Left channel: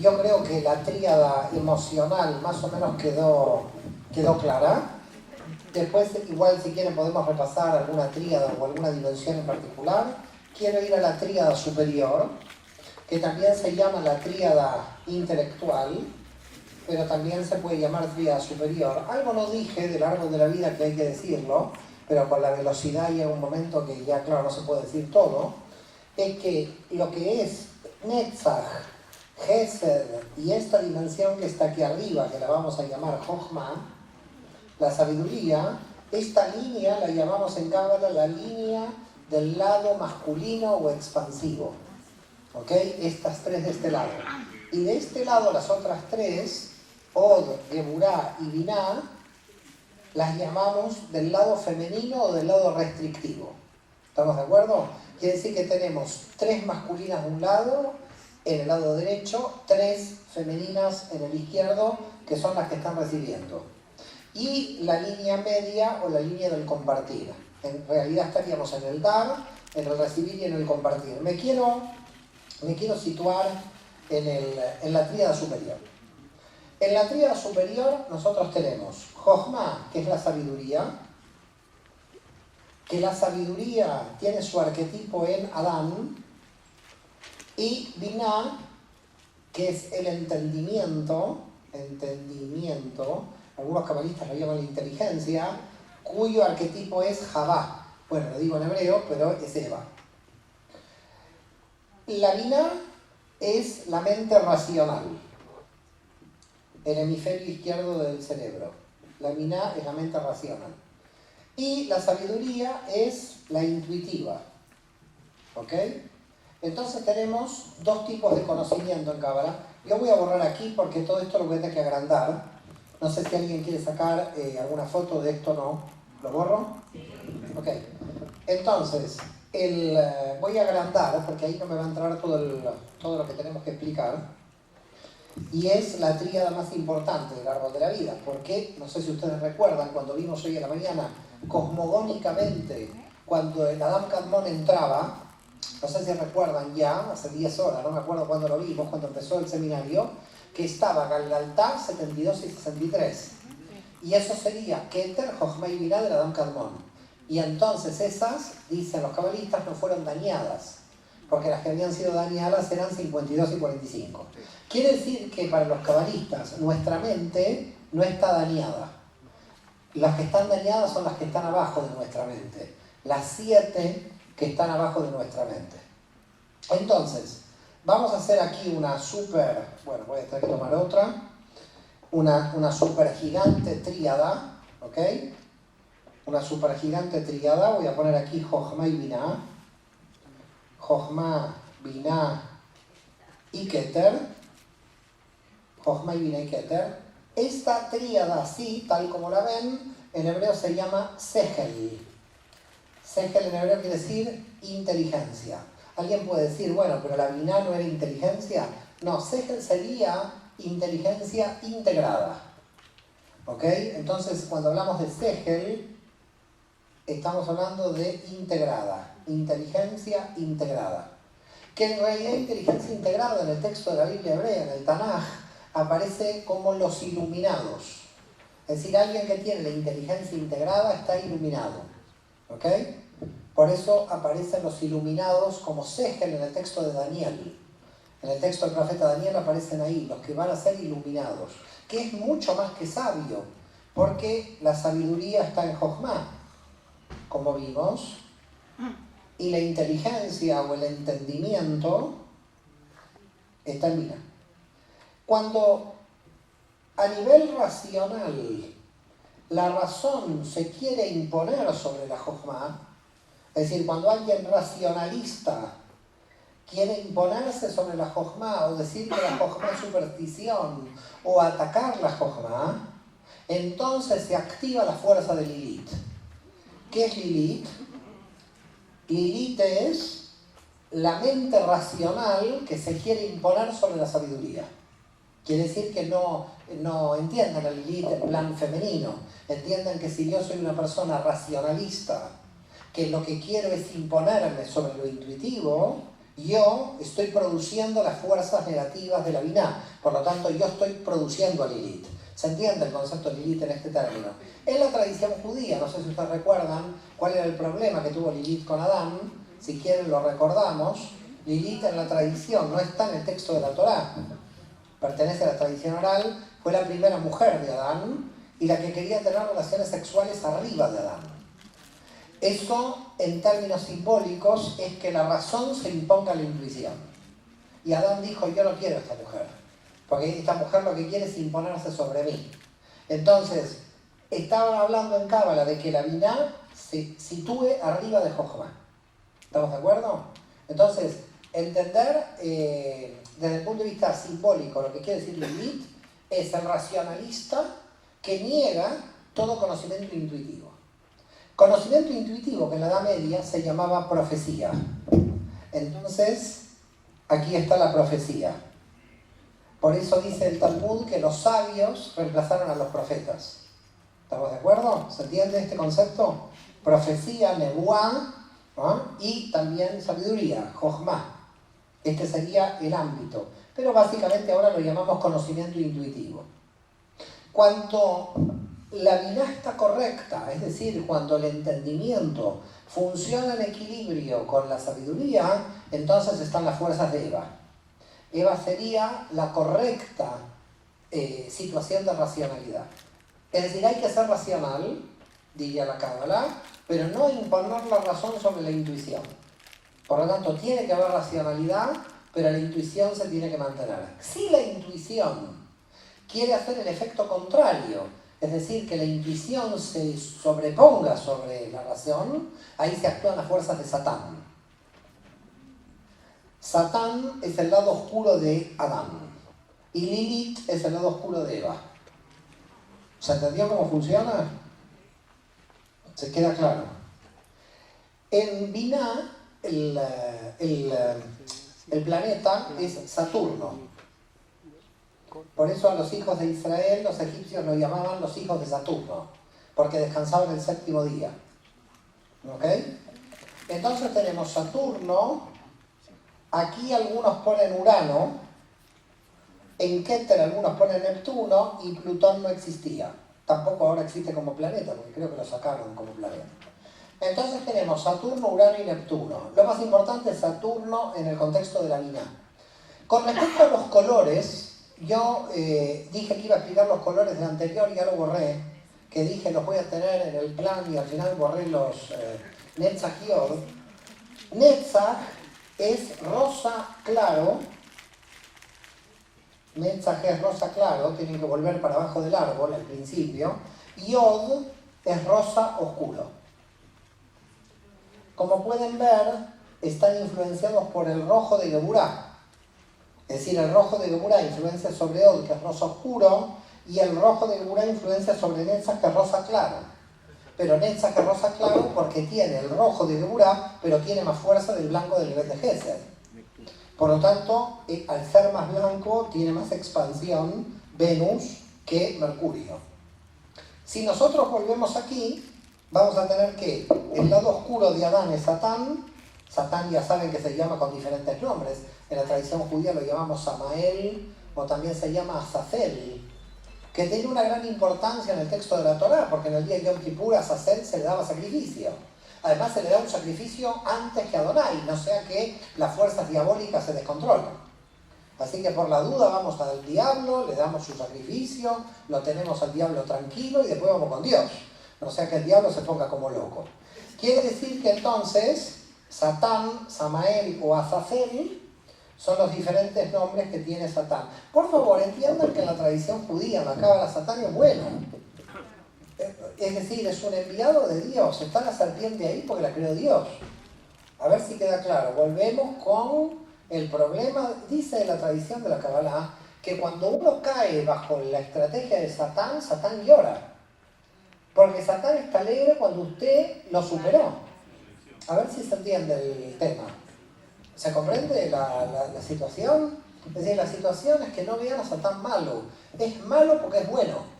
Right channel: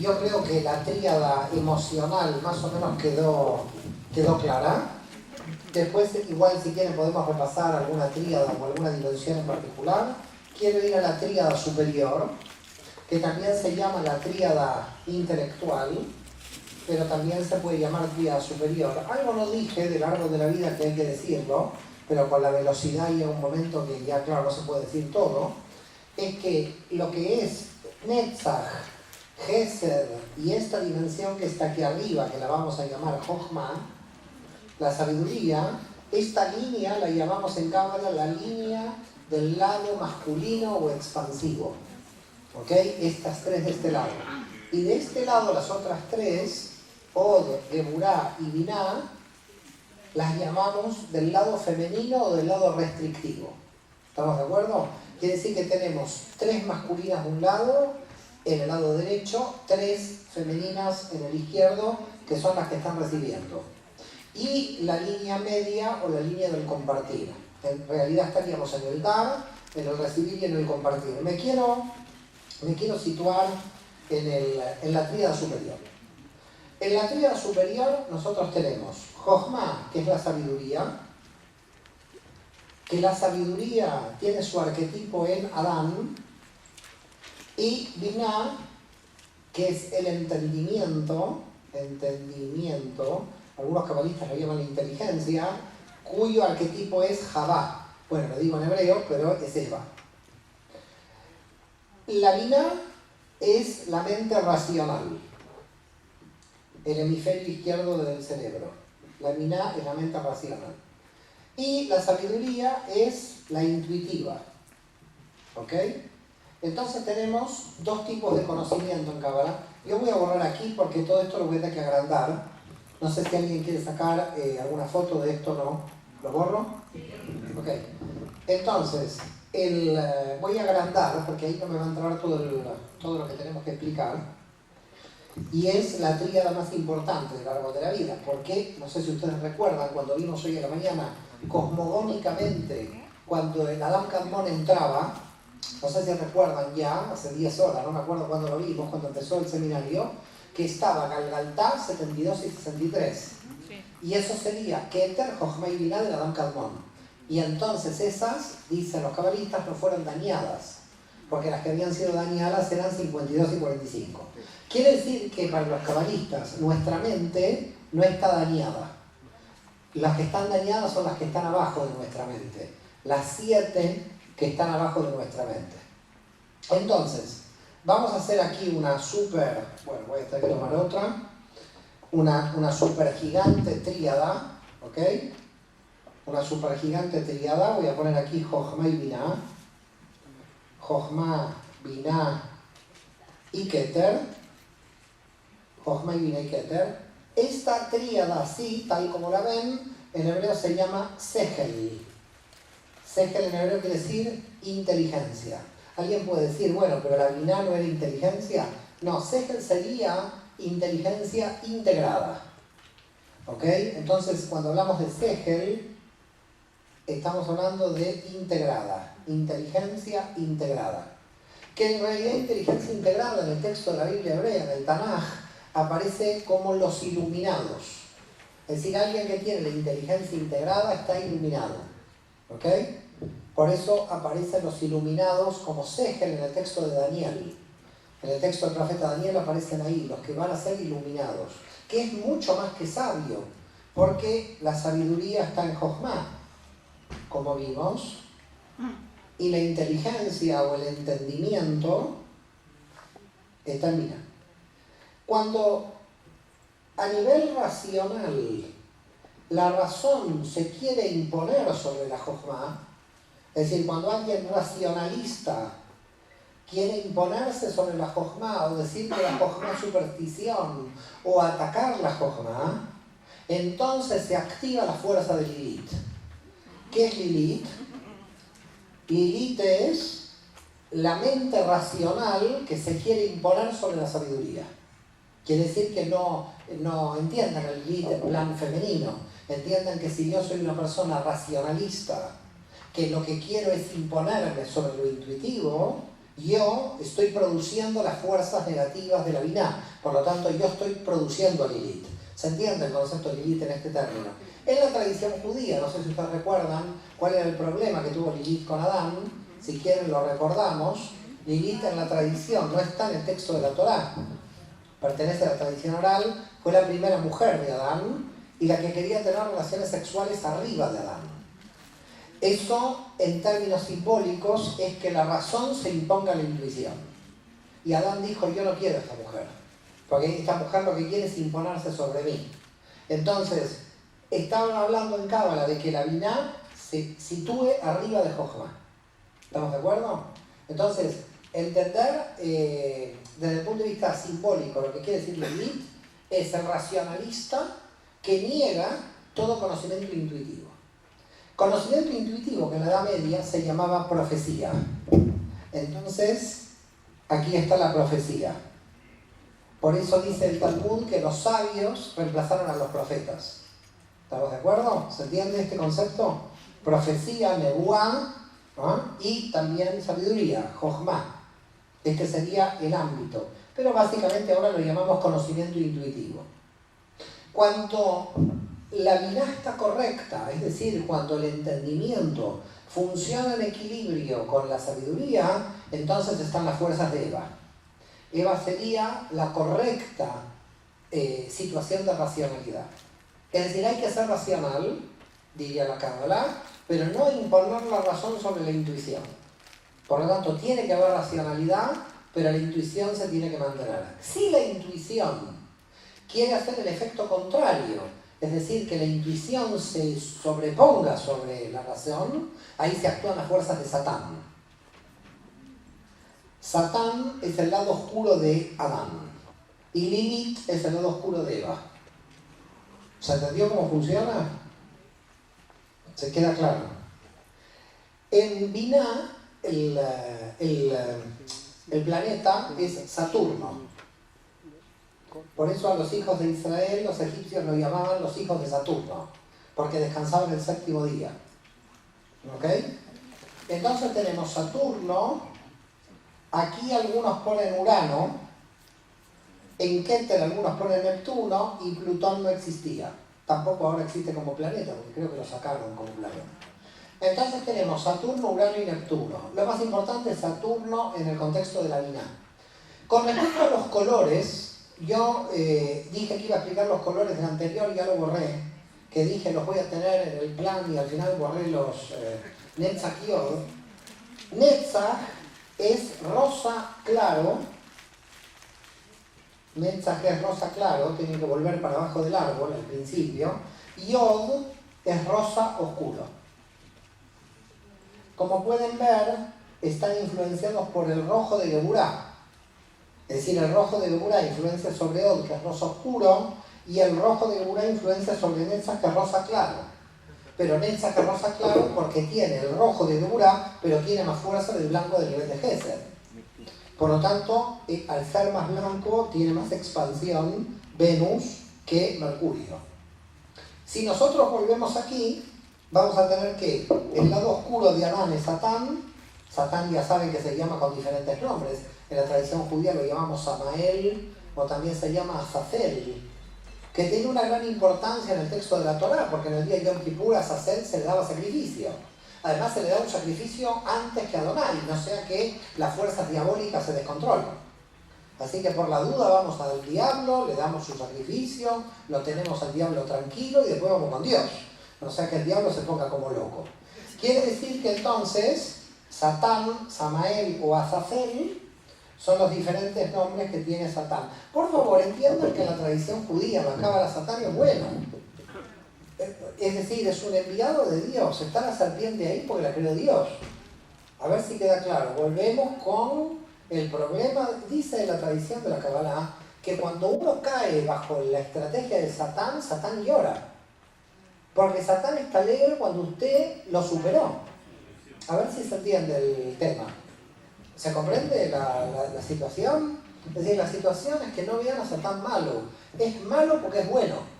Yo creo que la tríada emocional más o menos quedó clara. Después, igual si quieren podemos repasar alguna tríada o alguna dimensión en particular. Quiero ir a la tríada superior, que también se llama la tríada intelectual, pero también se puede llamar tríada superior. Algo no dije del árbol de la vida que hay que decirlo, pero con la velocidad llega un momento que ya, claro, no se puede decir todo. Es que lo que es Netzach, Gesed y esta dimensión que está aquí arriba, que la vamos a llamar Jochma, la sabiduría, esta línea la llamamos en Cábala la línea del lado masculino o expansivo. ¿Ok? Estas tres de este lado. Y de este lado las otras tres, Od, Geburá y Binah, las llamamos del lado femenino o del lado restrictivo. ¿Estamos de acuerdo? Quiere decir que tenemos tres masculinas de un lado, en el lado derecho, tres femeninas en el izquierdo, que son las que están recibiendo. Y la línea media o la línea del compartir. En realidad estaríamos en el dar, en el recibir y en el compartir. Me quiero situar en la tríada superior. En la tríada superior nosotros tenemos Jochma, que es la sabiduría, que la sabiduría tiene su arquetipo en Adán, y Binah, que es el entendimiento, algunos cabalistas lo llaman la inteligencia, cuyo arquetipo es Javá. Bueno, lo digo en hebreo, pero es Eva. La Binah es la mente racional, el hemisferio izquierdo del cerebro. La Binah es la mente racional. Y la sabiduría es la intuitiva. ¿Ok? Entonces tenemos dos tipos de conocimiento en Cábala. Yo voy a borrar aquí porque todo esto lo voy a tener que agrandar. No sé si alguien quiere sacar alguna foto de esto o no. ¿Lo borro? Ok. Entonces, voy a agrandar porque ahí no me va a entrar todo lo que tenemos que explicar. Y es la tríada más importante del árbol de la vida. Porque, no sé si ustedes recuerdan, cuando vimos hoy a la mañana, cosmogónicamente, cuando el Adam Kadmon entraba, no sé si recuerdan ya, hace 10 horas, no me acuerdo cuándo lo vimos, cuando empezó el seminario, que estaba Galgaltá 72 y 63. Y eso sería Keter, Jochma y Binah del Adam Kadmon. Y entonces esas, dicen los cabalistas, no fueron dañadas, porque las que habían sido dañadas eran 52 y 45. Quiere decir que para los cabalistas nuestra mente no está dañada. Las que están dañadas son las que están abajo de nuestra mente. Las 7 que están abajo de nuestra mente. Entonces, vamos a hacer aquí una super, bueno, voy a tener que tomar otra, una super gigante tríada, ¿ok? Una super gigante tríada, voy a poner aquí Jochma y Binah, Jochma, Binah y Keter, Jochma y Binah y Keter. Esta tríada así, tal como la ven, en hebreo se llama Sehel. Sehel en hebreo quiere decir inteligencia. Alguien puede decir, bueno, pero la Binah no era inteligencia. No, Sehel sería inteligencia integrada. ¿Ok? Entonces, cuando hablamos de Sehel, estamos hablando de integrada. Inteligencia integrada. Que en realidad inteligencia integrada en el texto de la Biblia hebrea, en el Tanaj, aparece como los iluminados. Es decir, alguien que tiene la inteligencia integrada está iluminado. ¿Ok? Por eso aparecen los iluminados como Sehel en el texto de Daniel. En el texto del profeta Daniel aparecen ahí, los que van a ser iluminados. Que es mucho más que sabio, porque la sabiduría está en Jochma, como vimos, y la inteligencia o el entendimiento está en Binah. Cuando a nivel racional la razón se quiere imponer sobre la Jochma, es decir, cuando alguien racionalista quiere imponerse sobre la Jochma o decir que la Jochma es superstición o atacar la Jochma, entonces se activa la fuerza de Lilith. ¿Qué es Lilith? Lilith es la mente racional que se quiere imponer sobre la sabiduría. Quiere decir que no entiendan el Lilith en plan femenino. Entiendan que si yo soy una persona racionalista, que lo que quiero es imponerme sobre lo intuitivo, Yo estoy produciendo las fuerzas negativas de la Binah, por lo tanto yo estoy produciendo a Lilith. ¿Se entiende el concepto de Lilith en este término? En la tradición judía, no sé si ustedes recuerdan cuál era el problema que tuvo Lilith con Adán, si quieren lo recordamos. Lilith en la tradición no está en el texto de la Torá, pertenece a la tradición oral, fue la primera mujer de Adán y la que quería tener relaciones sexuales arriba de Adán. Eso, en términos simbólicos, es que la razón se imponga a la intuición. Y Adán dijo, yo no quiero a esta mujer, porque esta mujer lo que quiere es imponerse sobre mí. Entonces, estaban hablando en Cábala de que la Binah se sitúe arriba de Jochma. ¿Estamos de acuerdo? Entonces, entender desde el punto de vista simbólico lo que quiere decir Lilith es el racionalista que niega todo conocimiento intuitivo. Conocimiento intuitivo que en la Edad Media se llamaba profecía. Entonces, aquí está la profecía. Por eso dice el Talmud que los sabios reemplazaron a los profetas. ¿Estamos de acuerdo? ¿Se entiende este concepto? Profecía, nebuá, ¿no? Y también sabiduría, jochma. Este sería el ámbito. Pero básicamente ahora lo llamamos conocimiento intuitivo. Cuando la Binah está correcta, es decir, cuando el entendimiento funciona en equilibrio con la sabiduría, entonces están las fuerzas de Eva. Eva sería la correcta situación de racionalidad. Es decir, hay que ser racional, diría la Cábala, pero no imponer la razón sobre la intuición. Por lo tanto, tiene que haber racionalidad, pero la intuición se tiene que mantener. Si la intuición quiere hacer el efecto contrario, es decir, que la intuición se sobreponga sobre la razón, ahí se actúan las fuerzas de Satán. Satán es el lado oscuro de Adán y Lilith es el lado oscuro de Eva. ¿Se entendió cómo funciona? ¿Se queda claro? En Binah, el planeta es Saturno. Por eso a los hijos de Israel, los egipcios lo llamaban los hijos de Saturno, porque descansaban el séptimo día. ¿Ok? Entonces tenemos Saturno, aquí algunos ponen Urano, en Keter algunos ponen Neptuno y Plutón no existía. Tampoco ahora existe como planeta, porque creo que lo sacaron como planeta. Entonces tenemos Saturno, Urano y Neptuno. Lo más importante es Saturno en el contexto de la Binah. Con respecto a los colores, yo dije que iba a explicar los colores del anterior y ya lo borré, que dije los voy a tener en el plan y al final borré los Netzach y Od. Netzach es rosa claro, Netzach es rosa claro, tiene que volver para abajo del árbol al principio, y Od es rosa oscuro. Como pueden ver, están influenciados por el rojo de Geburah. Es decir, el rojo de Geburah influencia sobre Od, que es rosa oscuro, y el rojo de Geburah influencia sobre Netzach, que es rosa claro. Pero Netzach es rosa claro porque tiene el rojo de Geburah, pero tiene más fuerza del blanco del Bet de Gesed. Por lo tanto, al ser más blanco, tiene más expansión Venus que Mercurio. Si nosotros volvemos aquí, vamos a tener que el lado oscuro de Adán es Satán. Satán ya saben que se llama con diferentes nombres. En la tradición judía lo llamamos Samael o también se llama Azazel, que tiene una gran importancia en el texto de la Torá, porque en el día de Yom Kippur a Azazel se le daba sacrificio. Además se le da un sacrificio antes que a Adonai, no sea que las fuerzas diabólicas se descontrolen. Así que por la duda vamos al diablo, le damos su sacrificio, lo tenemos al diablo tranquilo y después vamos con Dios. No sea que el diablo se ponga como loco. Quiere decir que entonces Satán, Samael o Azazel son los diferentes nombres que tiene Satán. Por favor, entiendan que en la tradición judía, la Cábala, Satán es bueno. Es decir, es un enviado de Dios. Está la serpiente ahí porque la creó Dios. A ver si queda claro. Volvemos con el problema. Dice la tradición de la Cábala que cuando uno cae bajo la estrategia de Satán, Satán llora. Porque Satán está alegre cuando usted lo superó. A ver si se entiende el tema. ¿Se comprende la situación? Es decir, la situación es que no vean a Satán malo. Es malo porque es bueno.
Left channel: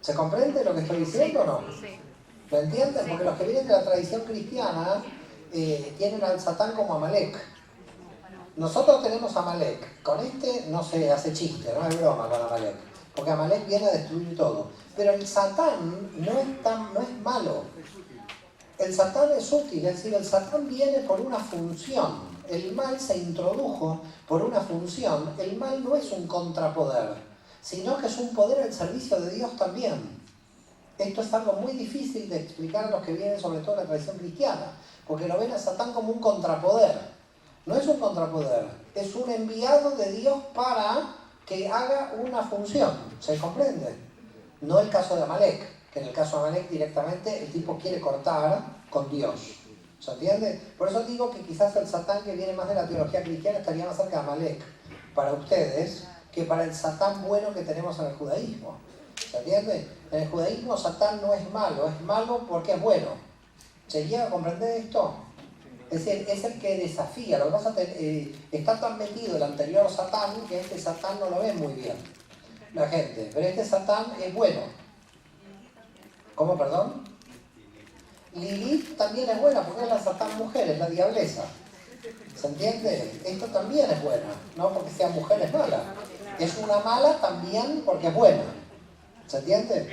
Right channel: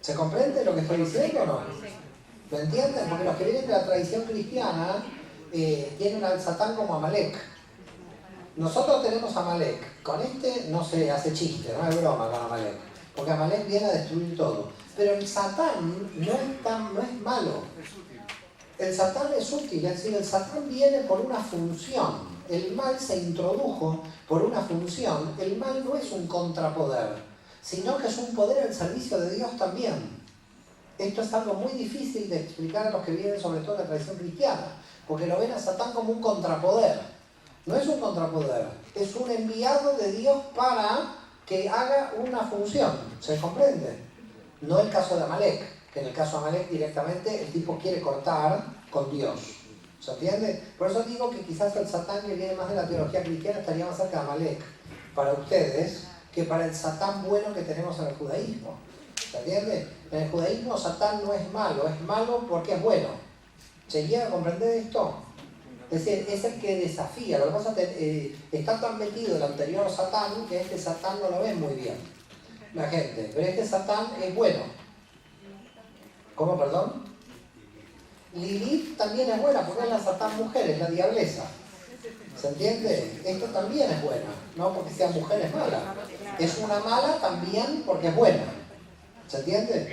¿Se comprende lo que estoy diciendo o no? ¿Lo entienden? Porque los que vienen de la tradición cristiana tienen al Satán como Amalek. Nosotros tenemos a Amalek. Con este no se hace chiste, no es broma con Amalek. Porque Amalek viene a destruir todo. Pero el Satán no es malo. El Satán es útil, es decir, el Satán viene por una función. El mal se introdujo por una función. El mal no es un contrapoder, sino que es un poder al servicio de Dios también. Esto es algo muy difícil de explicar a los que vienen sobre todo de la tradición cristiana, porque lo ven a Satán como un contrapoder. No es un contrapoder, es un enviado de Dios para que haga una función. ¿Se comprende? No el caso de Amalek, que en el caso de Amalek directamente el tipo quiere cortar con Dios. ¿Se entiende? Por eso digo que quizás el Satán que viene más de la teología cristiana estaría más cerca de Amalek para ustedes que para el Satán bueno que tenemos en el judaísmo. ¿Se entiende? En el judaísmo Satán no es malo porque es bueno. ¿Se llega a comprender esto? Es decir, es el que desafía. Lo que pasa es que está tan metido el anterior Satán que este Satán no lo ve muy bien la gente. Pero este Satán es bueno. ¿Cómo, perdón? Lilith también es buena porque es la Satán mujer, es la diablesa. ¿Se entiende? Esto también es buena, no porque sea mujer es mala. Es una mala también porque es buena. ¿Se entiende?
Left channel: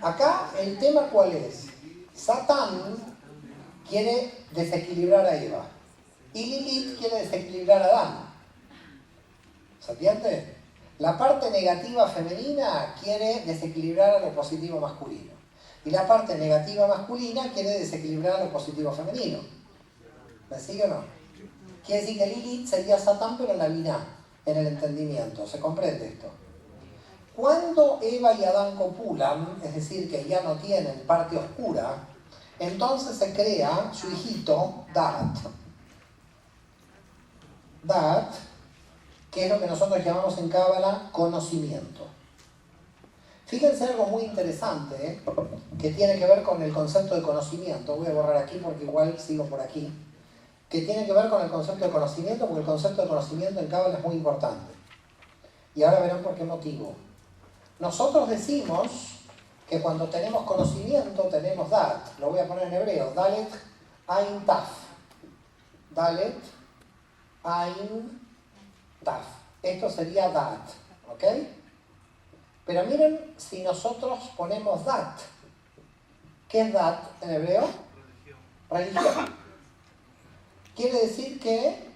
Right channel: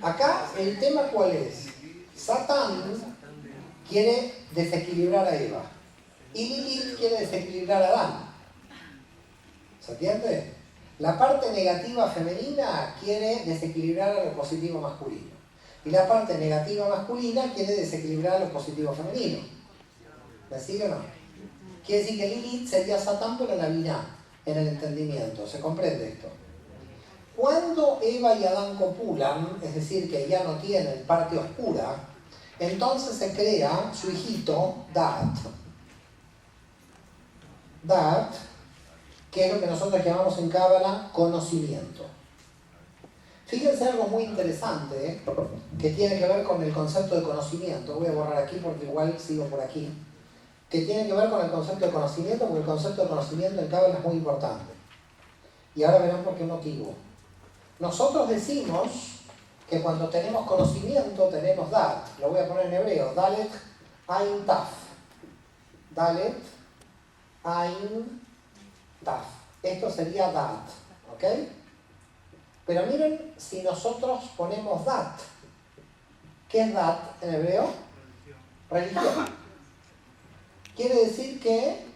Acá el tema ¿cuál es? Satán quiere desequilibrar a Eva y Lilith quiere desequilibrar a Adán. ¿Se entiende? La parte negativa femenina quiere desequilibrar a lo positivo masculino y la parte negativa masculina quiere desequilibrar a lo positivo femenino. ¿Me sigue o no? Quiere decir que Lilith sería Satán pero en la Binah, en el entendimiento. ¿Se comprende esto? Cuando Eva y Adán copulan, es decir, que ya no tienen parte oscura, entonces se crea su hijito, Dat. Dat, que es lo que nosotros llamamos en Cábala conocimiento. Fíjense algo muy interesante, que tiene que ver con el concepto de conocimiento. Voy a borrar aquí porque igual sigo por aquí. Que tiene que ver con el concepto de conocimiento, porque el concepto de conocimiento en Cábala es muy importante. Y ahora verán por qué motivo. Nosotros decimos que cuando tenemos conocimiento tenemos Dat. Lo voy a poner en hebreo. Dalet, Ain, Taf. Dalet, Ain, Taf. Esto sería Dat. ¿Ok? Pero miren si nosotros ponemos Dat. ¿Qué es Dat en hebreo? Religión. Quiere decir que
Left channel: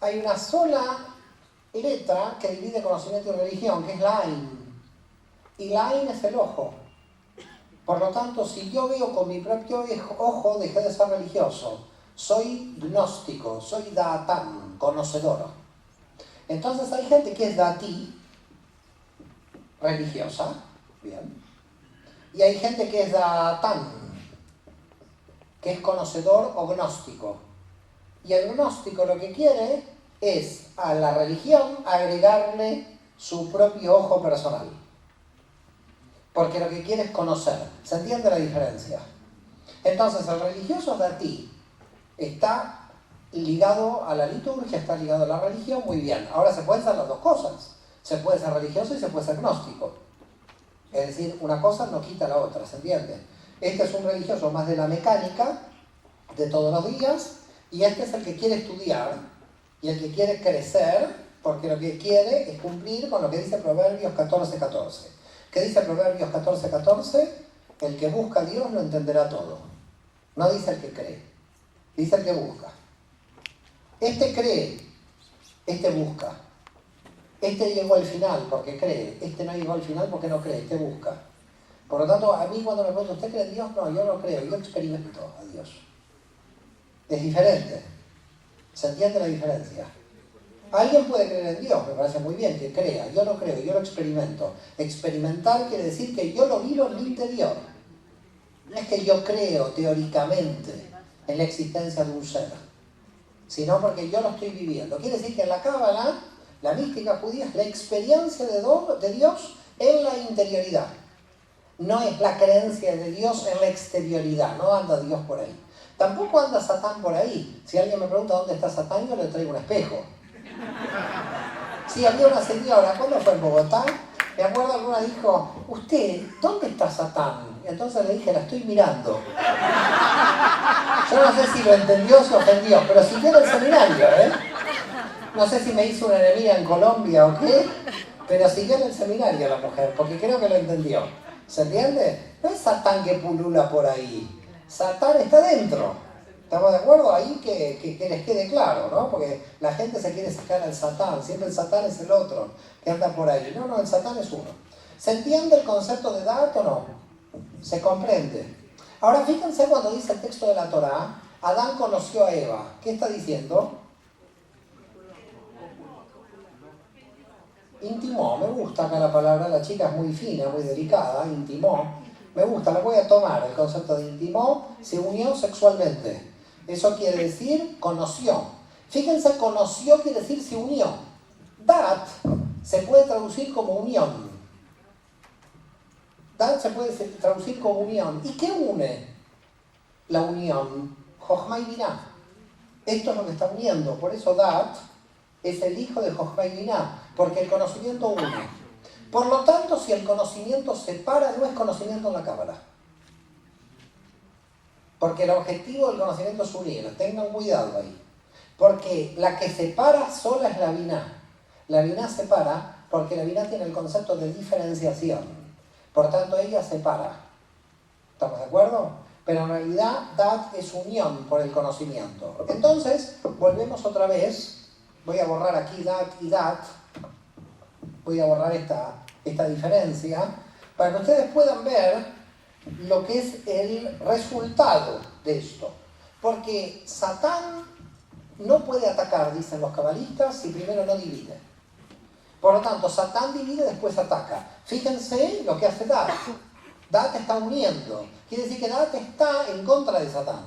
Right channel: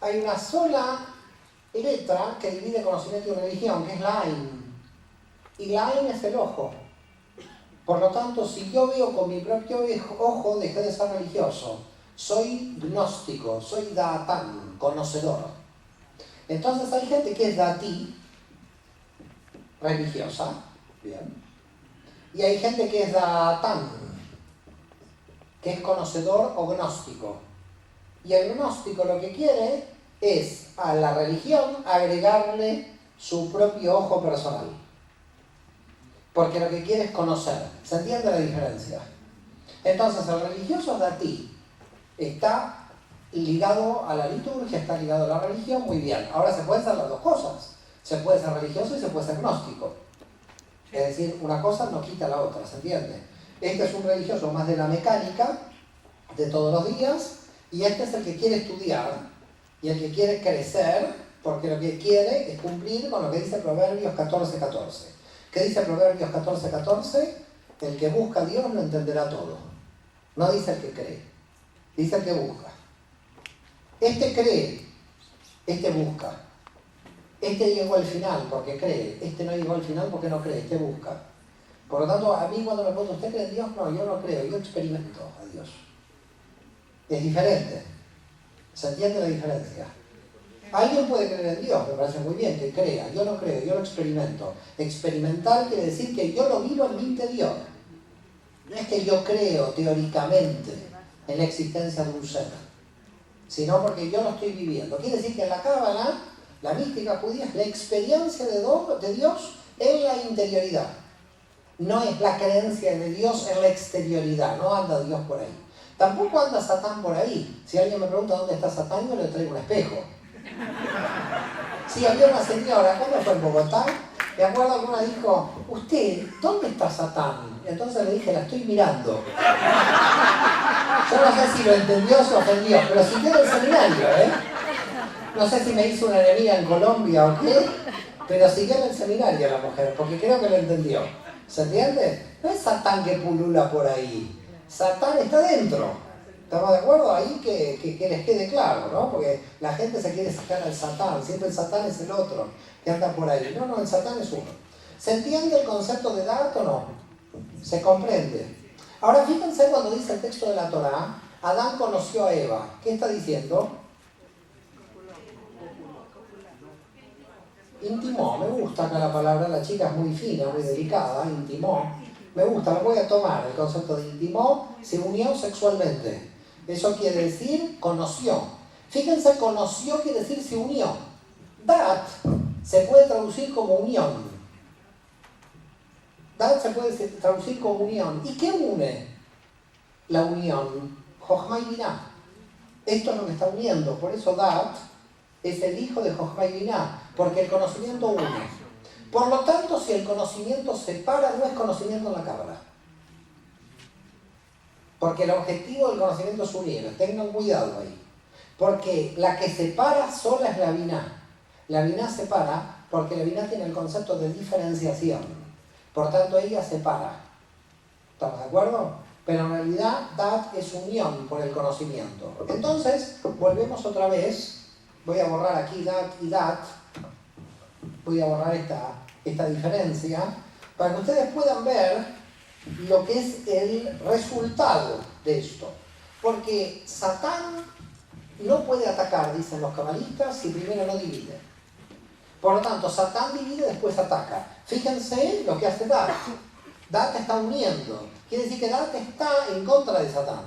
hay una sola letra que divide conocimiento y religión, que es la Ain. Y la Ain es el ojo. Por lo tanto, si yo veo con mi propio ojo, dejé de ser religioso. Soy gnóstico, soy Daatán, conocedor. Entonces hay gente que es Dati, religiosa, bien. Y hay gente que es Daatán, que es conocedor o gnóstico. Y el gnóstico lo que quiere es a la religión agregarle su propio ojo personal. Porque lo que quiere es conocer. ¿Se entiende la diferencia? Entonces el religioso de ti está ligado a la liturgia, está ligado a la religión, muy bien. Ahora se pueden hacer las dos cosas. Se puede ser religioso y se puede ser gnóstico. Es decir, una cosa no quita la otra, ¿se entiende? Este es un religioso más de la mecánica, de todos los días, y este es el que quiere estudiar y el que quiere crecer, porque lo que quiere es cumplir con lo que dice Proverbios 14:14. ¿Qué dice Proverbios 14:14? El que busca a Dios lo entenderá todo. No dice el que cree, dice el que busca. Este cree, este busca. Este llegó al final porque cree, este no llegó al final porque no cree, este busca. Por lo tanto, a mí cuando me preguntan, ¿usted cree en Dios? No, yo no creo, yo experimento a Dios. Es diferente. ¿Se entiende la diferencia? Alguien puede creer en Dios, me parece muy bien que crea. Yo no creo, yo lo experimento. Experimentar quiere decir que yo lo vivo en mi interior. No es que yo creo teóricamente en la existencia de un ser, sino porque yo lo estoy viviendo. Quiere decir que en la Cábala, la mística judía es la experiencia de Dios en la interioridad. No es la creencia de Dios en la exterioridad, no anda Dios por ahí. Tampoco anda Satán por ahí. Si alguien me pregunta dónde está Satán, yo le traigo un espejo. Sí, había una señora, cuando fue en Bogotá, me acuerdo alguna dijo, usted, ¿dónde está Satán? Y entonces le dije, la estoy mirando. Yo no sé si lo entendió o se ofendió, pero siguió el seminario, ¿eh? No sé si me hizo una enemiga en Colombia o qué, pero siguió en el seminario la mujer, porque creo que lo entendió. ¿Se entiende? No es Satán que pulula por ahí. Satán está dentro. ¿Estamos de acuerdo? Ahí que les quede claro, ¿no? Porque la gente se quiere sacar al Satán. Siempre el Satán es el otro que anda por ahí. No, el Satán es uno. ¿Se entiende el concepto de Da'at o no? ¿Se comprende? Ahora fíjense cuando dice el texto de la Torá, Adán conoció a Eva. ¿Qué está diciendo? Intimó, me gusta acá la palabra, la chica es muy fina, muy delicada, intimó. Me gusta, me voy a tomar el concepto de intimó, se unió sexualmente. Eso quiere decir conoció. Fíjense, conoció quiere decir se unió. Dat se puede traducir como unión. Dat se puede traducir como unión. ¿Y qué une la unión? Jochma y Biná. Esto es lo que está uniendo. Por eso Dat es el hijo de Jochma y Biná, porque el conocimiento une. Por lo tanto, si el conocimiento separa, no es conocimiento en la cábala. Porque el objetivo del conocimiento es unir. Tengan cuidado ahí. Porque la que separa sola es la Biná. La Biná separa porque la Biná tiene el concepto de diferenciación. Por tanto, ella separa. ¿Estamos de acuerdo? Pero en realidad, Dat es unión por el conocimiento. Entonces, volvemos otra vez. Voy a borrar aquí Dat y Dat. Voy a borrar esta diferencia para que ustedes puedan ver lo que es el resultado de esto. Porque Satán no puede atacar, dicen los cabalistas, si primero no divide. Por lo tanto, Satán divide, después ataca. Fíjense lo que hace Dat. Dat está uniendo. Quiere decir que Dat está en contra de Satán.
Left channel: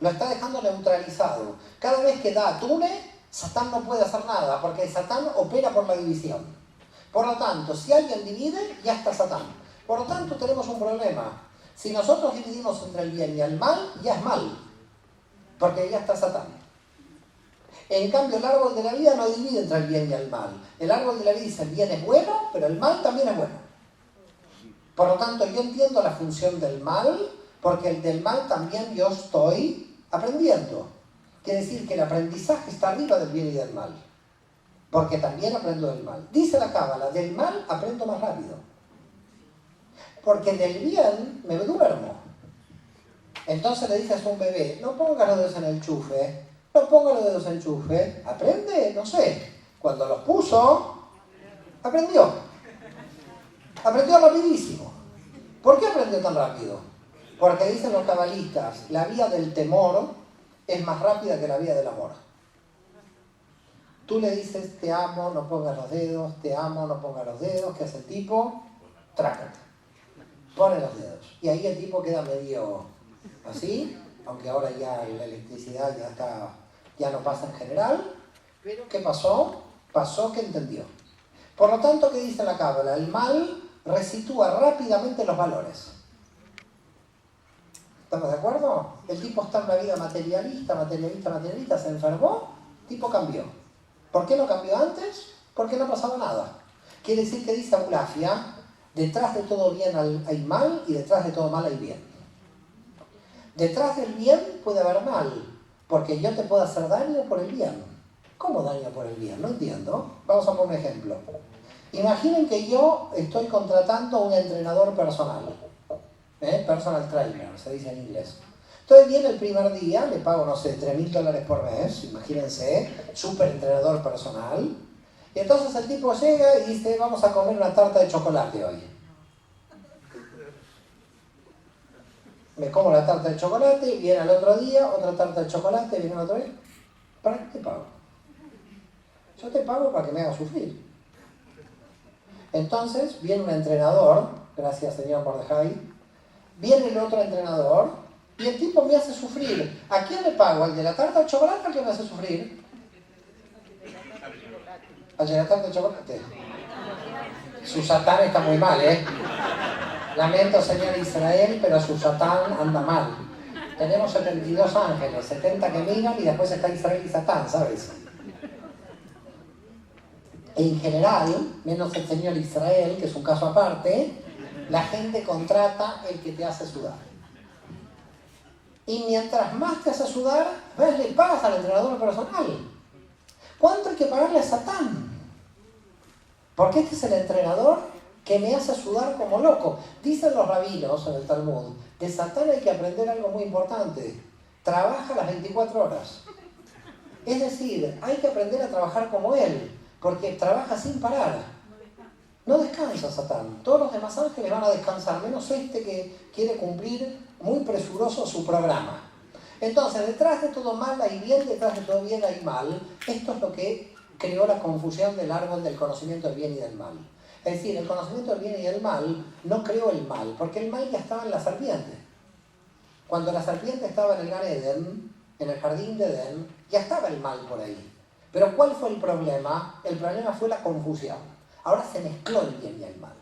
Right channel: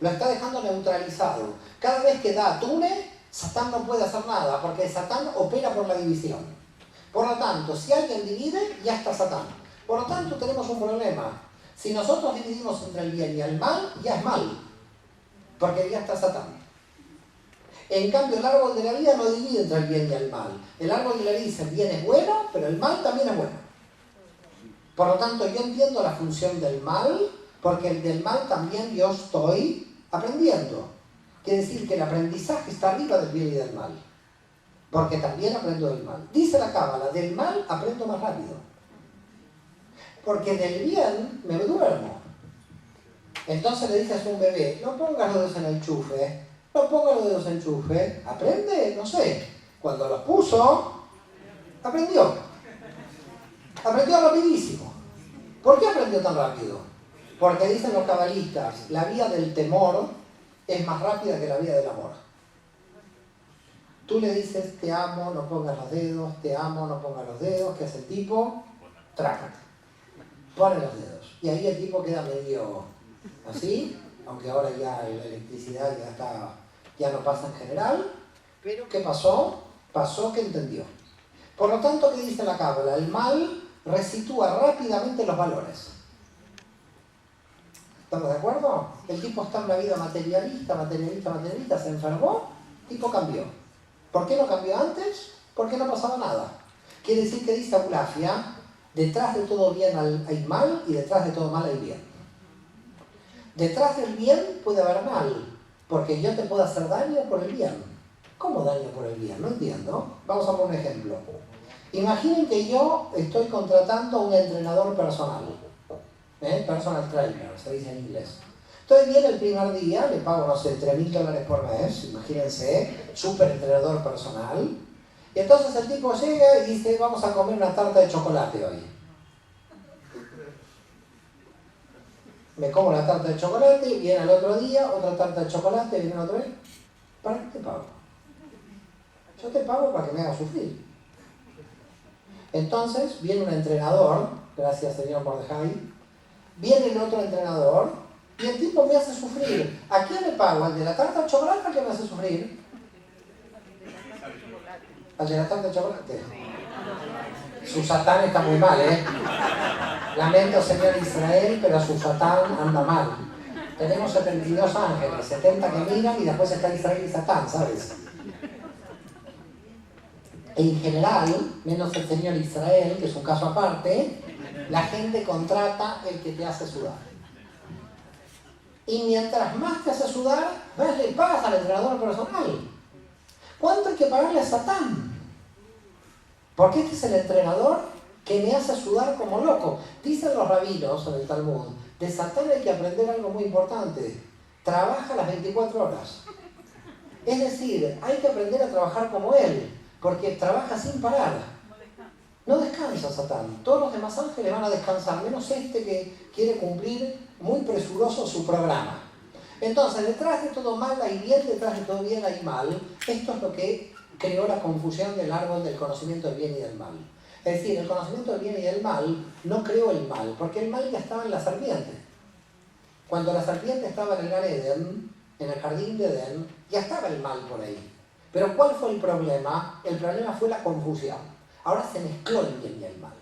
Lo está dejando neutralizado. Cada vez que Dat une, Satán no puede hacer nada, porque Satán opera por la división. Por lo tanto, si alguien divide, ya está Satán. Por lo tanto, tenemos un problema. Si nosotros dividimos entre el bien y el mal, ya es mal, porque ya está Satán. En cambio, el árbol de la vida no divide entre el bien y el mal. El árbol de la vida dice el bien es bueno, pero el mal también es bueno. Por lo tanto, yo entiendo la función del mal, porque el del mal también yo estoy aprendiendo. Quiere decir que el aprendizaje está arriba del bien y del mal. Porque también aprendo del mal. Dice la cábala, del mal aprendo más rápido. Porque del bien me duermo. Entonces le dices a un bebé, no pongas los dedos en el enchufe, no pongas los dedos en el enchufe, aprende, no sé. Cuando los puso, aprendió. Aprendió rapidísimo. ¿Por qué aprendió tan rápido? Porque dicen los cabalistas, la vía del temor es más rápida que la vía del amor. Tú le dices, te amo, no pongas los dedos, te amo, no pongas los dedos, ¿qué hace el tipo? Trácate. Pone los dedos. Y ahí el tipo queda medio así, aunque ahora ya la electricidad ya no pasa en general. Pero ¿qué pasó? Pasó que entendió. Por lo tanto, ¿qué dice la cábala? El mal resitúa rápidamente los valores. ¿Estamos de acuerdo? El tipo está en una vida materialista, se enfermó, el tipo cambió. ¿Por qué no cambió antes? Porque no pasaba nada. Quiere decir que dice Aulafia, detrás de todo bien hay mal y detrás de todo mal hay bien. Detrás del bien puede haber mal, porque yo te puedo hacer daño por el bien. ¿Cómo daño por el bien? No entiendo. Vamos a poner un ejemplo. Imaginen que yo estoy contratando a un entrenador personal. Personal trainer, se dice en inglés. Entonces viene el primer día, le pago, no sé, $3.000 por mes, imagínense, súper entrenador personal. Y entonces el tipo llega y dice, vamos a comer una tarta de chocolate hoy. Me como la tarta de chocolate, viene al otro día, otra tarta de chocolate, viene al otro día. ¿Para qué te pago? Yo te pago para que me hagas sufrir. Entonces viene un entrenador, gracias señor Mordejai, viene el otro entrenador, y el tipo me hace sufrir. ¿A quién le pago? ¿Al de la tarta de chocolate o al que me hace sufrir? ¿Al de la tarta de chocolate? Su Satán está muy mal, ¿eh? Lamento, señor Israel, pero su Satán anda mal. Tenemos 72 ángeles, 70 que miran y después está Israel y Satán, ¿sabes? En general, menos el señor Israel, que es un caso aparte, la gente contrata el que te hace sudar. Y mientras más te hace sudar, más le pagas al entrenador personal. ¿Cuánto hay que pagarle a Satán? Porque este es el entrenador que me hace sudar como loco. Dicen los rabinos en el Talmud, de Satán hay que aprender algo muy importante. Trabaja las 24 horas. Es decir, hay que aprender a trabajar como él, porque trabaja sin parar. No descansa Satán. Todos los demás ángeles van a descansar, menos este que quiere cumplir muy presuroso su programa. Entonces, detrás de todo mal hay bien, detrás de todo bien hay mal. Esto es lo que creó la confusión del árbol del conocimiento del bien y del mal. Es decir, el conocimiento del bien y del mal no creó el mal, porque el mal ya estaba en la serpiente. Cuando la serpiente estaba en el Gan Eden, en el jardín de Edén, ya estaba el mal por ahí. Pero ¿cuál fue el problema? El problema fue la confusión. Ahora se mezcló el bien y el mal.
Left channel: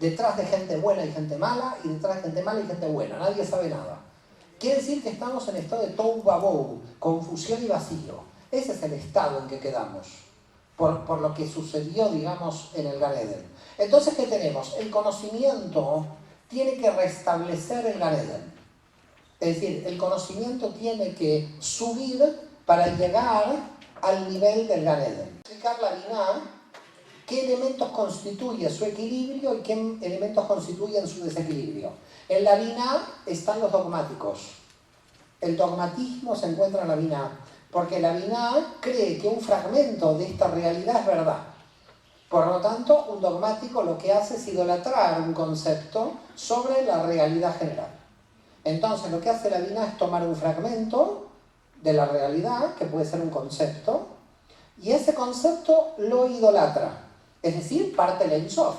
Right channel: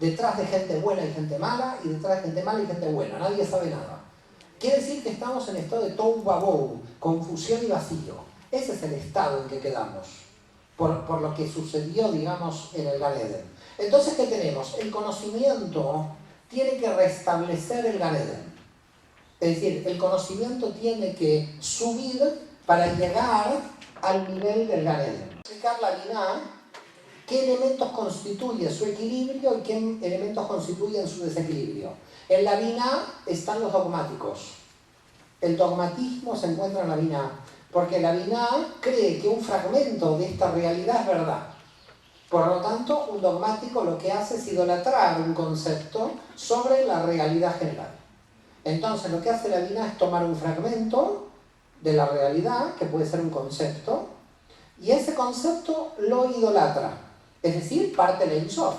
Detrás de gente buena y gente mala, y detrás de gente mala y gente buena. Nadie sabe nada. Quiere decir que estamos en estado de tohu vabohu, confusión y vacío. Ese es el estado en que quedamos, por lo que sucedió, digamos, en el Gan Eden. Entonces, ¿qué tenemos? El conocimiento tiene que restablecer el Gan Eden. Es decir, el conocimiento tiene que subir para llegar al nivel del Gan Eden. Explicar la Binah, qué elementos constituyen su equilibrio y qué elementos constituyen su desequilibrio. En la Binah están los dogmáticos. El dogmatismo se encuentra en la Binah, porque la Binah cree que un fragmento de esta realidad es verdad. Por lo tanto, un dogmático lo que hace es idolatrar un concepto sobre la realidad general. Entonces, lo que hace la Binah es tomar un fragmento de la realidad, que puede ser un concepto, y ese concepto lo idolatra. Es decir, parte el Ein Sof,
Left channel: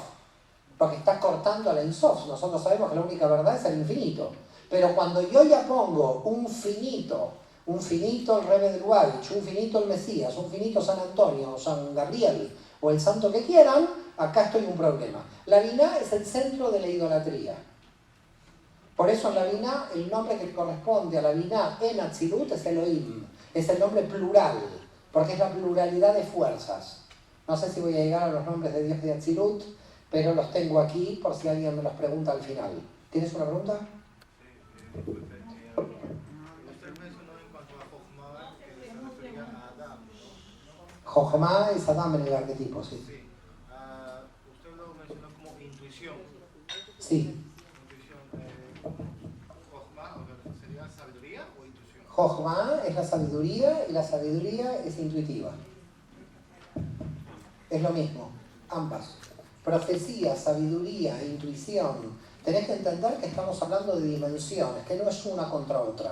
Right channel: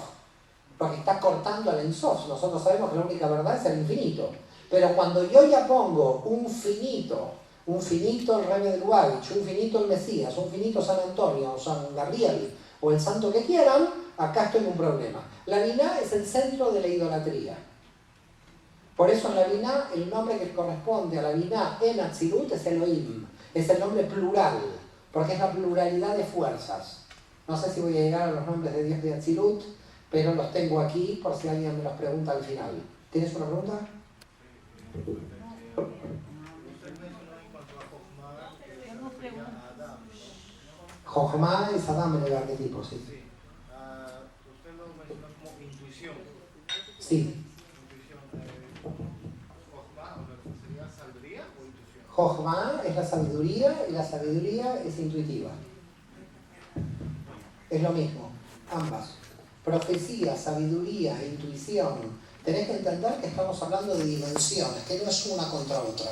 porque está cortando el Ein Sof. Nosotros sabemos que la única verdad es el infinito. Pero cuando yo ya pongo un finito el Rebbe de Lubavitch, un finito el Mesías, un finito San Antonio, o San Gabriel, o el santo que quieran, acá estoy en un problema. La Binah es el centro de la idolatría. Por eso en la Binah, el nombre que corresponde a la Binah en Atzilut es Elohim. Es el nombre plural, porque es la pluralidad de fuerzas. No sé si voy a llegar a los nombres de Dios de Atzilut, pero los tengo aquí por si alguien me los pregunta al final. ¿Tienes una pregunta? Jochma es Adam en el arquetipo, sí. Usted lo mencionó como intuición. Sí. ¿Jochma sería sabiduría o intuición? Jochma es la sabiduría y la sabiduría es intuitiva. Es lo mismo, ambas. Profecía, sabiduría, intuición. Tenés que entender que estamos hablando de dimensiones, que no es una contra otra.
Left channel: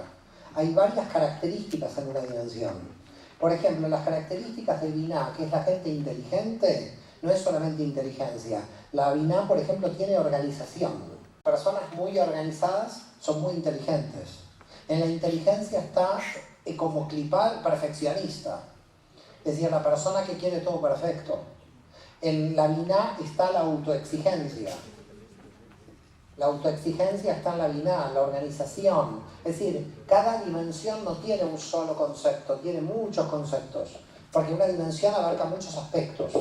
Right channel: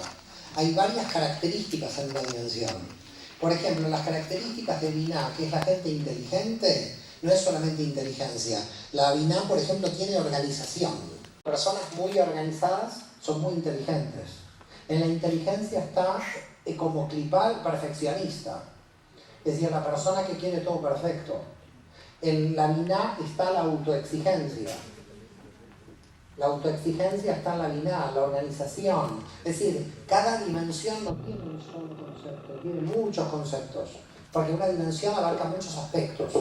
Hay varias características en una dimensión. Por ejemplo, las características de Binah, que es la gente inteligente, no es solamente inteligencia. La Binah, por ejemplo, tiene organización. Personas muy organizadas son muy inteligentes. En la inteligencia está como clipal perfeccionista. Es decir, la persona que quiere todo perfecto. En la Binah está la autoexigencia. La autoexigencia está en la Binah, la organización. Es decir, cada dimensión no tiene un solo concepto, tiene muchos conceptos. Porque una dimensión abarca muchos aspectos.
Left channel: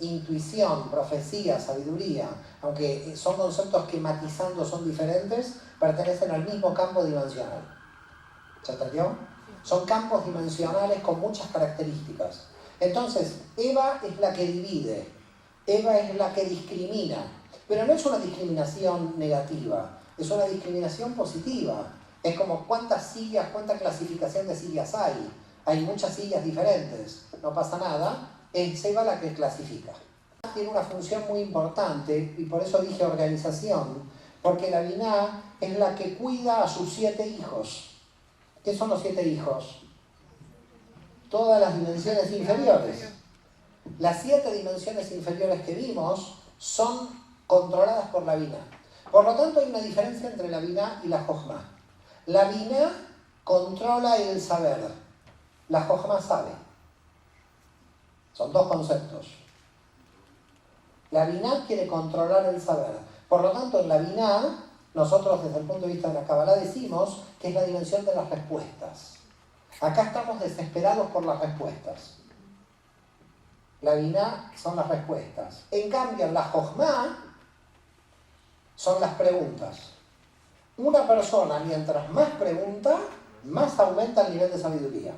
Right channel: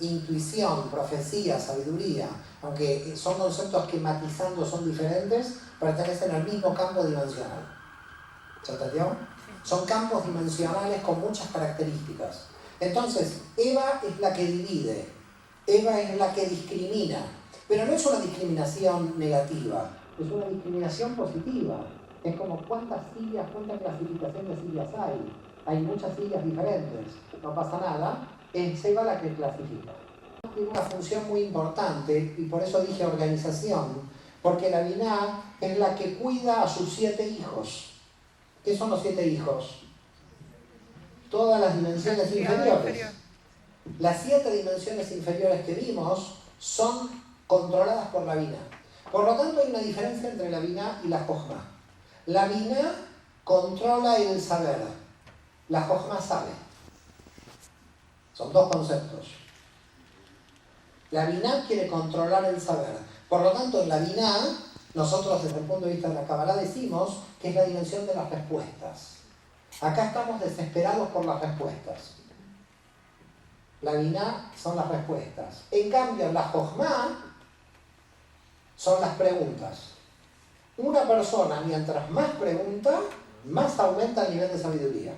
Intuición, profecía, sabiduría, aunque son conceptos que matizando son diferentes, pertenecen al mismo campo dimensional. ¿Se entendió? Son campos dimensionales con muchas características. Entonces, Eva es la que divide, Eva es la que discrimina, pero no es una discriminación negativa, es una discriminación positiva. Es como cuántas sillas, cuánta clasificación de sillas hay. Hay muchas sillas diferentes, no pasa nada, es Eva la que clasifica. Tiene una función muy importante, y por eso dije organización, porque la Binah es la que cuida a sus 7 hijos. ¿Qué son los 7 hijos? Todas las dimensiones inferiores. Las 7 dimensiones inferiores que vimos son controladas por la Binah. Por lo tanto, hay una diferencia entre la Binah y la Jochma. La Binah controla el saber. La Jochma sabe. Son dos conceptos. La Binah quiere controlar el saber. Por lo tanto, en la Binah, nosotros desde el punto de vista de la Kabbalah decimos que es la dimensión de las respuestas. Acá estamos desesperados por las respuestas. La Binah son las respuestas. En cambio, la Jochma son las preguntas. Una persona, mientras más pregunta, más aumenta el nivel de sabiduría.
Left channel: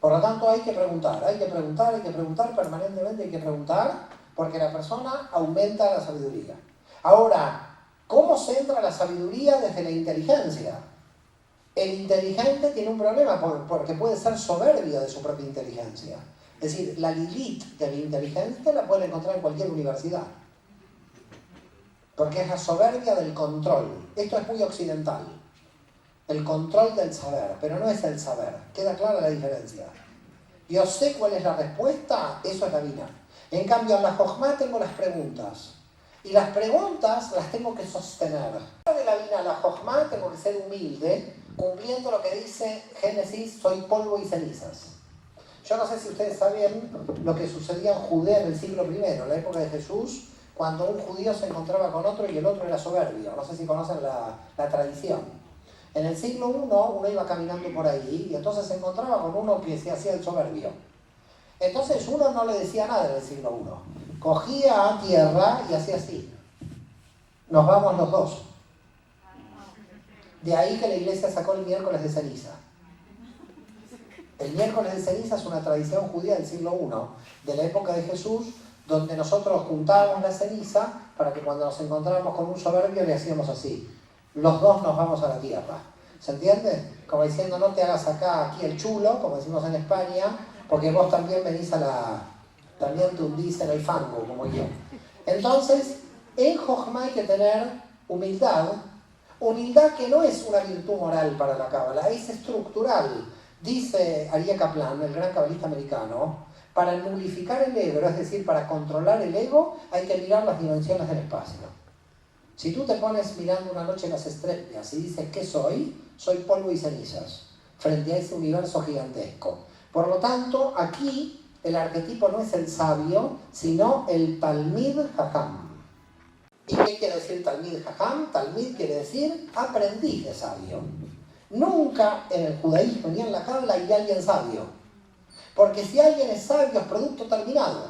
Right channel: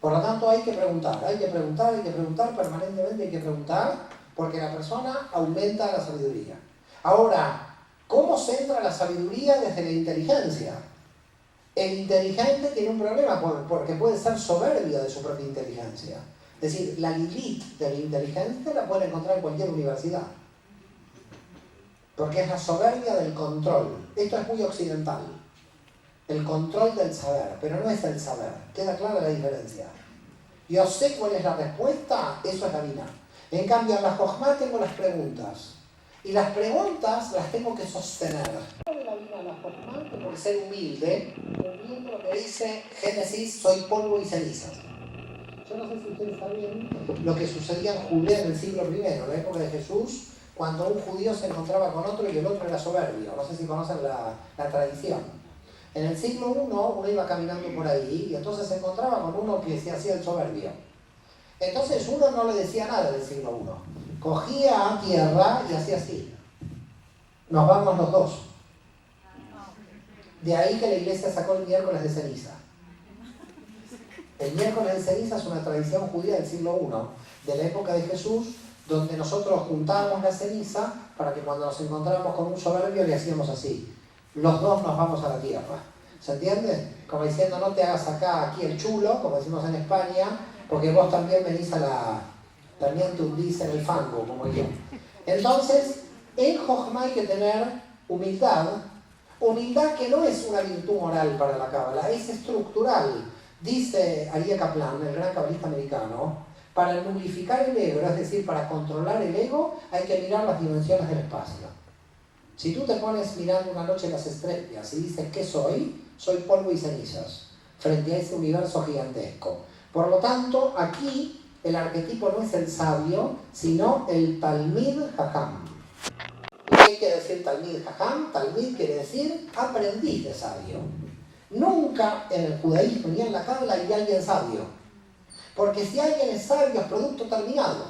Por lo tanto, hay que preguntar, permanentemente hay que preguntar, porque la persona aumenta la sabiduría. Ahora, ¿cómo se entra la sabiduría desde la inteligencia? El inteligente tiene un problema porque puede ser soberbio de su propia inteligencia. Es decir, la Lilith de la inteligencia la puede encontrar en cualquier universidad. Porque es la soberbia del control. Esto es muy occidental. El control del saber, pero no es el saber. Queda clara la diferencia. Yo sé cuál es la respuesta, eso es la Bina. En cambio, en la Jochma tengo las preguntas. Y las preguntas las tengo que sostener. De la Bina a la Jochma tengo que ser humilde, cumpliendo lo que dice Génesis, soy polvo y cenizas. Yo no sé si ustedes saben lo que sucedía en Judea en el siglo I, en la época de Jesús, cuando un judío se encontraba con otro y el otro era soberbio. No sé si conocen la tradición. En el siglo I uno iba caminando por ahí y entonces se encontraba con uno que se hacía el soberbio. Entonces uno no le decía nada en el siglo I. Cogía a tierra y hacía así. Nos vamos los dos. De ahí que la iglesia sacó el miércoles de ceniza. El miércoles de ceniza es una tradición judía del siglo I, de la época de Jesús, donde nosotros juntábamos la ceniza para que cuando nos encontrábamos con un soberbio le hacíamos así. Los dos nos vamos a la tierra. ¿Se entiende? Como diciendo, no te hagas acá aquí el chulo, como decimos en España, porque vos también venís también te hundís en el fango, como yo. Entonces, en Jochma hay que tener humildad que no es una virtud moral para la Cábala, es estructural. Dice Aryeh Kaplan, el gran cabalista americano, para nulificar el ego, es decir, para controlar el ego, hay que mirar las dimensiones del espacio. Si tú te pones mirando una noche las estrellas y dices, ¿qué soy? Soy polvo y cenizas, frente a ese universo gigantesco. Por lo tanto, aquí el arquetipo no es el sabio, sino el Talmid Jajam. ¿Y qué quiere decir Talmid Jajam? Talmid quiere decir aprendiz de sabio. Nunca en el judaísmo ni en la Cábala hay alguien sabio. Porque si alguien es sabio es producto terminado.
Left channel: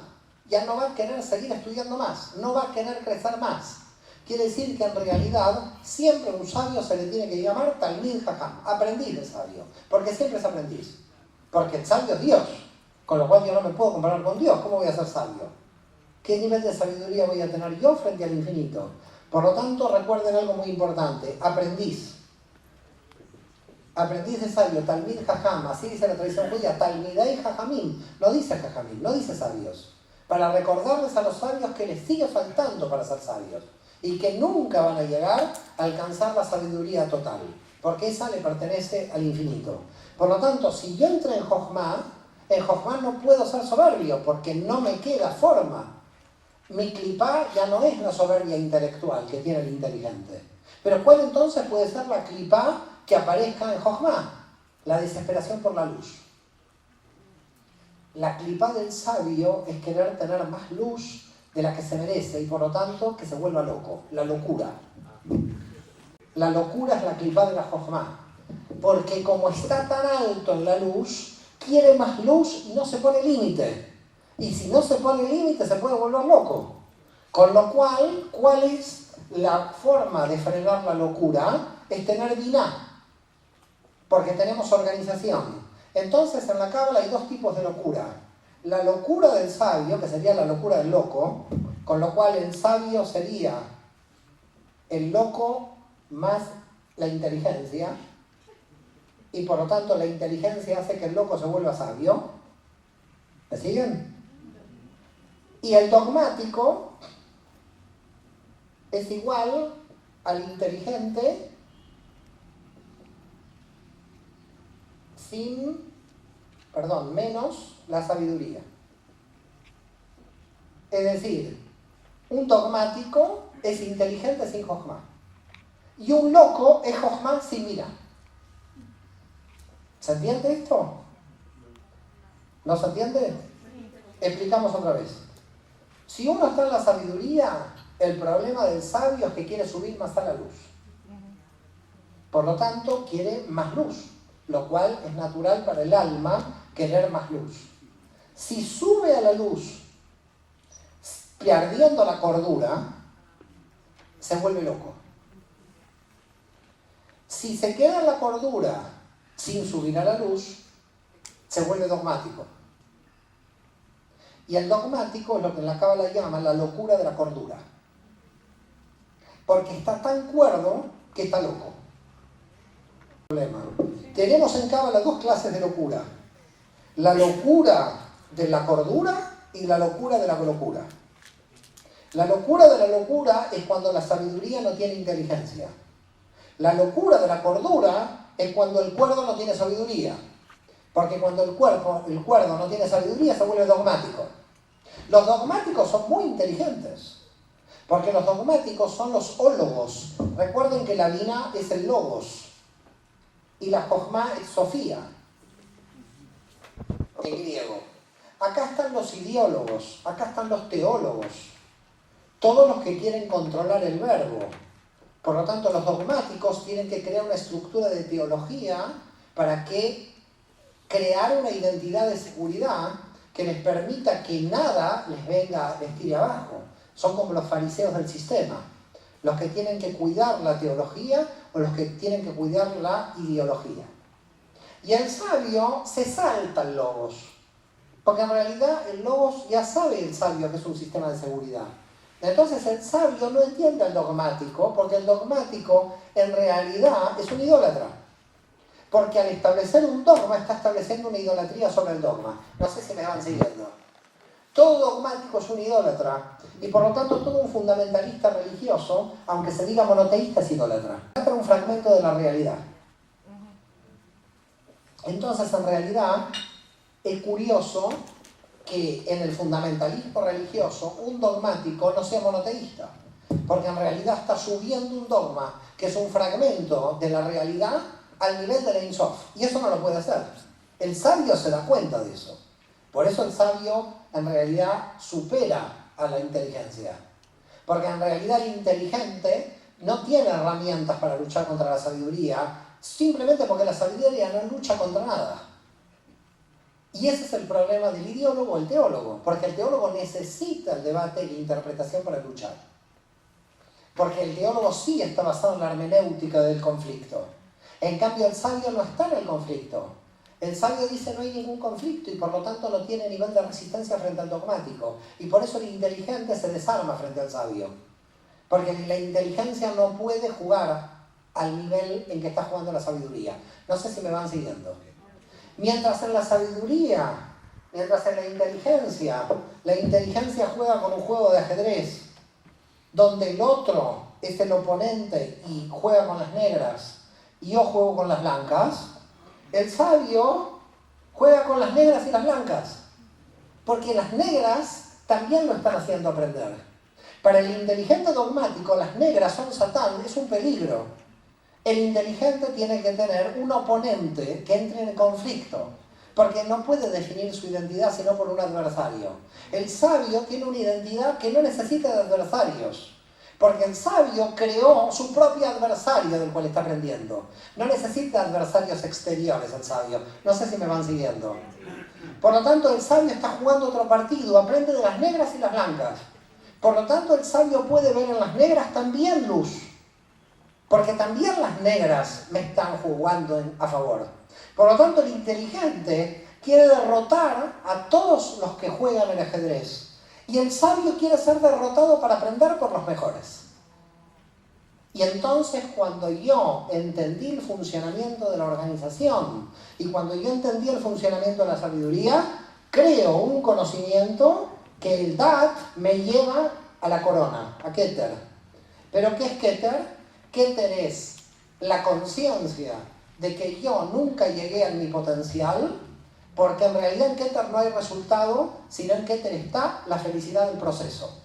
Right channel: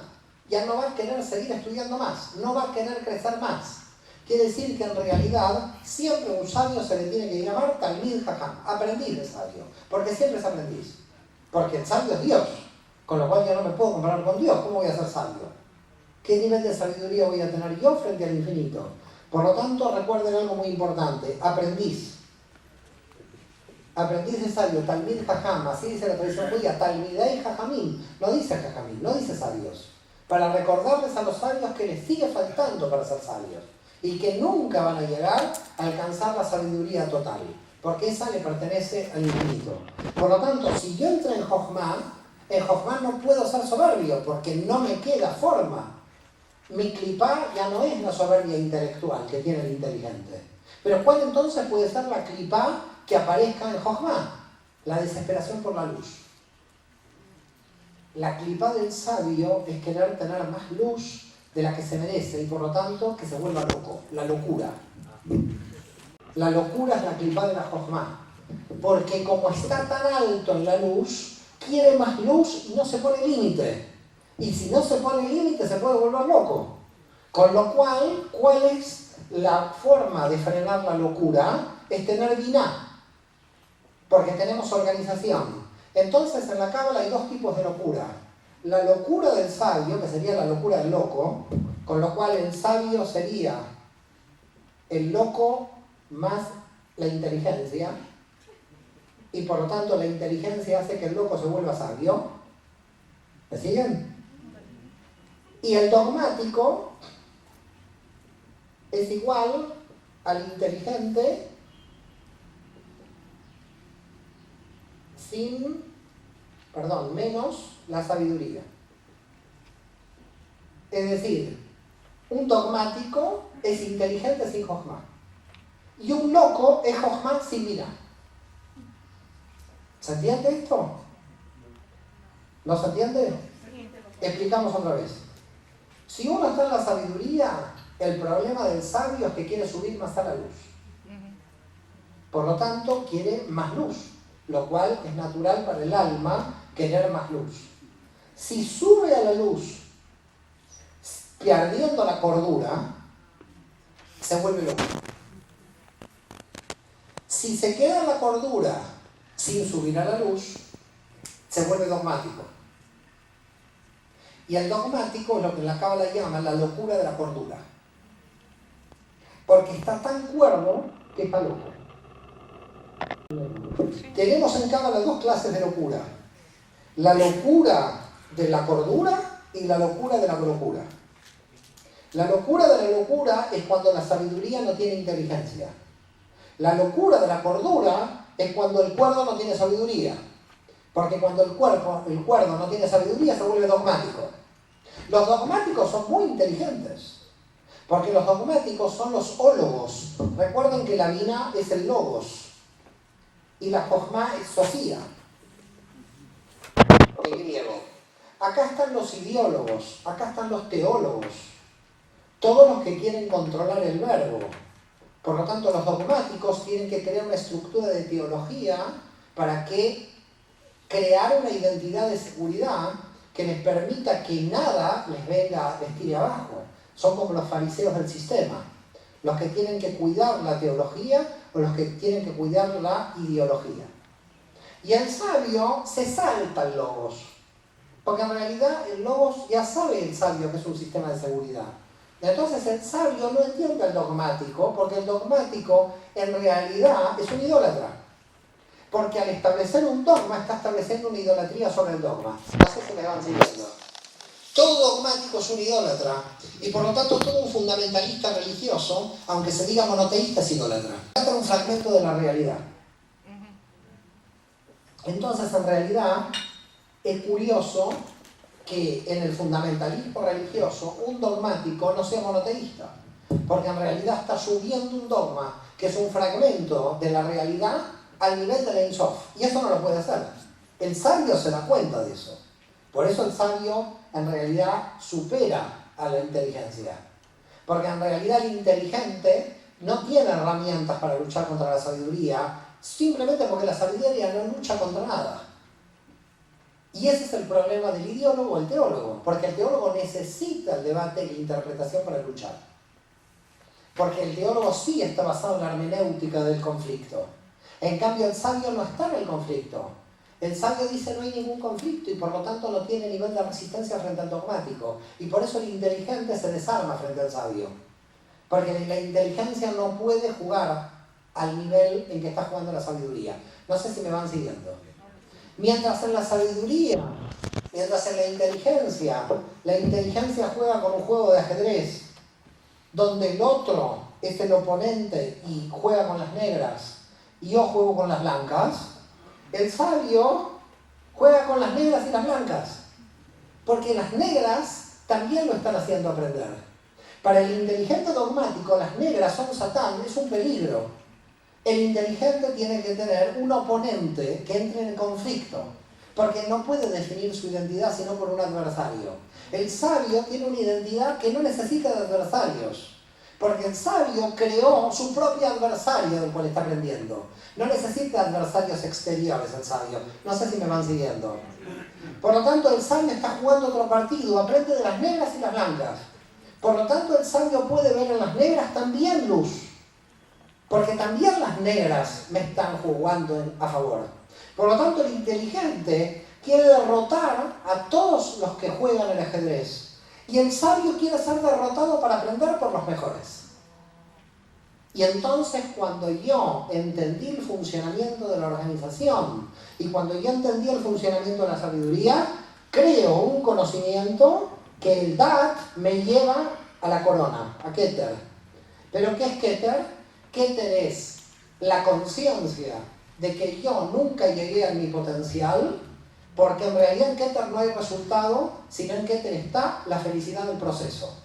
Ya no va a querer seguir estudiando más, no va a querer crecer más. Quiere decir que en realidad siempre un sabio se le tiene que llamar Talmid Jajam, aprendiz de sabio, porque siempre es aprendiz. Porque el sabio es Dios, con lo cual yo no me puedo comparar con Dios. ¿Cómo voy a ser sabio? ¿Qué nivel de sabiduría voy a tener yo frente al infinito? Por lo tanto, recuerden algo muy importante, aprendiz. Aprendiz de sabio, Talmid Jajam, así dice la tradición judía, Talmidei Jajamim, no dice Jajamim, no dice sabios. Para recordarles a los sabios que les sigue faltando para ser sabios. Y que nunca van a llegar a alcanzar la sabiduría total, porque esa le pertenece al infinito. Por lo tanto, si yo entro en Jochma no puedo ser soberbio, porque no me queda forma. Mi clipá ya no es la soberbia intelectual que tiene el inteligente. Pero ¿cuál entonces puede ser la clipá que aparezca en Jochma? La desesperación por la luz. La clipá del sabio es querer tener más luz de la que se merece y por lo tanto que se vuelva loco, la locura. La locura es la clipá de la Jochma, porque como está tan alto en la luz, quiere más luz y no se pone límite. Y si no se pone límite se puede volver loco. Con lo cual, ¿cuál es la forma de frenar la locura? Es tener biná, porque tenemos organización. Entonces en la Cábala hay dos tipos de locura. La locura del sabio, que sería la locura del loco, con lo cual el sabio sería el loco más la inteligencia, y por lo tanto la inteligencia hace que el loco se vuelva sabio. ¿Me siguen? Y el dogmático es igual al inteligente menos la sabiduría. Es decir, un dogmático es inteligente sin Jochma. Y un loco es Jochma sin mira. ¿Se entiende esto? ¿No se entiende? Explicamos otra vez. Si uno está en la sabiduría, el problema del sabio es que quiere subir más a la luz. Por lo tanto, quiere más luz, lo cual es natural para el alma querer más luz. Si sube a la luz perdiendo la cordura, se vuelve loco. Si se queda en la cordura sin subir a la luz, se vuelve dogmático. Y el dogmático es lo que en la Cábala llaman la locura de la cordura. Porque está tan cuerdo que está loco. Tenemos en Cábala dos clases de locura. La locura de la cordura y la locura de la locura. La locura de la locura es cuando la sabiduría no tiene inteligencia. La locura de la cordura es cuando el cuerdo no tiene sabiduría. Porque cuando el cuerdo no tiene sabiduría se vuelve dogmático. Los dogmáticos son muy inteligentes. Porque los dogmáticos son los ólogos. Recuerden que la Bina es el logos. Y la Jochma es Sofía. En griego. Acá están los ideólogos. Acá están los teólogos. Todos los que quieren controlar el verbo. Por lo tanto, los dogmáticos tienen que crear una estructura de teología para que crear una identidad de seguridad que les permita que nada les tire abajo. Son como los fariseos del sistema, los que tienen que cuidar la teología o los que tienen que cuidar la ideología. Y el sabio se salta el logos, porque en realidad el logos ya sabe el sabio que es un sistema de seguridad. Entonces el sabio no entiende el dogmático, porque el dogmático en realidad es un idólatra. Porque al establecer un dogma está estableciendo una idolatría sobre el dogma. No sé si me van siguiendo. Todo dogmático es un idólatra. Y por lo tanto todo un fundamentalista religioso, aunque se diga monoteísta, es idólatra. Este es un fragmento de la realidad. Entonces en realidad es curioso que en el fundamentalismo religioso un dogmático no sea monoteísta, porque en realidad está subiendo un dogma que es un fragmento de la realidad al nivel de la Ein Sof, y eso no lo puede hacer. El sabio se da cuenta de eso. Por eso el sabio en realidad supera a la inteligencia, porque en realidad el inteligente no tiene herramientas para luchar contra la sabiduría, simplemente porque la sabiduría no lucha contra nada. Y ese es el problema del ideólogo o el teólogo, porque el teólogo necesita el debate y la interpretación para luchar. Porque el teólogo sí está basado en la hermenéutica del conflicto. En cambio, el sabio no está en el conflicto. El sabio dice no hay ningún conflicto y por lo tanto no tiene nivel de resistencia frente al dogmático. Y por eso el inteligente se desarma frente al sabio. Porque la inteligencia no puede jugar al nivel en que está jugando la sabiduría. No sé si me van siguiendo. Mientras en la sabiduría, mientras en la inteligencia juega con un juego de ajedrez, donde el otro es el oponente y juega con las negras, y yo juego con las blancas, el sabio juega con las negras y las blancas, porque las negras también lo están haciendo aprender. Para el inteligente dogmático, las negras son Satán, es un peligro. El inteligente tiene que tener un oponente que entre en conflicto, porque no puede definir su identidad sino por un adversario. El sabio tiene una identidad que no necesita de adversarios, porque el sabio creó su propio adversario del cual está aprendiendo. No necesita adversarios exteriores el sabio. No sé si me van siguiendo. Por lo tanto, el sabio está jugando otro partido, aprende de las negras y las blancas. Por lo tanto, el sabio puede ver en las negras también luz. Porque también las negras me están jugando a favor. Por lo tanto, el inteligente quiere derrotar a todos los que juegan el ajedrez. Y el sabio quiere ser derrotado para aprender por los mejores. Y entonces, cuando yo entendí el funcionamiento de la organización y cuando yo entendí el funcionamiento de la sabiduría, creo un conocimiento que el Dat me lleva a la corona, a Keter. ¿Pero qué es Keter? Keter es la conciencia de que yo nunca llegué a mi potencial, porque en realidad en Keter no hay resultado, sino en Keter está la felicidad del proceso.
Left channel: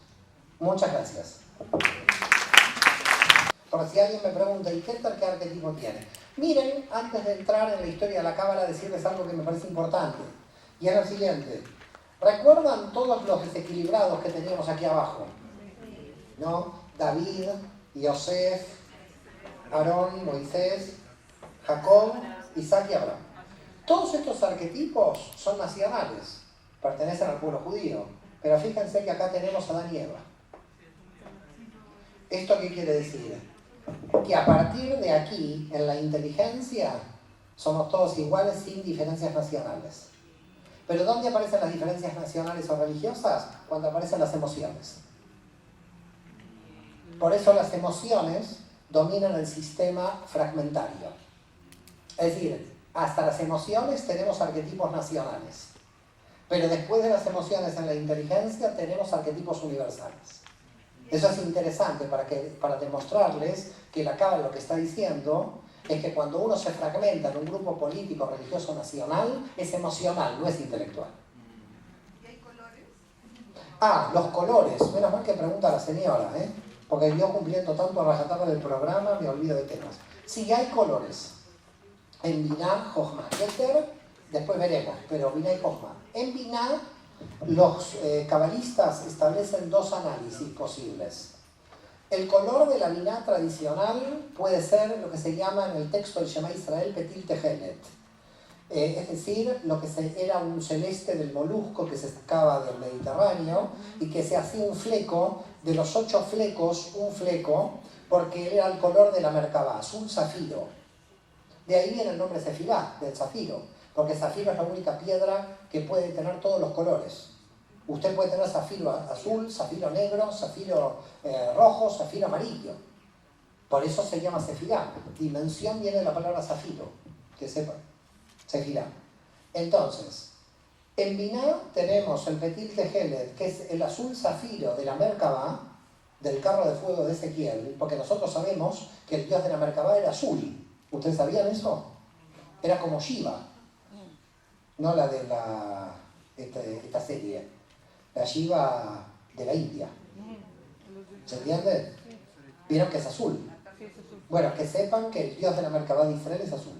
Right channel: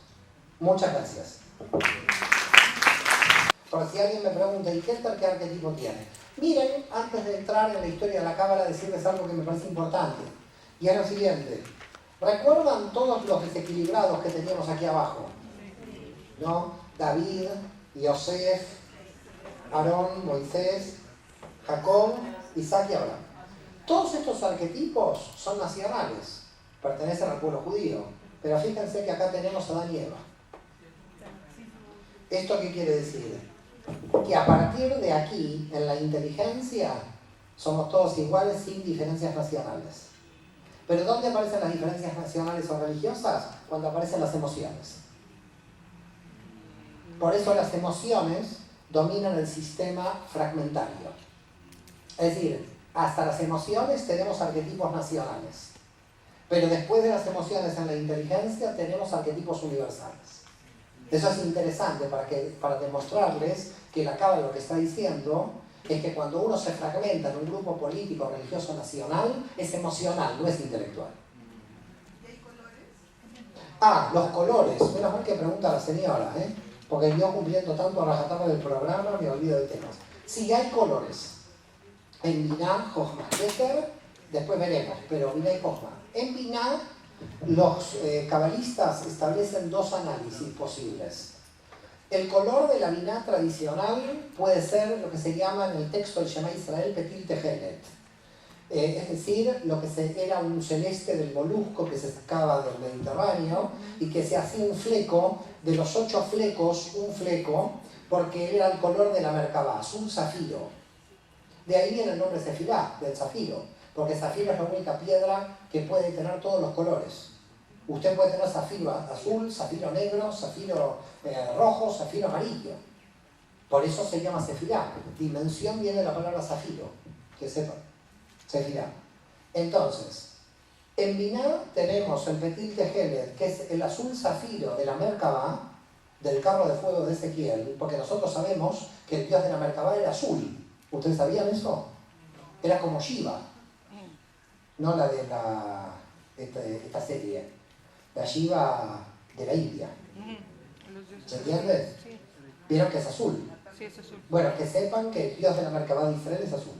Muchas gracias. Por si alguien me pregunta, ¿y Keter qué arquetipo tiene? Miren, antes de entrar en la historia de la Cábala, decirles algo que me parece importante. Y es lo siguiente. ¿Recuerdan todos los desequilibrados que teníamos aquí abajo? ¿No? David, Yosef, Aarón, Moisés, Jacob, Isaac y Abraham. Todos estos arquetipos son nacionales, pertenecen al pueblo judío, pero fíjense que acá tenemos a Adán y Eva. ¿Esto qué quiere decir? que a partir de aquí, en la inteligencia, somos todos iguales sin diferencias nacionales. Pero ¿dónde aparecen las diferencias nacionales o religiosas? Cuando aparecen las emociones. Por eso las emociones dominan el sistema fragmentario. Es decir, hasta las emociones tenemos arquetipos nacionales. Pero después de las emociones en la inteligencia tenemos arquetipos universales. Eso es interesante para demostrarles que la Cábala lo que está diciendo es que cuando uno se fragmenta en un grupo político, religioso, nacional, es emocional, no es intelectual. ¿Y hay colores? Los colores. Menos mal que pregunta la señora, porque yo cumpliendo tanto a rajatabla del programa me olvido de temas. Sí, hay colores. En Binah, Jochma, Keter, después veremos, pero Binah y Jochma. En Binah, los cabalistas establecen dos análisis posibles. El color de la Binah tradicional puede ser lo que se llama en el texto del Shema Israel Petil Tehelet. Es decir, lo que era un celeste del molusco que se sacaba del Mediterráneo y que se hacía un fleco, de los 8 flecos, un fleco, porque era el color de la Merkabá, azul zafiro. De ahí viene el nombre Sefirá, del zafiro, porque zafiro es la única piedra que puede tener todos los colores. Usted puede tener zafiro azul, zafiro negro, zafiro rojo, zafiro amarillo. Por eso se llama Sefirá. Dimensión viene de la palabra zafiro, que sepan. Sefirá. Entonces, en Binah tenemos el Petil Tehelet, que es el azul zafiro de la Merkabá, del carro de fuego de Ezequiel, porque nosotros sabemos que el dios de la Merkabá era azul. ¿Ustedes sabían eso? Era como Shiva, no la de esta serie. La Shiva de la India. ¿Se entiende? ¿Vieron que es azul? Bueno, que sepan que el dios de la Merkabá de Israel es azul.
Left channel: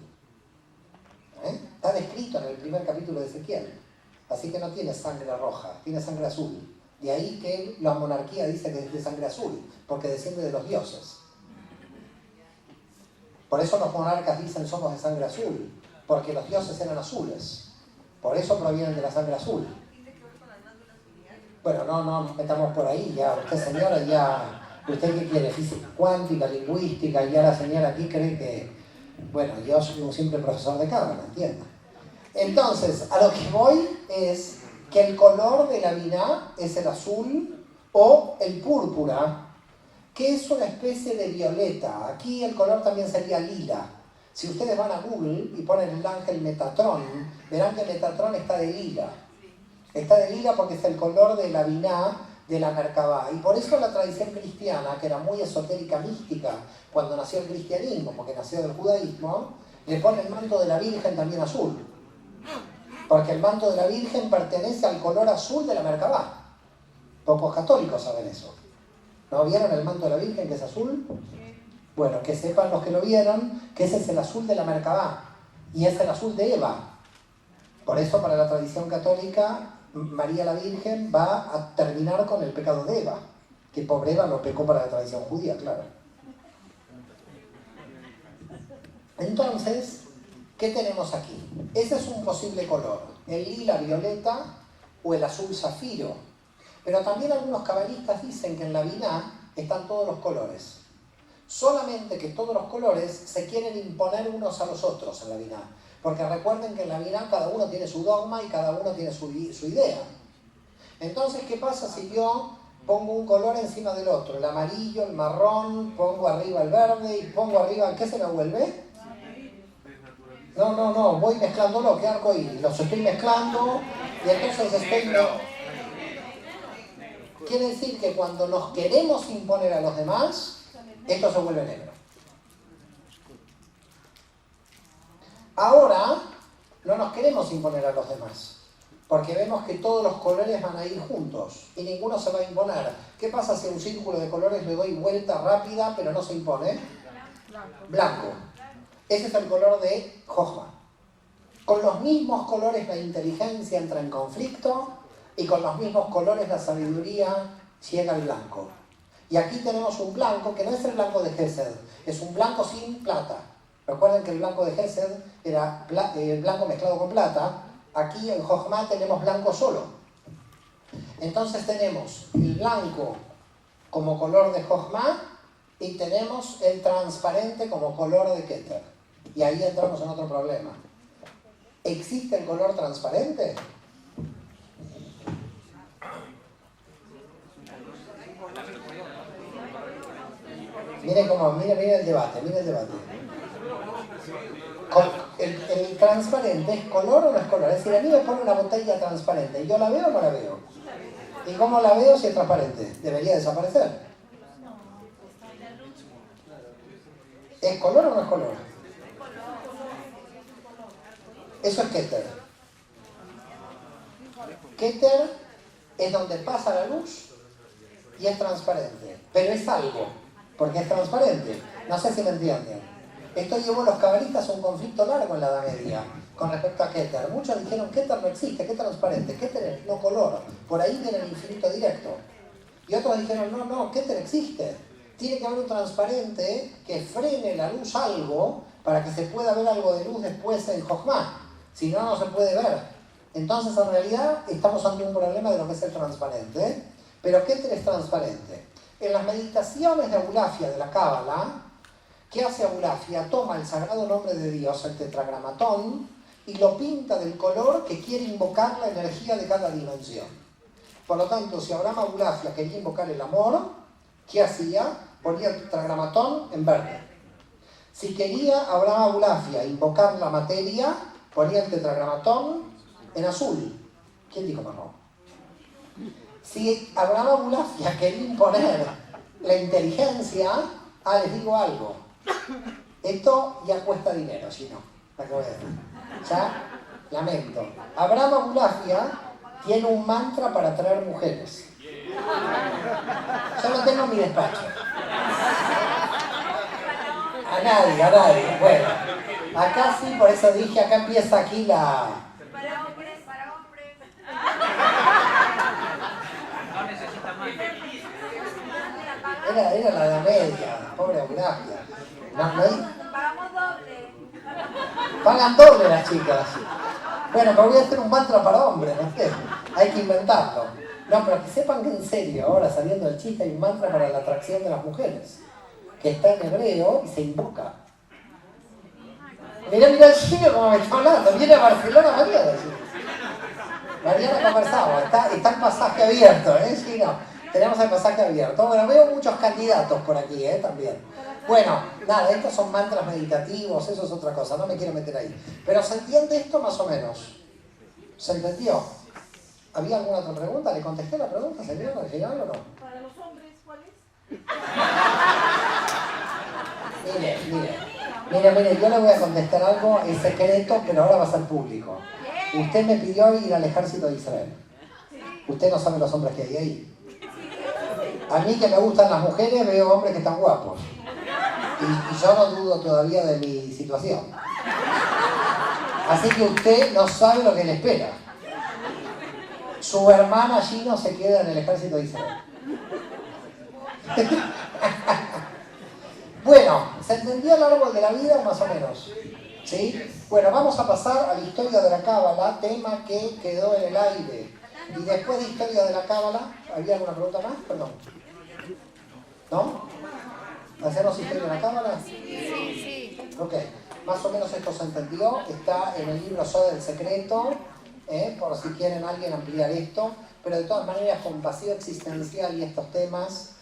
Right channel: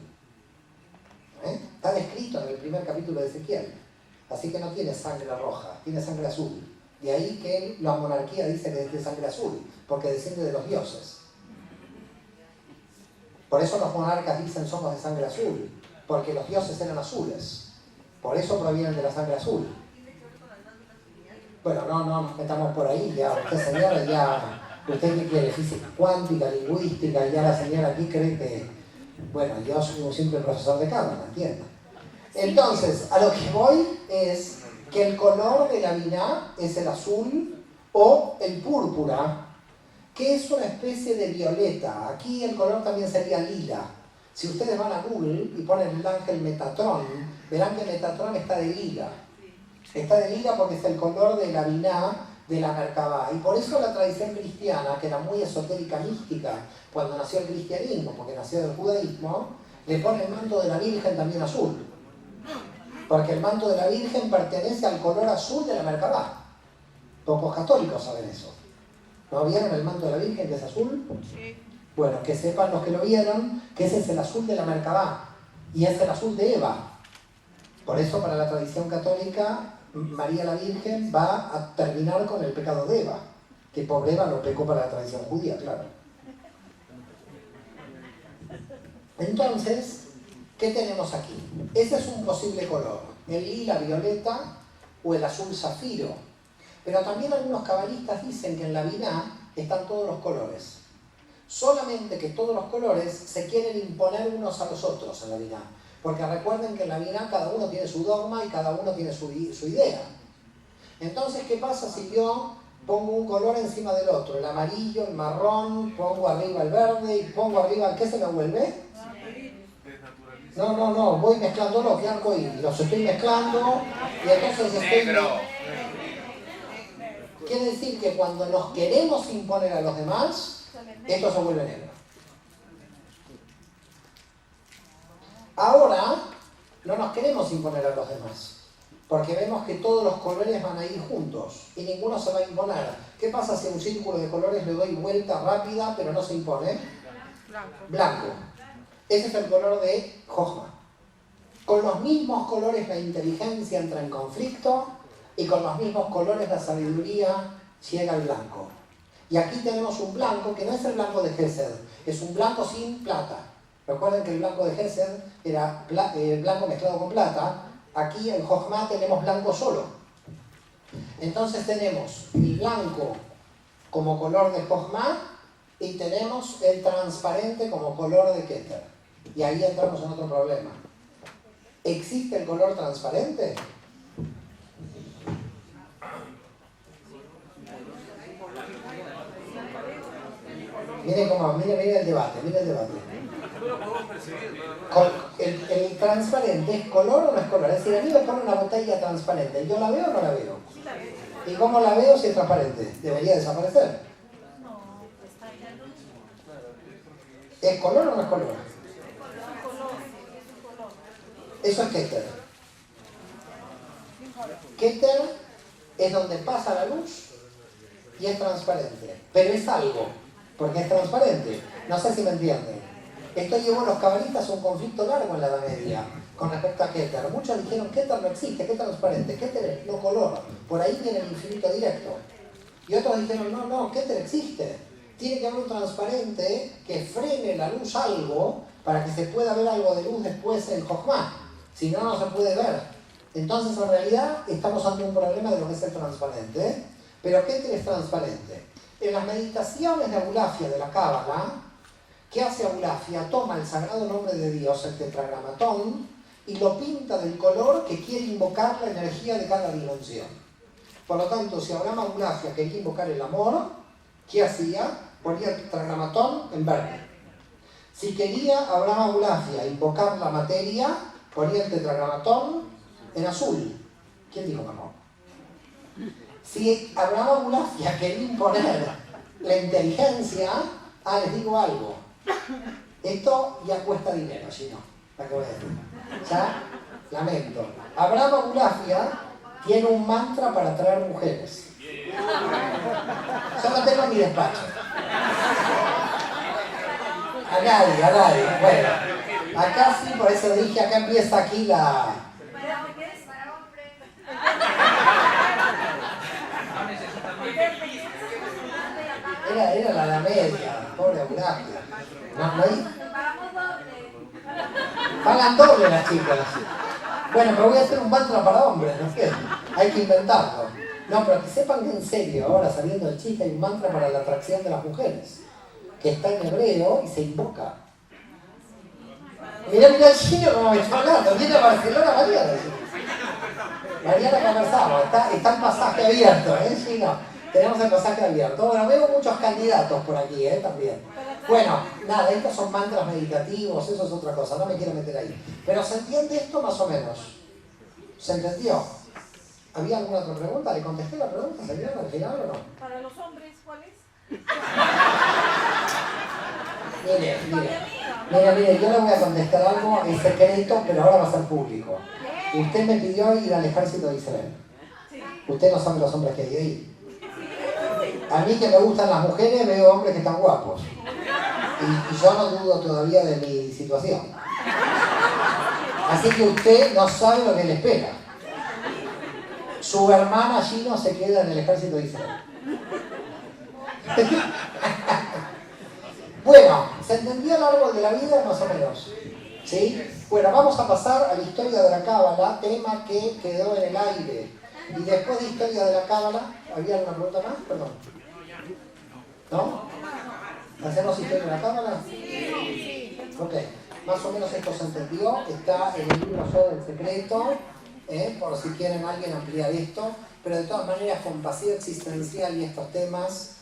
Está descrito en el primer capítulo de Ezequiel. Así que no tiene sangre roja, tiene sangre azul. De ahí que la monarquía dice que es de sangre azul, porque desciende de los dioses. Por eso los monarcas dicen somos de sangre azul, porque los dioses eran azules. Por eso provienen de la sangre azul. Bueno, no estamos por ahí, ya usted señora, ya, usted que quiere física cuántica, lingüística, ya la señora aquí cree que, bueno, yo soy un simple profesor de cámara, ¿entiendes? Entonces, a lo que voy es que el color de la Binah es el azul o el púrpura, que es una especie de violeta. Aquí el color también sería lila. Si ustedes van a Google y ponen el ángel Metatron, verán que Metatron está de lila. Está de lila porque es el color de la Binah de la Merkabá. Y por eso la tradición cristiana, que era muy esotérica, mística, cuando nació el cristianismo, porque nació del judaísmo, le pone el manto de la Virgen también azul. Porque el manto de la Virgen pertenece al color azul de la Merkabá. Pocos católicos saben eso. ¿No vieron el manto de la Virgen que es azul? Sí. Bueno, que sepan los que lo vieron que ese es el azul de la Merkabá y es el azul de Eva. Por eso para la tradición católica María la Virgen va a terminar con el pecado de Eva, que pobre Eva no pecó para la tradición judía, claro. Entonces, ¿qué tenemos aquí? Ese es un posible color, el lila violeta o el azul zafiro. Pero también algunos cabalistas dicen que en la Binah están todos los colores. Solamente que todos los colores se quieren imponer unos a los otros en la Binah. Porque recuerden que en la Binah cada uno tiene su dogma y cada uno tiene su idea. Entonces, ¿qué pasa si yo pongo un color encima del otro? El amarillo, el marrón, pongo arriba el verde y pongo arriba... ¿Qué se me vuelve? No, voy mezclándolo, que arcoíris. Los estoy mezclando y entonces estoy... Quiere decir que cuando nos queremos imponer a los demás, esto se vuelve negro. Ahora no nos queremos imponer a los demás, porque vemos que todos los colores van a ir juntos y ninguno se va a imponer. ¿Qué pasa si a un círculo de colores le doy vuelta rápida pero no se impone? Blanco. Ese es el color de Jochma. Con los mismos colores la inteligencia entra en conflicto y con los mismos colores la sabiduría llega al blanco. Y aquí tenemos un blanco que no es el blanco de Gesed, es un blanco sin plata. Recuerden que el blanco de Gesed era blanco mezclado con plata. Aquí en Jochma tenemos blanco solo. Entonces tenemos el blanco como color de Jochma Y tenemos el transparente como color de Keter. Y ahí entramos en otro problema. ¿Existe el color transparente? Miren el debate, El transparente ¿es color o no es color? Es decir, a mí me ponen una botella transparente, ¿yo la veo o no la veo? ¿Y cómo la veo si es transparente? ¿Debería desaparecer? ¿Es color o no es color? Eso es Keter. Keter es donde pasa la luz y es transparente. Pero es algo, porque es transparente. No sé si me entienden. Esto llevó a los cabalistas a un conflicto largo en la Edad Media con respecto a Keter. Muchos dijeron Keter no existe, Keter es transparente, Keter es no color. Por ahí viene el infinito directo. Y otros dijeron, no, Keter existe. Tiene que haber un transparente que frene la luz algo para que se pueda ver algo de luz después en Jochma. Si no, no se puede ver. Entonces, en realidad, estamos ante un problema de lo que es el transparente. Pero Keter es transparente. En las meditaciones de Abulafia, de la Cábala, ¿qué hace Abulafia? Toma el sagrado nombre de Dios, el tetragramatón, y lo pinta del color que quiere invocar la energía de cada dimensión. Por lo tanto, si Abraham Abulafia quería invocar el amor, ¿qué hacía? Ponía el tetragramatón en verde. Si quería Abraham Abulafia invocar la materia, ponía el tetragramatón en azul. ¿Quién dijo que no? Si Abraham Abulafia quería imponer la inteligencia, les digo algo. Esto ya cuesta dinero, si no, la que voy a decir. Ya, lamento. Abraham Abulafia tiene un mantra para atraer mujeres. Yo lo tengo en mi despacho. A nadie. Bueno, acá sí, por eso dije, acá empieza aquí la... Para hombres. Era la Edad Media, pobre Abulafia. Pagamos doble. Pagan doble las chicas. Bueno, pero voy a hacer un mantra para hombres, no sé. Hay que inventarlo. No, pero que sepan que en serio, ahora saliendo el chiste, hay un mantra para la atracción de las mujeres. Que está en hebreo y se invoca. Mirá el chino como me está hablando. Viene a Barcelona mañana. Mañana conversamos. Está el pasaje abierto, chino. Tenemos el pasaje abierto. Bueno, veo muchos candidatos por aquí, también. Bueno, nada, estos son mantras meditativos, eso es otra cosa, no me quiero meter ahí. Pero ¿se entiende esto más o menos? ¿Se entendió? ¿Había alguna otra pregunta? ¿Le contesté la pregunta, señora, al final o no? Para los hombres, ¿cuál es? Mire, yo le voy a contestar algo en secreto, pero ahora va a ser público. Usted me pidió ir al ejército de Israel. Usted no sabe los hombres que hay ahí. A mí que me gustan las mujeres, veo hombres que están guapos. Y yo no dudo todavía de mi situación. Así que usted no sabe lo que le espera. Su hermana allí no se queda en el ejército de Israel. Bueno, ¿se entendió el árbol de la vida más o menos? ¿Sí? Bueno, vamos a pasar a la historia de la Cábala, tema que quedó en el aire. Y después de historia de la Cábala, ¿había alguna pregunta más? Perdón. ¿No? ¿Hacemos historia de la Cábala? Sí. Ok, más o menos esto se entendió. Está en el libro Yo del Secreto, por si quieren alguien ampliar esto. Pero de todas maneras, con vacío existencial y estos temas,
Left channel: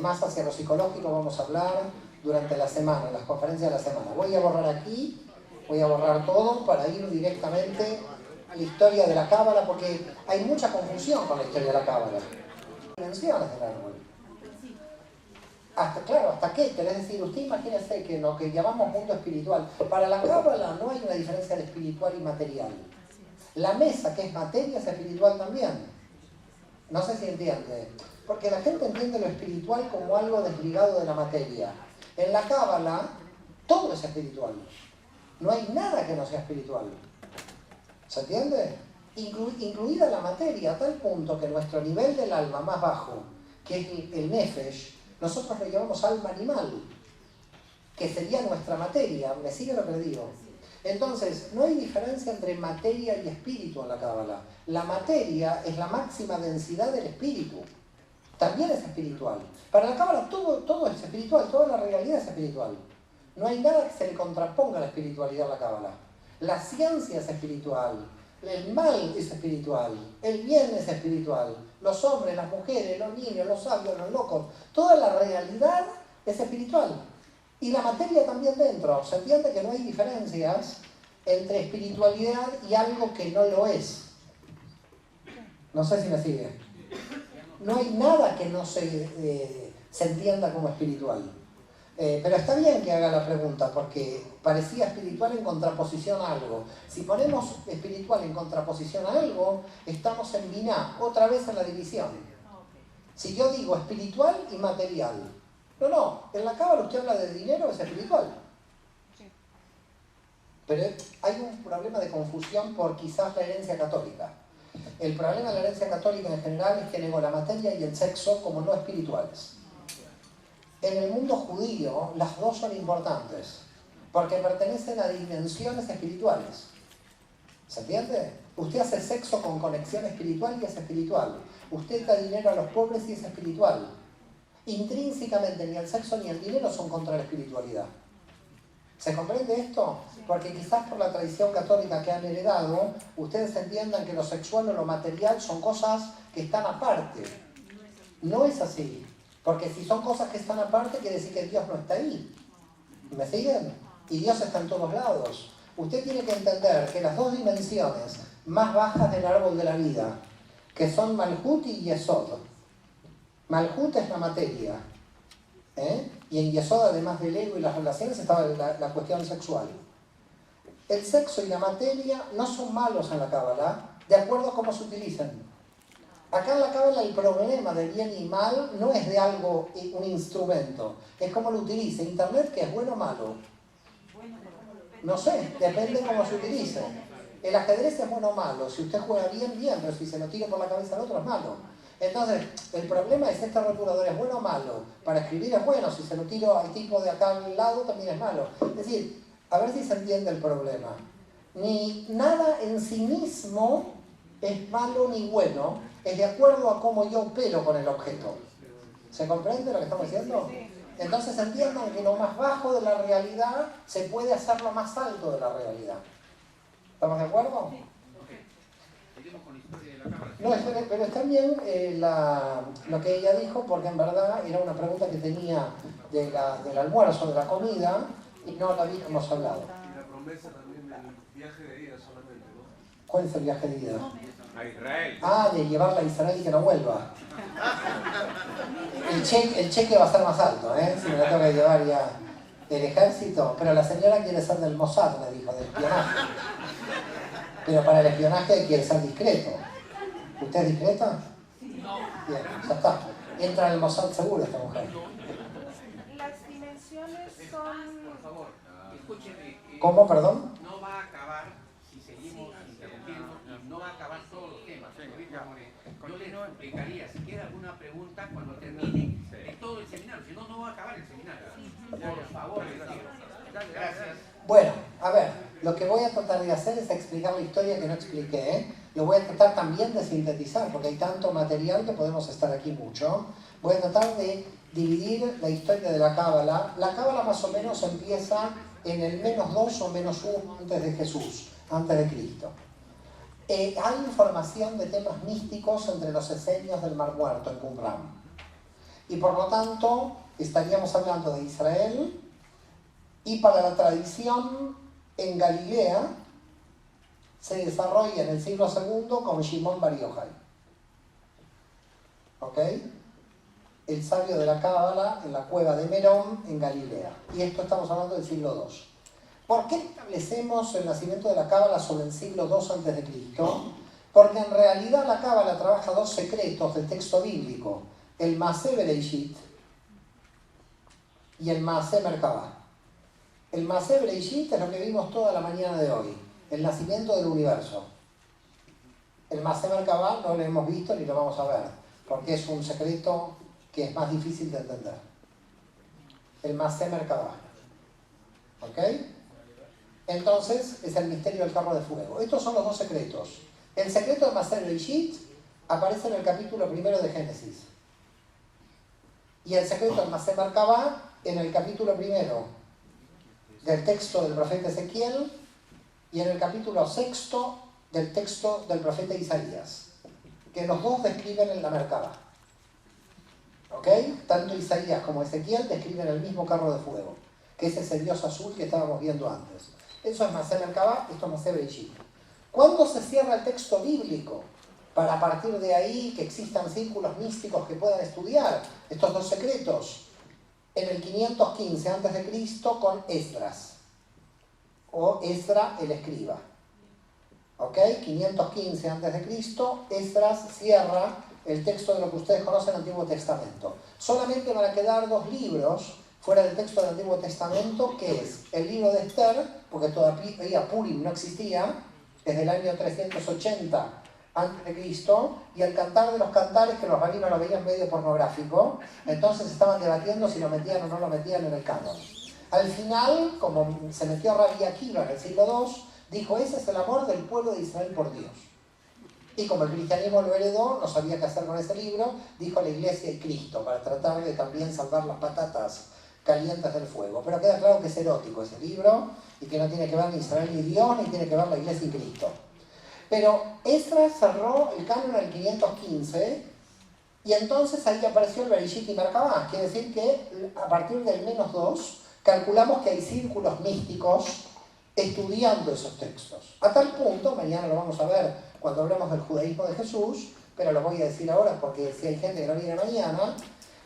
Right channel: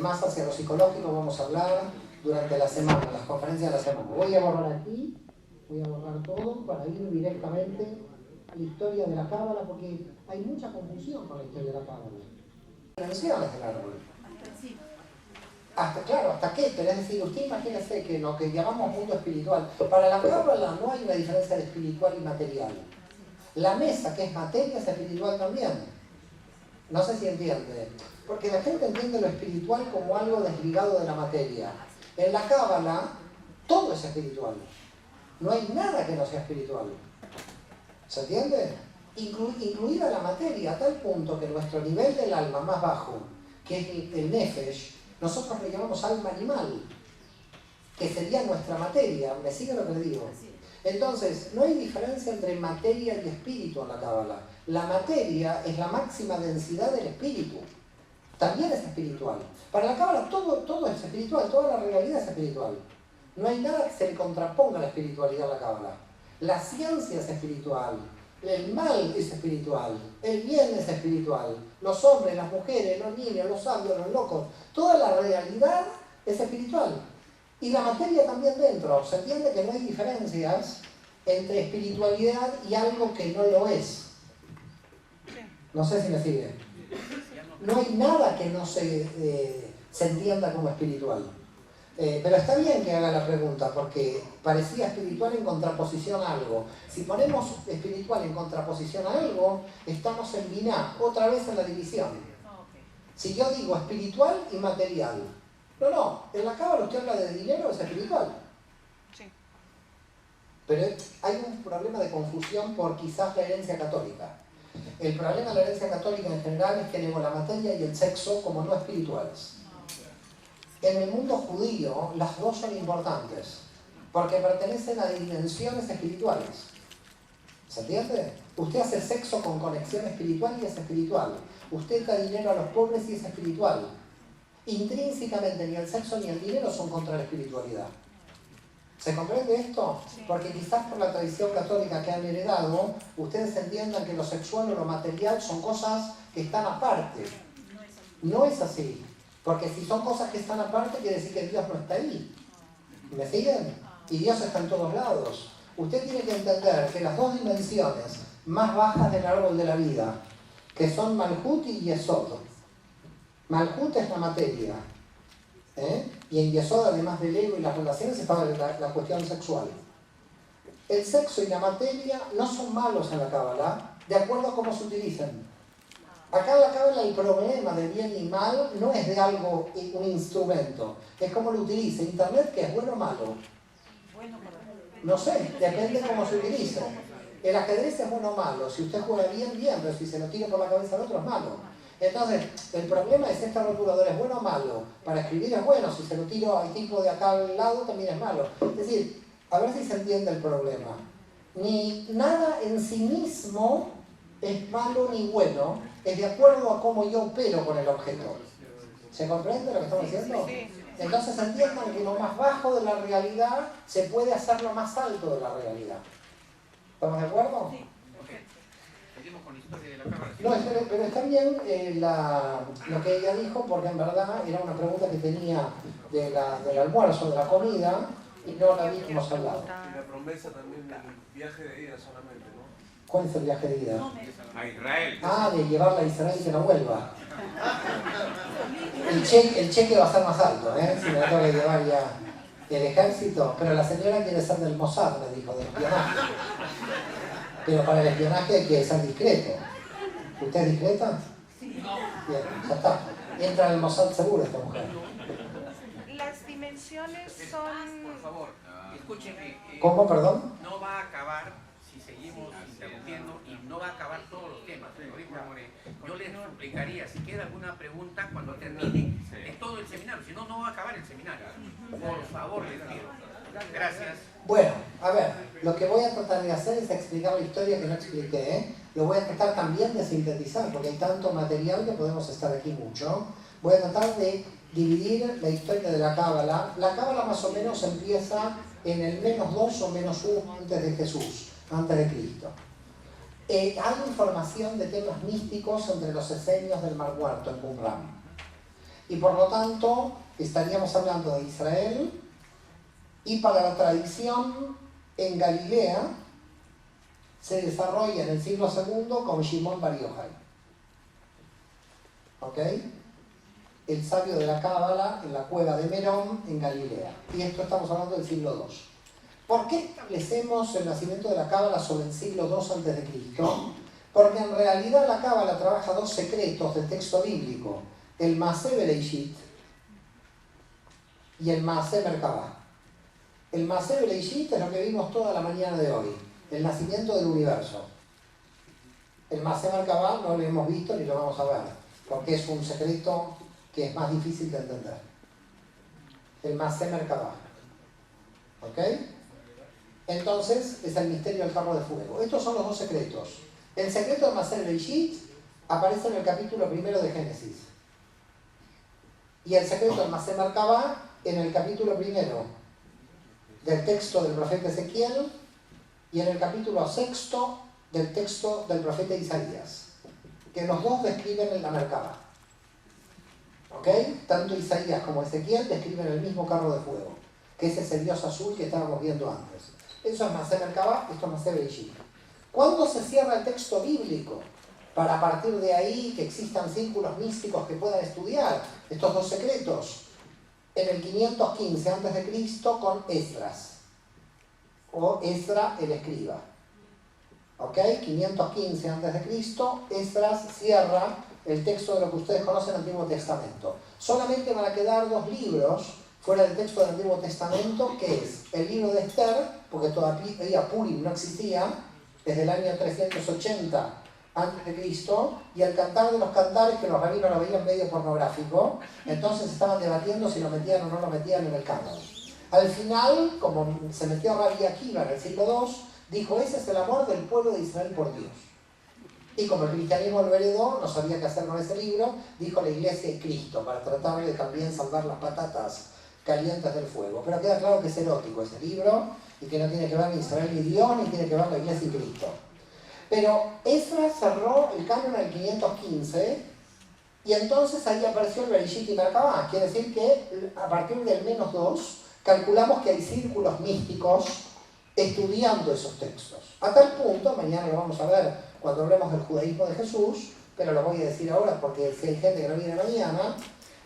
más hacia lo psicológico, vamos a hablar durante la semana, las conferencias de la semana. Voy a borrar aquí, voy a borrar todo para ir directamente a la historia de la Cábala, porque hay mucha confusión con la historia de la Cábala. Dimensiones del árbol. Hasta Keter, es decir, usted imagínese que lo que llamamos mundo espiritual, para la Cábala no hay una diferencia de espiritual y material. La mesa, que es materia, es espiritual también. No sé si entiende. Porque la gente entiende lo espiritual como algo desligado de la materia. En la Cábala, todo es espiritual. No hay nada que no sea espiritual. ¿Se entiende? Incluida la materia, a tal punto que nuestro nivel del alma más bajo, que es el nefesh, nosotros le llamamos alma animal, que sería nuestra materia. ¿Me sigue lo que le digo? Entonces, no hay diferencia entre materia y espíritu en la Cábala. La materia es la máxima densidad del espíritu. también es espiritual. Para la Cábala todo es espiritual, toda la realidad es espiritual. No hay nada que se le contraponga a la espiritualidad a la Cábala. La ciencia es espiritual, el mal es espiritual, el bien es espiritual, los hombres, las mujeres, los niños, los sabios, los locos, toda la realidad es espiritual. Y la materia también dentro. Se entiende que no hay diferencias entre espiritualidad y algo que no lo es. No sé si me sigue. No hay nada que no se entienda como espiritual. Pero está bien que haga la pregunta, porque parecía espiritual en contraposición a algo. Si ponemos espiritual en contraposición a algo, estamos en biná, otra vez en la división. Si yo digo espiritual y material, no, en la Cábala usted habla de dinero, es espiritual. Pero hay un problema de confusión por quizás la herencia católica. El problema de la herencia católica en general es que negó la materia y el sexo como no espirituales. En el mundo judío las dos son importantes, porque pertenecen a dimensiones espirituales. ¿Se entiende? Usted hace sexo con conexión espiritual y es espiritual. Usted da dinero a los pobres y es espiritual. Intrínsecamente ni el sexo ni el dinero son contra la espiritualidad. ¿Se comprende esto? Porque quizás por la tradición católica que han heredado, ustedes entiendan que lo sexual o lo material son cosas que están aparte. No es así. Porque si son cosas que están aparte, quiere decir que Dios no está ahí. ¿Me siguen? Y Dios está en todos lados. Usted tiene que entender que las dos dimensiones más bajas del árbol de la vida, que son Malhut y Yesod. Malhut es la materia. Y en Yesod, además del ego y las relaciones, estaba la cuestión sexual. El sexo y la materia no son malos en la Cábala, de acuerdo a cómo se utilicen. Acá en la Cábala el problema de bien y mal no es de algo, un instrumento, es cómo lo utilice. Internet, ¿qué es bueno o malo? No sé, depende de cómo se utilice. El ajedrez es bueno o malo. Si usted juega bien, bien, pero si se lo tira por la cabeza al otro es malo. Entonces, el problema es este rotulador, ¿es bueno o malo? Para escribir es bueno, si se lo tiro al tipo de acá al lado también es malo. Es decir, a ver si se entiende el problema. Ni nada en sí mismo es malo ni bueno, es de acuerdo a cómo yo opero con el objeto. ¿Se comprende lo que estamos diciendo? Entonces entiendan que lo más bajo de la realidad se puede hacer lo más alto de la realidad. ¿Estamos de acuerdo? No, pero está bien lo que ella dijo, porque en verdad era una pregunta que tenía del almuerzo, de la comida, y no la habíamos hablado. Y la promesa también del viaje de ida solamente, ¿no? ¿Cuál es el viaje de ida? A Israel. Ah, de llevarla a Israel y que no vuelva. El cheque va a ser más alto, si me lo tengo que llevar ya el ejército. Pero la señora quiere ser del Mossad, me dijo, del espionaje. Pero para el espionaje quiere ser discreto. ¿Usted es discreta? Sí. Bien, ya está. Entra en el Mossad seguro esta mujer. Las dimensiones son... Por favor, escúchenme. ¿Cómo, perdón? No va a acabar si seguimos interrumpiendo y no va a acabar todos los temas. Yo les explicaría, si queda alguna pregunta cuando termine todo el seminario. Si no, no va a acabar el seminario. Por favor, les pido. Gracias. Bueno, a ver, lo que voy a tratar de hacer es explicar la historia que no expliqué. Lo voy a tratar también de sintetizar, porque hay tanto material que podemos estar aquí mucho. Voy a tratar de dividir la historia de la Cábala. La Cábala más o menos empieza en el -2 o -1 antes de Jesús, antes de Cristo. Hay información de temas místicos entre los esenios del Mar Muerto, en Qumran. Y por lo tanto, estaríamos hablando de Israel, y para la tradición en Galilea se desarrolla en el siglo II con Shimon Bar Yochai. ¿Ok? El sabio de la Cábala en la cueva de Merón en Galilea. Y esto estamos hablando del siglo II. ¿Por qué establecemos el nacimiento de la Cábala sobre el siglo II a.C.? Porque en realidad la Cábala trabaja dos secretos del texto bíblico: el Maaseh Bereishit y el Maaseh Merkabah. El Maaseh Bereishit es lo que vimos toda la mañana de hoy, el nacimiento del universo. El Maaseh Merkabah no lo hemos visto ni lo vamos a ver, porque es un secreto que es más difícil de entender. El Maaseh Merkabah. ¿Ok? Entonces, es el misterio del carro de fuego. Estos son los dos secretos. El secreto de Maaseh Bereishit aparece en el capítulo 1 de Génesis. y el secreto del Masé Merkabah en el capítulo 1 del texto del profeta Ezequiel y en el capítulo 6 del texto del profeta Isaías, que los dos describen en la Merkabah. ¿Ok? Tanto Isaías como Ezequiel describen el mismo carro de fuego, que es ese Dios azul que estábamos viendo antes. Eso es Masé Merkabah, esto es Masé Bereshit. ¿Cuándo se cierra el texto bíblico? Para a partir de ahí que existan círculos místicos que puedan estudiar estos dos secretos. En el 515 a.C. con Esdras, o Esdra el escriba. ¿Ok? 515 a.C., Esdras cierra el texto de lo que ustedes conocen el Antiguo Testamento. Solamente van a quedar dos libros fuera del texto del Antiguo Testamento, que es el libro de Esther, porque todavía Purim no existía, desde el año 380 a.C., y el Cantar de los Cantares, que los rabinos lo veían medio pornográfico, entonces estaban debatiendo si lo metían o no lo metían en el canon. Al final, como se metió Rabbi Akiva en el siglo II, dijo, ese es el amor del pueblo de Israel por Dios. Y como el cristianismo lo heredó, no sabía qué hacer con ese libro, dijo la Iglesia y Cristo, para tratar de también salvar las patatas calientes del fuego. Pero queda claro que es erótico ese libro, y que no tiene que ver ni Israel ni Dios, ni tiene que ver la Iglesia y Cristo. Pero Esdras cerró el canon en el 515, y entonces ahí apareció el Bereshit y Merkabah. Quiere decir que a partir del -2, calculamos que hay círculos místicos estudiando esos textos. A tal punto, mañana lo vamos a ver cuando hablemos del judaísmo de Jesús, pero lo voy a decir ahora porque si hay gente que no viene mañana,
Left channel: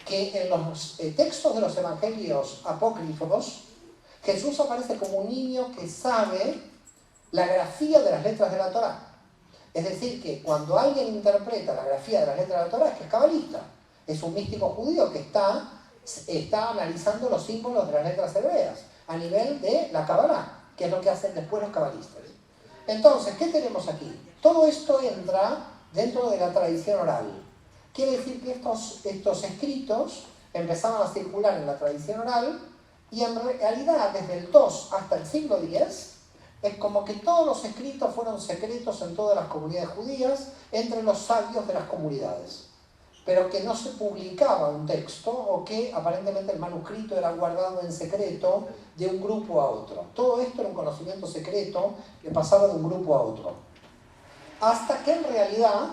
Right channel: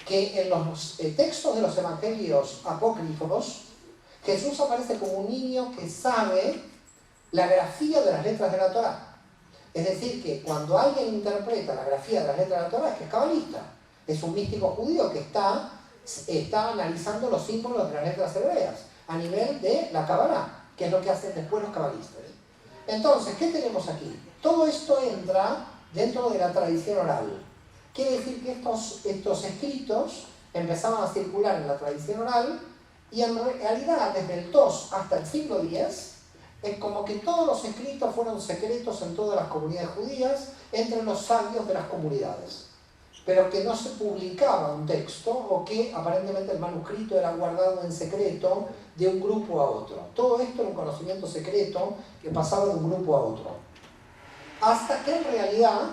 que en los textos de los evangelios apócrifos, Jesús aparece como un niño que sabe la grafía de las letras de la Torá. Es decir, que cuando alguien interpreta la grafía de las letras de la Torá, es que es cabalista. Es un místico judío que está analizando los símbolos de las letras hebreas a nivel de la Kabbalah, que es lo que hacen después los cabalistas. Entonces, ¿qué tenemos aquí? Todo esto entra dentro de la tradición oral. Quiere decir que estos escritos empezaban a circular en la tradición oral y en realidad desde el 2 hasta el siglo X es como que todos los escritos fueron secretos en todas las comunidades judías entre los sabios de las comunidades, pero que no se publicaba un texto o que aparentemente el manuscrito era guardado en secreto de un grupo a otro. Todo esto era un conocimiento secreto que pasaba de un grupo a otro. Hasta que en realidad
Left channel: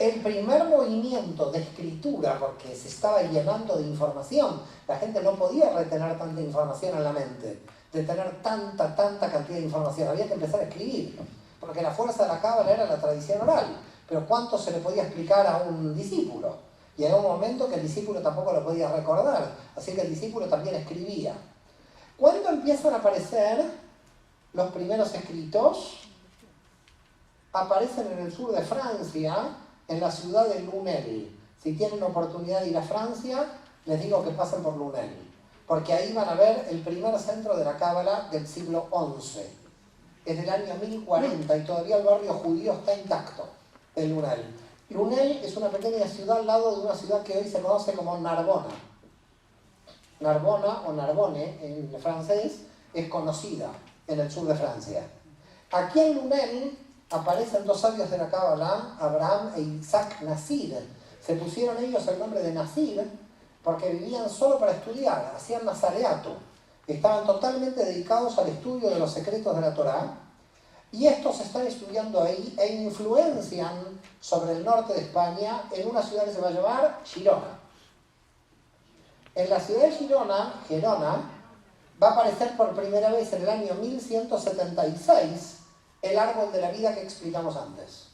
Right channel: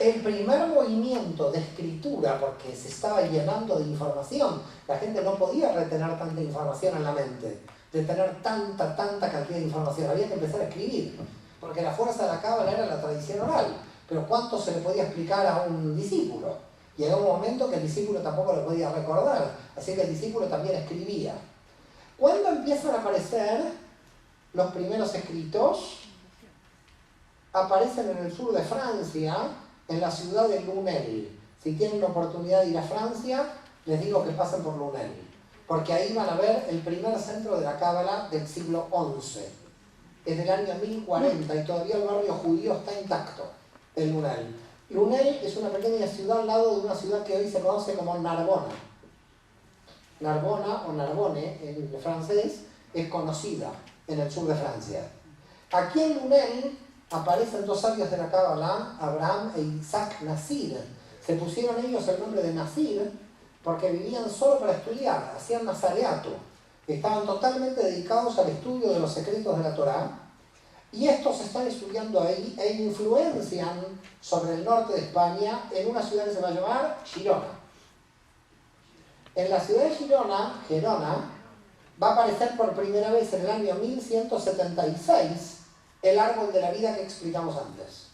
el primer movimiento de escritura, porque se estaba llenando de información, la gente no podía retener tanta información en la mente, de tener tanta cantidad de información, había que empezar a escribir, porque la fuerza de la cábala era la tradición oral, pero ¿cuánto se le podía explicar a un discípulo? Llegó un momento que el discípulo tampoco lo podía recordar, así que el discípulo también escribía. ¿Cuándo empiezan a aparecer los primeros escritos? Aparecen en el sur de Francia, en la ciudad de Lunel. Si tienen la oportunidad de ir a Francia, les digo que pasen por Lunel, porque ahí van a ver el primer centro de la cábala del siglo XI. Es del año 1040 y todavía el barrio judío está intacto de Lunel. Lunel es una pequeña ciudad al lado de una ciudad que hoy se conoce como Narbona. Narbona o Narbonne en francés es conocida en el sur de Francia. Aquí en Lunel aparecen dos sabios de la cábala, Abraham e Isaac Nasir. Se pusieron ellos el nombre de Nasir porque vivían solo para estudiar, hacían nazareato. Estaban totalmente dedicados al estudio de los secretos de la Torá, y estos están estudiando ahí e influencian sobre el norte de España en una ciudad que se va a llamar Girona. En la ciudad de Girona, va a aparecer por primera vez en el año 1176 el árbol de la vida que explicamos antes.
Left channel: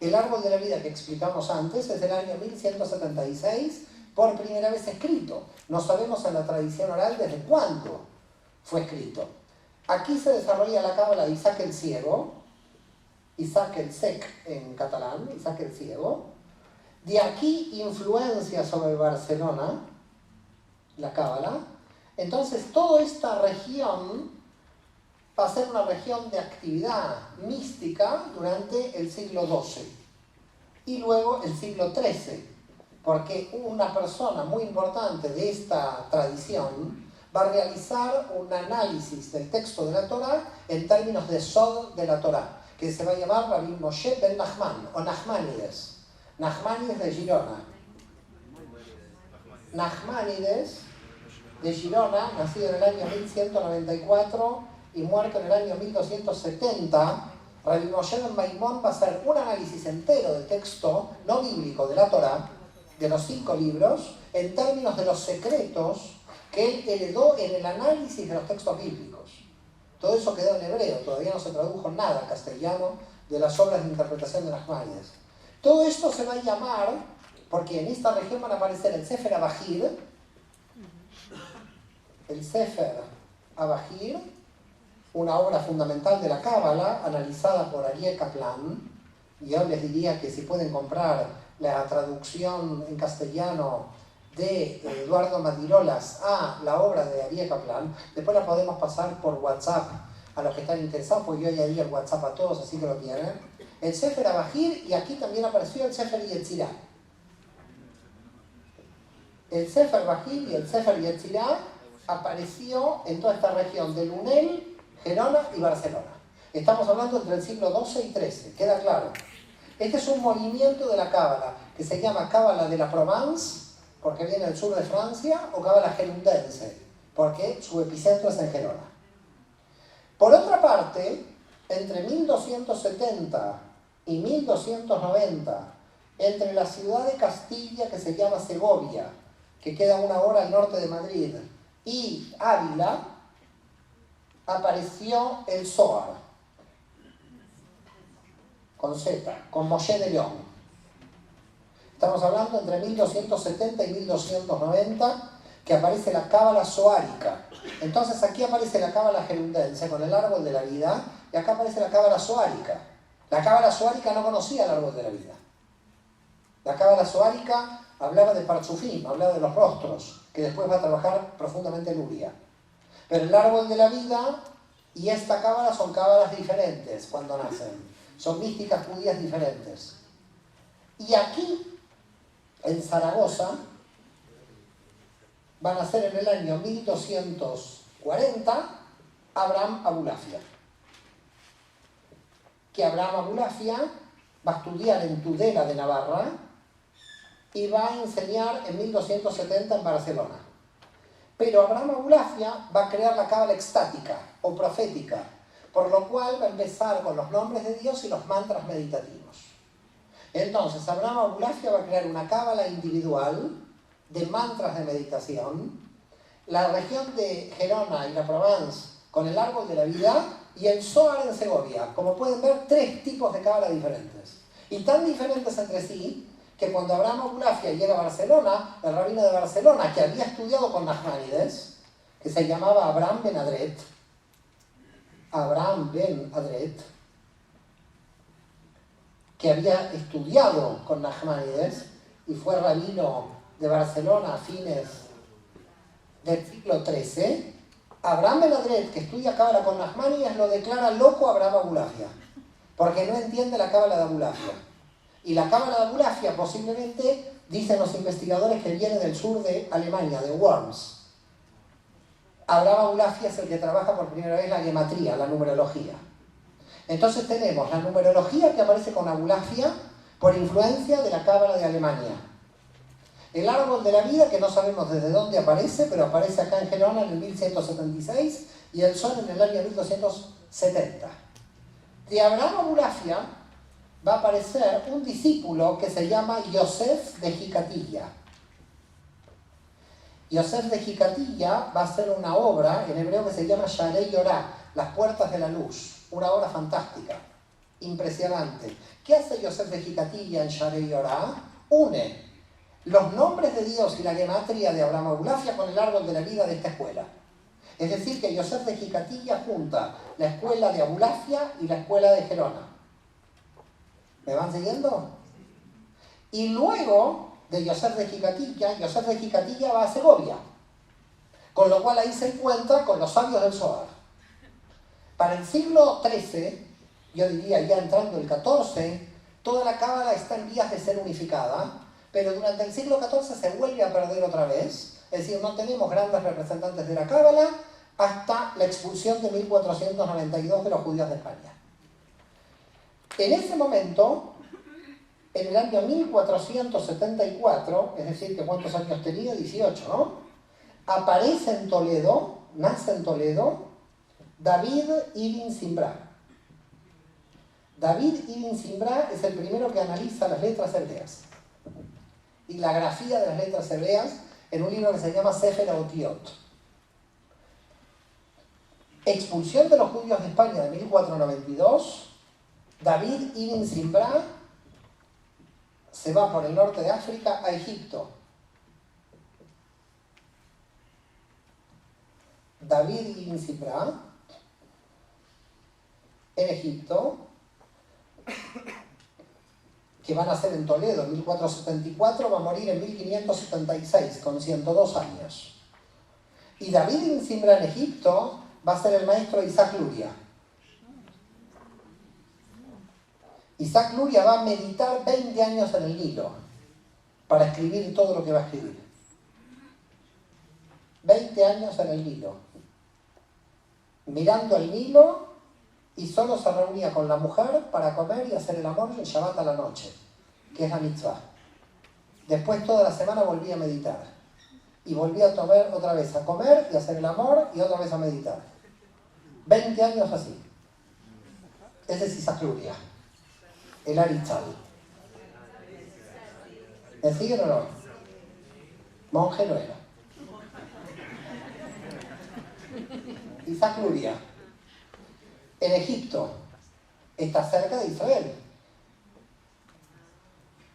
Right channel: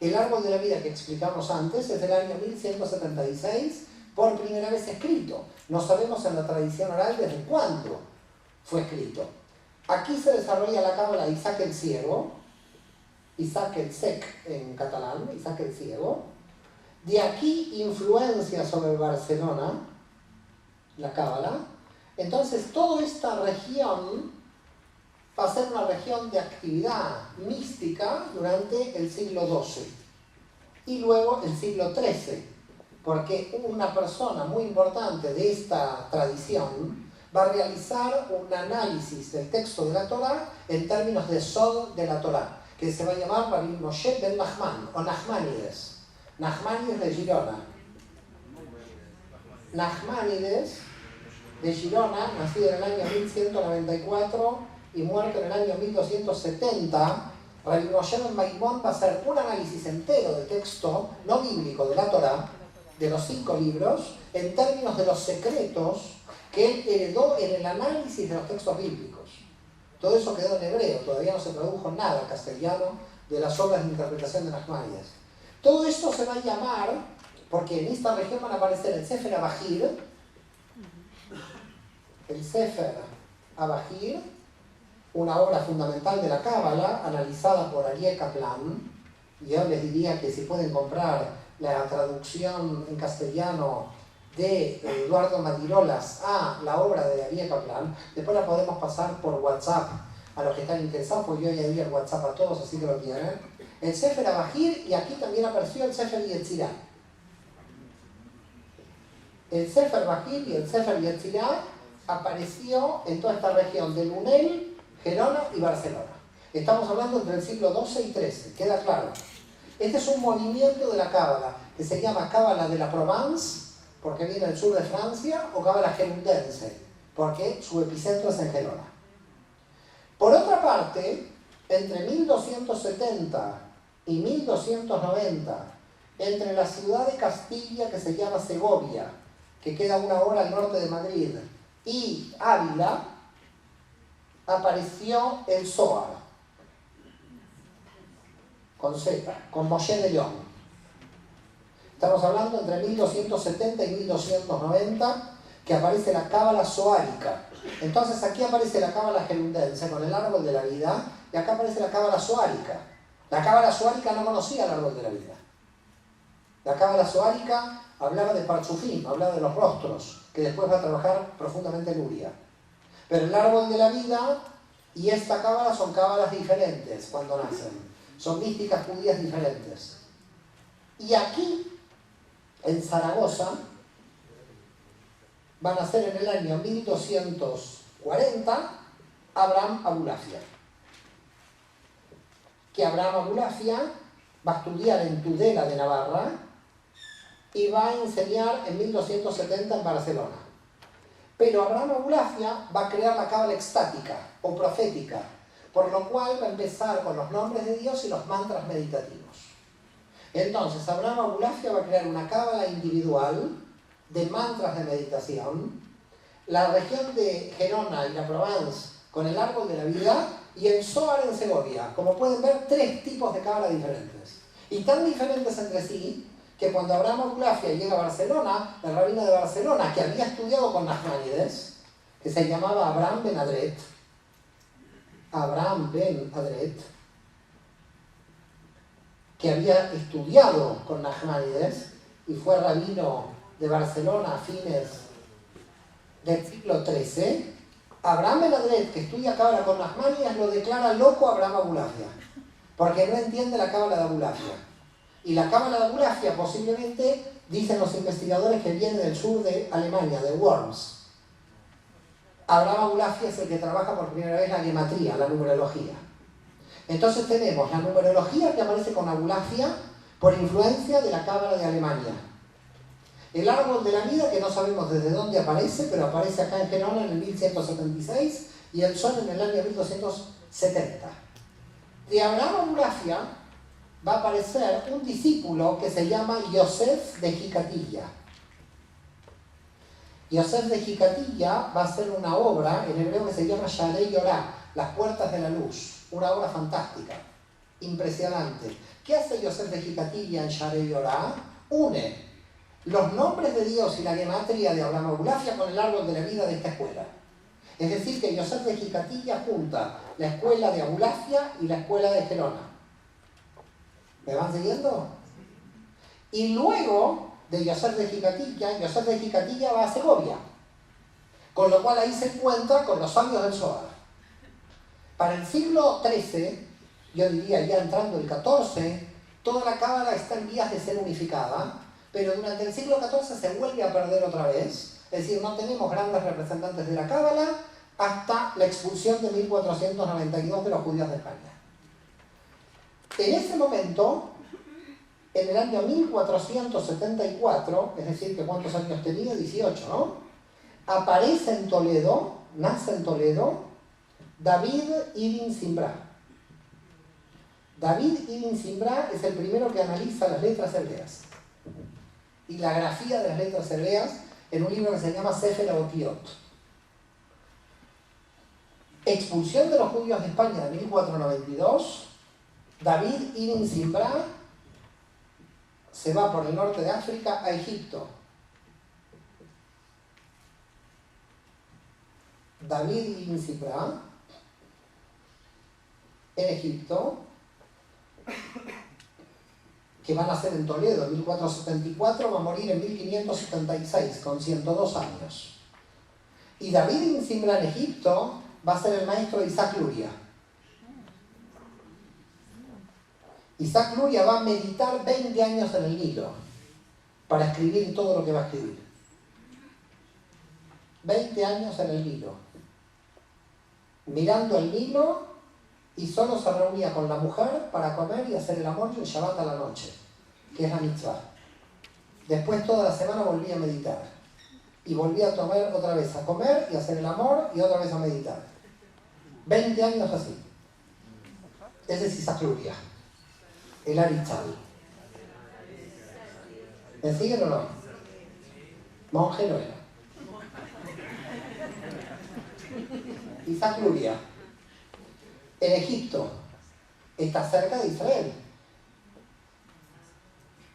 El árbol de la vida que explicamos antes es del año 1176, por primera vez escrito. No sabemos en la tradición oral desde cuándo fue escrito. Aquí se desarrolla la cábala de Isaac el Ciego, Isaac el Sec en catalán, Isaac el Ciego. De aquí influencia sobre Barcelona, la cábala. Entonces toda esta región va a ser una región de actividad mística durante el siglo XII y luego el siglo XIII, porque una persona muy importante de esta tradición va a realizar un análisis del texto de la Torá en términos de Sod de la Torá, que se va a llamar Rabbi Moshe ben Nachman, o Nachmanides de Girona. Nachmanides de Girona, nacido en el año 1194 y muerto en el año 1270, Rabbi Moshe ben Maimón va a hacer un análisis entero del texto no bíblico de la Torá, de los 5 libros, en términos de los secretos que él heredó en el análisis de los textos bíblicos. Todo eso quedó en hebreo, todavía no se tradujo nada al castellano de las obras de interpretación de Nachmanides. Todo esto se va a llamar, porque en esta región van a aparecer el Sefer Abahir, una obra fundamental de la Cábala, analizada por Aryeh Kaplan, y yo les diría que si pueden comprar la traducción en castellano de Eduardo Madirolas a la obra de Aryeh Kaplan, después la podemos pasar por WhatsApp a los que están interesados, porque yo ya di el WhatsApp a todos, así que lo tienen. El Sefer Abahir, y aquí también apareció el Sefer Yetzirah. El Sefer Abahir y el Sefer Yetzirah apareció en toda esta región de Lunel, Gerona y Barcelona. Estamos hablando entre el siglo XII y XIII, queda claro. Este es un movimiento de la Cábala que se llama Cábala de la Provence, porque viene del sur de Francia, o Cábala gerundense, porque su epicentro es en Gerona. Por otra parte, entre 1270 y 1290, entre la ciudad de Castilla, que se llama Segovia, que queda a 1 hora al norte de Madrid, y Ávila, apareció el Zohar, con Z, con Moshe de León. Estamos hablando entre 1270 y 1290, que aparece la Cábala zoárica. Entonces aquí aparece la Cábala gerundense con el árbol de la vida, y acá aparece la Cábala zoárica. La Cábala zoárica no conocía el árbol de la vida. La Cábala zoárica hablaba de Parchufim, hablaba de los rostros, que después va a trabajar profundamente en Uria. Pero el árbol de la vida y esta cábala son cábalas diferentes cuando nacen. Son místicas judías diferentes. Y aquí, en Zaragoza, va a nacer en el año 1240 Abraham Abulafia. Que Abraham Abulafia va a estudiar en Tudela de Navarra y va a enseñar en 1270 en Barcelona. Pero Abraham Abulafia va a crear la cábala extática o profética, por lo cual va a empezar con los nombres de Dios y los mantras meditativos. Entonces, Abraham Abulafia va a crear una cábala individual de mantras de meditación, la región de Gerona y la Provence con el árbol de la vida y el Zohar en Segovia. Como pueden ver, 3 tipos de cábala diferentes. Y tan diferentes entre sí, que cuando Abraham Abulafia llega a Barcelona, el rabino de Barcelona, que había estudiado con Nachmanides, que se llamaba Abraham ben Adret, que había estudiado con Nachmanides y fue rabino de Barcelona a fines del siglo XIII, Abraham ben Adret, que estudia cábala con Nachmanides, lo declara loco a Abraham Abulafia, porque no entiende la cábala de Abulafia. Y la cábala de Abulafia posiblemente, dicen los investigadores, que viene del sur de Alemania, de Worms. Abraham Abulafia es el que trabaja por primera vez la gematría, la numerología. Entonces tenemos la numerología que aparece con Abulafia por influencia de la cábala de Alemania. El árbol de la vida, que no sabemos desde dónde aparece, pero aparece acá en Gerona en el 1176 y el sol en el año 1270. De Abraham Abulafia va a aparecer un discípulo que se llama Yosef de Jicatilla. Yosef de Jicatilla va a hacer una obra en hebreo que se llama Sharei Yorah, las puertas de la luz, una obra fantástica, impresionante. ¿Qué hace Yosef de Jicatilla en Sharei Yorah? Une los nombres de Dios y la gematría de Abraham Abulafia con el árbol de la vida de esta escuela. Es decir, que Yosef de Jicatilla junta la escuela de Abulafia y la escuela de Gerona. ¿Me van siguiendo? Y luego de Yosef de Jicatilla va a Segovia, con lo cual ahí se encuentra con los sabios del Zohar. Para el siglo XIII, yo diría ya entrando el XIV, toda la cábala está en vías de ser unificada, pero durante el siglo XIV se vuelve a perder otra vez, es decir, no tenemos grandes representantes de la cábala hasta la expulsión de 1492 de los judíos de España. En ese momento, en el año 1474, es decir, que ¿cuántos años tenía? 18, ¿no? Aparece en Toledo, nace en Toledo, David ibn Zimbra. David ibn Zimbra es el primero que analiza las letras hebreas y la grafía de las letras hebreas en un libro que se llama Sefer Otiot. Expulsión de los judíos de España de 1492, David ibn Zimbra se va por el norte de África a Egipto. David ibn Zimbra en Egipto, que van a nacer en Toledo en 1474, va a morir en 1576 con 102 años. Y David ibn Zimbra en Egipto va a ser el maestro de Isaac Luria. Isaac Luria va a meditar 20 años en el Nilo para escribir todo lo que va a escribir. 20 años en el Nilo, mirando el Nilo, y solo se reunía con la mujer para comer y hacer el amor en Shabbat a la noche, que es la mitzvah. Después toda la semana volvía a meditar y volvía otra vez a comer y a hacer el amor y otra vez a meditar. 20 años así. Ese es Isaac Luria, el Aritzal. ¿Me siguen o no? Monje no era. Isaac Luria, en Egipto, está cerca de Israel.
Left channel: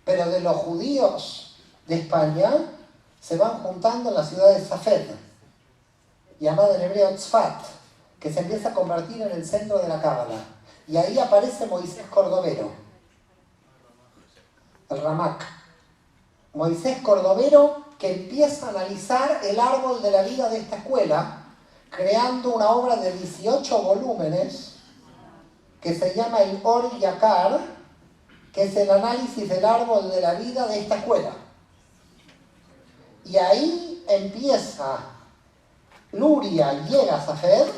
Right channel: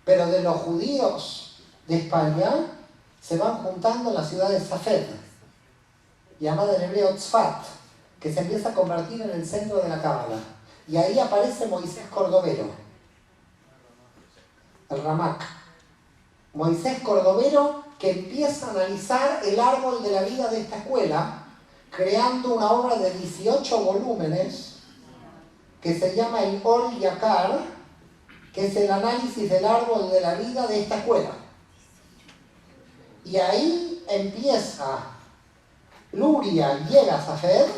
Pero de los judíos de España se van juntando en la ciudad de Safed, llamada en hebreo Tzfat, que se empieza a convertir en el centro de la Cábala. Y ahí aparece Moisés Cordovero, el Ramak. Moisés Cordovero, que empieza a analizar el árbol de la vida de esta escuela, creando una obra de 18 volúmenes que se llama el Or Yakar, que es el análisis del árbol de la vida de esta escuela. Y ahí empieza Luria, llega a Safed,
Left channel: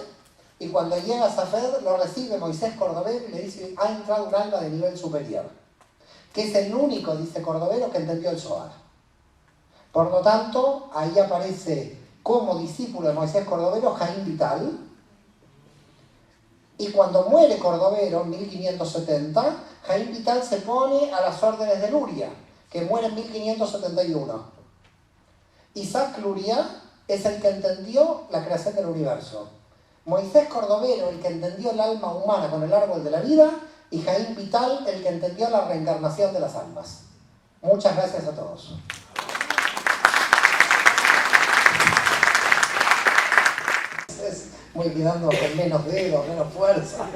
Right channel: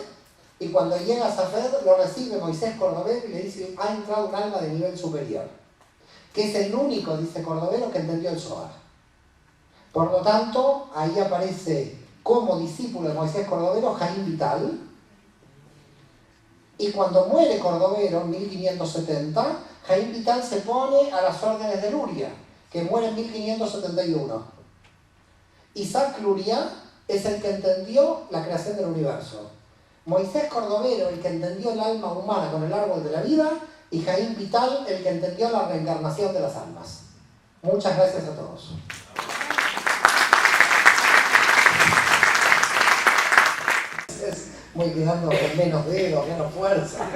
y cuando llega a Safed lo recibe Moisés Cordovero y le dice: ha entrado un alma de nivel superior, que es el único, dice Cordovero, que entendió el Zohar. Por lo tanto, ahí aparece como discípulo de Moisés Cordovero Jaim Vital, y cuando muere Cordovero en 1570, Jaim Vital se pone a las órdenes de Luria, que muere en 1571. Isaac Luria es el que entendió la creación del universo. Moisés Cordovero, el que entendió el alma humana con el árbol de la vida, y Jaim Vital, el que entendió la reencarnación de las almas. Muchas gracias a todos. Voy quedando con menos dedos, menos fuerza,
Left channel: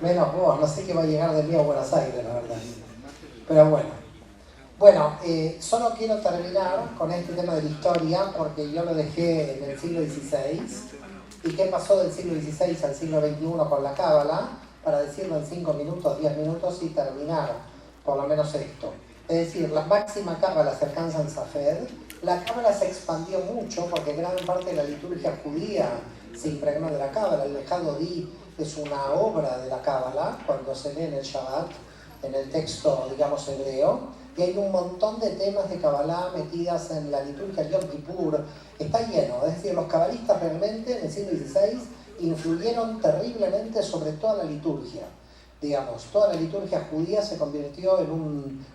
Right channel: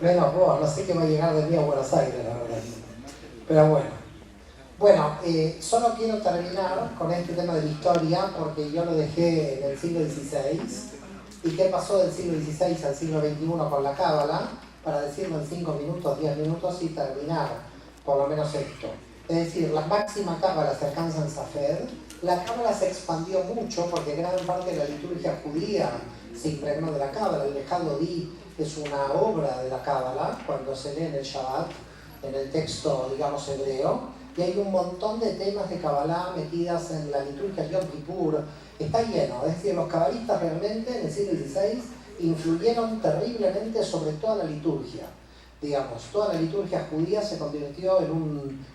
menos voz. No sé qué va a llegar de mí a Buenos Aires, la verdad. Pero bueno, solo quiero terminar con este tema de la historia, porque yo lo dejé en el siglo XVI. ¿Y qué pasó del siglo XVI al siglo XXI con la Cábala? Para decirlo en 5 minutos, 10 minutos y terminar por lo menos esto. Es decir, la máxima Cábala se alcanza en Safed. La Cábala se expandió mucho porque gran parte de la liturgia judía se impregnó de la Cábala. El Lejado Di es una obra de la Cábala cuando se lee en el Shabbat, en el texto, digamos, hebreo, y hay un montón de temas de Kabbalah metidas en la liturgia de Yom Kippur. Está lleno, es decir, los cabalistas realmente en el siglo XVI influyeron terriblemente sobre toda la liturgia. Digamos, toda la liturgia judía se convirtió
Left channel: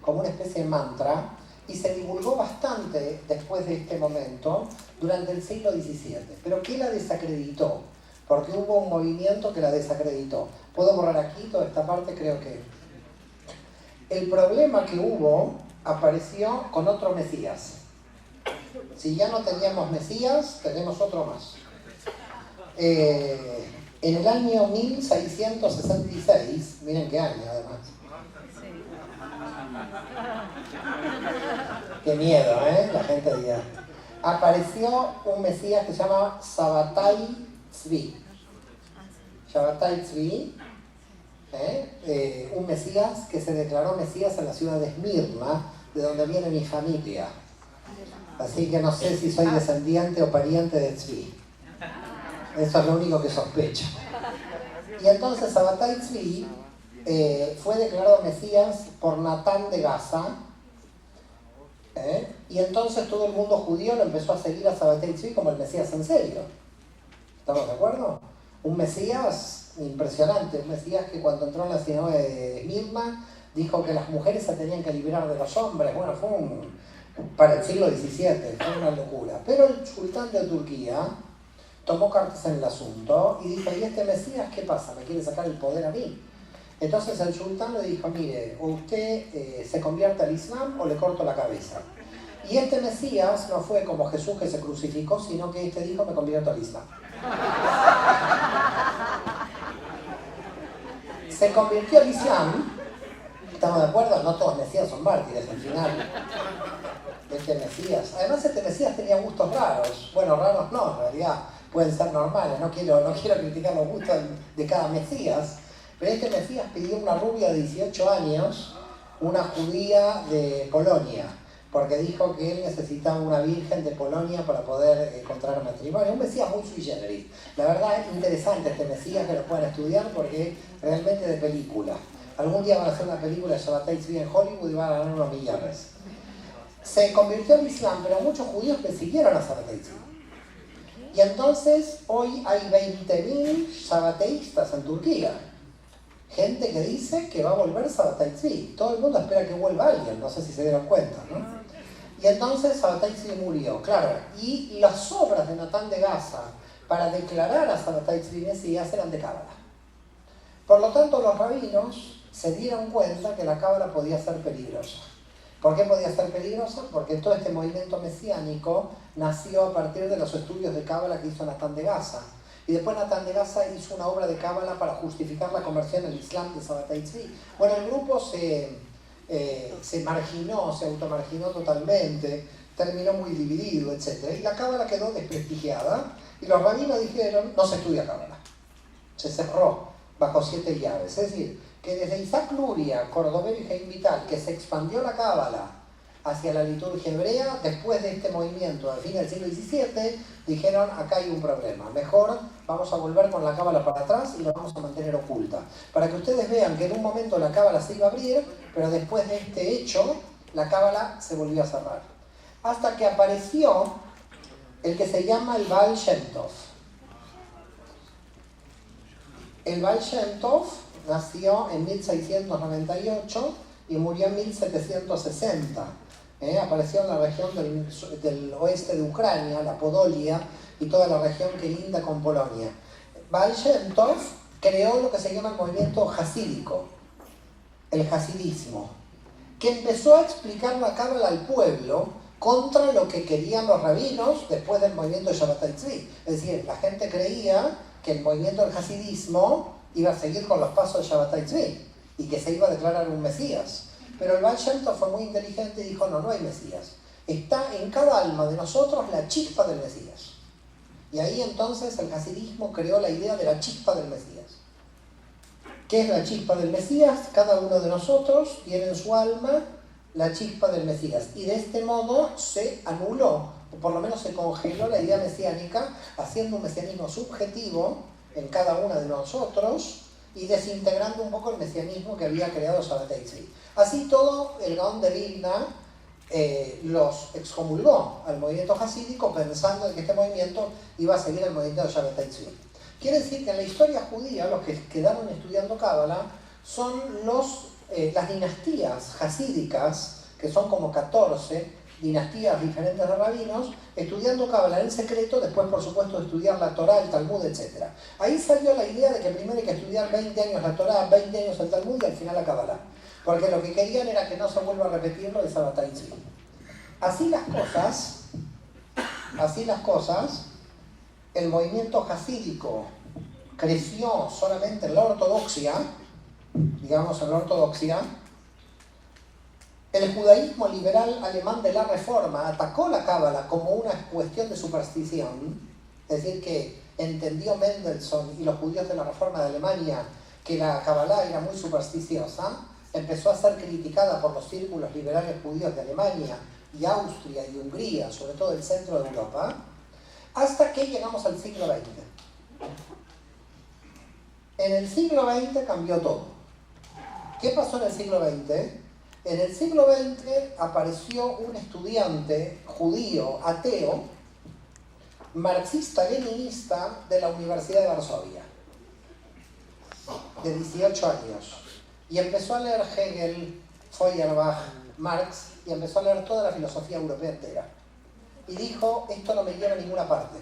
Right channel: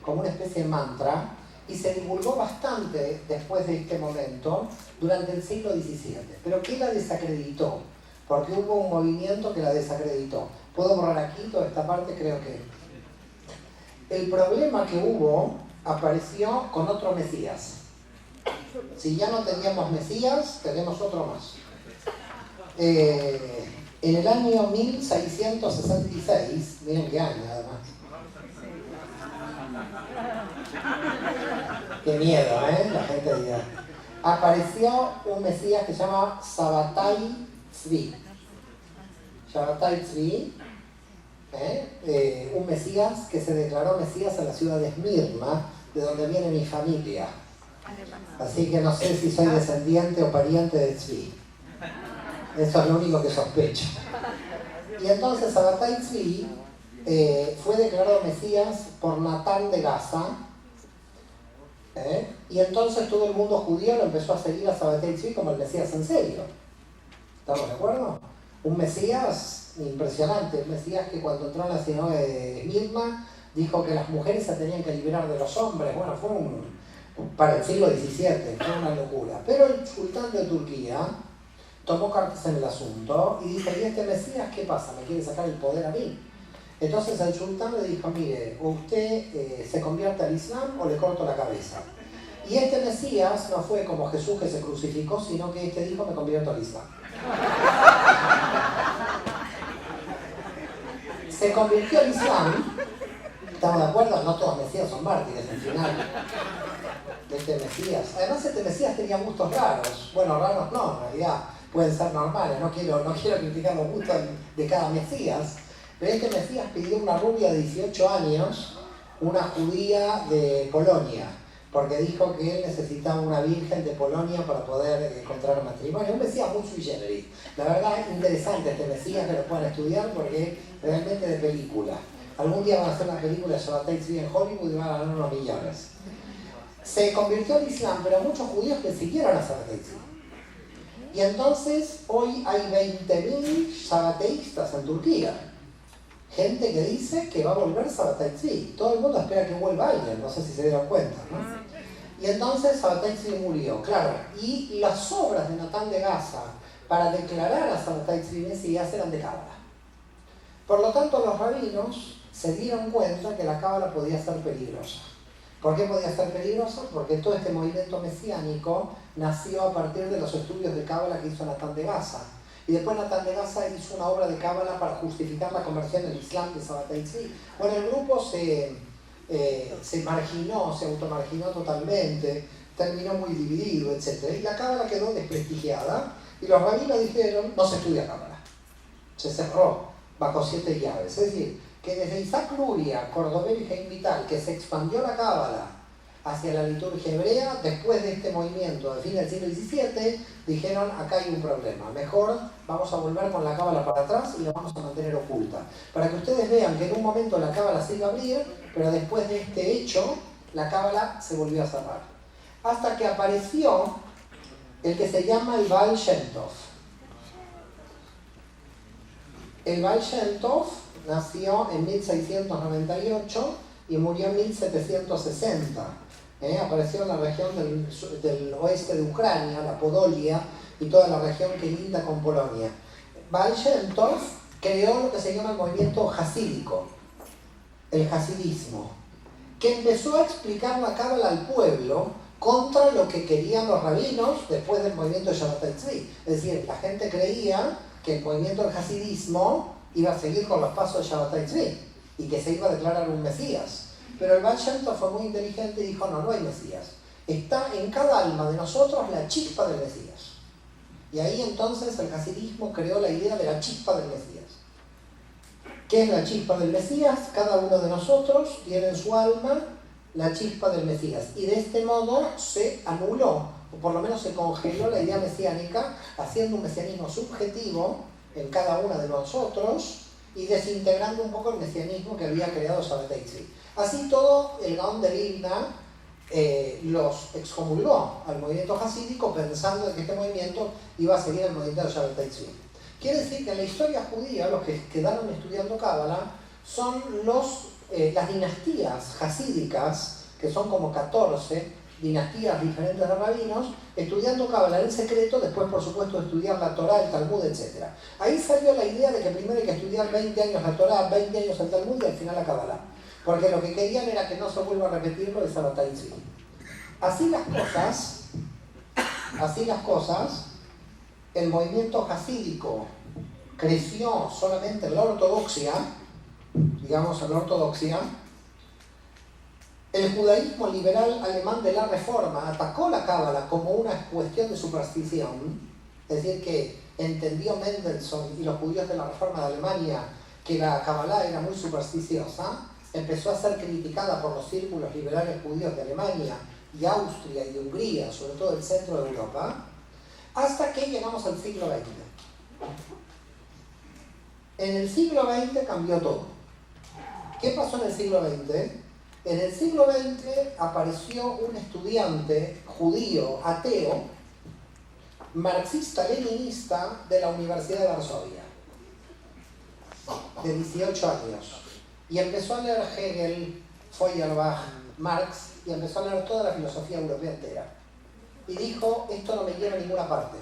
como una especie de mantra y se divulgó bastante después de este momento durante el siglo XVII. ¿Pero qué la desacreditó? Porque hubo un movimiento que la desacreditó. ¿Puedo borrar aquí toda esta parte? Creo que... El problema que hubo apareció con otro Mesías. Si ya no teníamos Mesías, tenemos otro más. En el año 1666, miren qué año además. Qué miedo, la gente dirá. Apareció un Mesías que se llama Sabbatai Tzvi. Sabbatai Tzvi, un Mesías que se declaró Mesías en la ciudad de Esmirna, de donde viene mi familia. Así que no sé si soy descendiente o pariente de Tzvi. Eso es lo único que sospecho. Y entonces Sabbatai Tzvi fue declarado Mesías por Natán de Gaza, y entonces todo el mundo judío lo empezó a seguir a Sabbatai Tzvi como el Mesías en serio. ¿Estamos de acuerdo? Un Mesías impresionante, un Mesías que cuando entró en la sinagoga de Esmirna dijo que las mujeres se tenían que liberar de los hombres. Bueno, fue para el siglo XVII, fue una locura. Pero el sultán de Turquía tomó cartas en el asunto y dijo, ¿y este Mesías qué pasa? ¿Me quiere sacar el poder a mí? Entonces el sultán le dijo, mire, o usted se convierte al Islam o le corto la cabeza. Y este Mesías no fue como Jesús que se crucificó, sino que este dijo, me convierto al Islam. Se convirtió al Islam. ¿Estamos de acuerdo? No todos Mesías son mártires al final de este Mesías. Además este Mesías tenía gustos raros. Bueno, raros no, en realidad pueden ser normales. No quiero criticar los gustos de cada Mesías. Pero este Mesías pidió una rubia de 18 años, una judía de Polonia, porque dijo que él necesitaba una virgen de Polonia para poder contraer matrimonio. Un Mesías muy sui generis. La verdad es interesante este Mesías, que lo puedan estudiar porque es realmente de película. Algún día van a hacer una película de Sabbatai Tzvi en Hollywood y van a ganar unos millones. Se convirtió al Islam, pero muchos judíos le siguieron a Sabbatai Tzvi. Y entonces hoy hay 20.000 sabbateístas en Turquía. Gente que dice que va a volver Sabbatai Tzvi. Todo el mundo espera que vuelva alguien, no sé si se dieron cuenta, ¿no? Y entonces Sabbatai Tzvi murió, claro. Y las obras de Natán de Gaza para declarar a Sabbatai Tzvi Mesías eran de Cábala. Por lo tanto, los rabinos se dieron cuenta que la Cábala podía ser peligrosa. ¿Por qué podía ser peligrosa? Porque todo este movimiento mesiánico nació a partir de los estudios de Cábala que hizo Natán de Gaza. Y después Natán de Gaza hizo una obra de Cábala para justificar la conversión al Islam de Sabbatai Tzvi. Bueno, el grupo se marginó, se automarginó totalmente, terminó muy dividido, etc. Y la Cábala quedó desprestigiada y los rabinos dijeron, no se estudia Cábala. Se cerró bajo 7 llaves. Es decir, que desde Isaac Luria, Cordovero y Jaime Vital, que se expandió la Cábala hacia la liturgia hebrea, después de este movimiento al fin del siglo XVII, dijeron, acá hay un problema, mejor vamos a volver con la Cábala para atrás y la vamos a mantener oculta. Para que ustedes vean que en un momento la Cábala se iba a abrir, pero después de este hecho, la Cábala se volvió a cerrar. Hasta que apareció el que se llama el Baal Shem Tov. El Baal Shem Tov nació en 1698 y murió en 1760. Apareció en la región del oeste de Ucrania, la Podolia, y toda la región que linda con Polonia. Baal Shem Tov creó lo que se llama el movimiento hasídico, el hasidismo, que empezó a explicar la Cábala al pueblo contra lo que querían los rabinos después del movimiento de Sabbatai Tzvi. Es decir, la gente creía que el movimiento del hasidismo iba a seguir con los pasos de Sabbatai Tzvi y que se iba a declarar un Mesías. Pero el Baal Shem Tov fue muy inteligente y dijo, no hay Mesías. Está en cada alma de nosotros la chispa del Mesías. Y ahí entonces el hasidismo creó la idea de la chispa del Mesías. ¿Qué es la chispa del Mesías? Cada uno de nosotros tiene en su alma la chispa del Mesías. Y de este modo se anuló, o por lo menos se congeló la idea mesiánica, haciendo un mesianismo subjetivo en cada uno de nosotros y desintegrando un poco el mesianismo que había creado Sabbatai Tzvi. Así todo, el Gaón de Vilna los excomulgó al movimiento hasídico pensando que este movimiento iba a seguir el movimiento de Sabbatai Tzvi. Quiere decir que en la historia judía los que quedaron estudiando Cábala son las dinastías hasídicas, que son como 14 dinastías diferentes de rabinos, estudiando Cábala en secreto, después por supuesto estudiar la Torá, el Talmud, etc. Ahí salió la idea de que primero hay que estudiar 20 años la Torá, 20 años el Talmud y al final la Cábala. Porque lo que querían era que no se vuelva a repetir lo de Sabbatai Tzvi. Así las cosas, el movimiento hasídico creció solamente en la ortodoxia, digamos en la ortodoxia. El judaísmo liberal alemán de la Reforma atacó la Cábala como una cuestión de superstición, es decir, que entendió Mendelssohn y los judíos de la Reforma de Alemania que la Cábala era muy supersticiosa, empezó a ser criticada por los círculos liberales judíos de Alemania y Austria y Hungría, sobre todo el centro de Europa, hasta que llegamos al siglo XX. En el siglo XX cambió todo. ¿Qué pasó en el siglo XX? En el siglo XX apareció un estudiante judío, ateo, marxista-leninista de la Universidad de Varsovia, de 18 años, y empezó a leer Hegel, Feuerbach, Marx, y empezó a leer toda la filosofía europea entera. Y dijo, esto no me lleva a ninguna parte.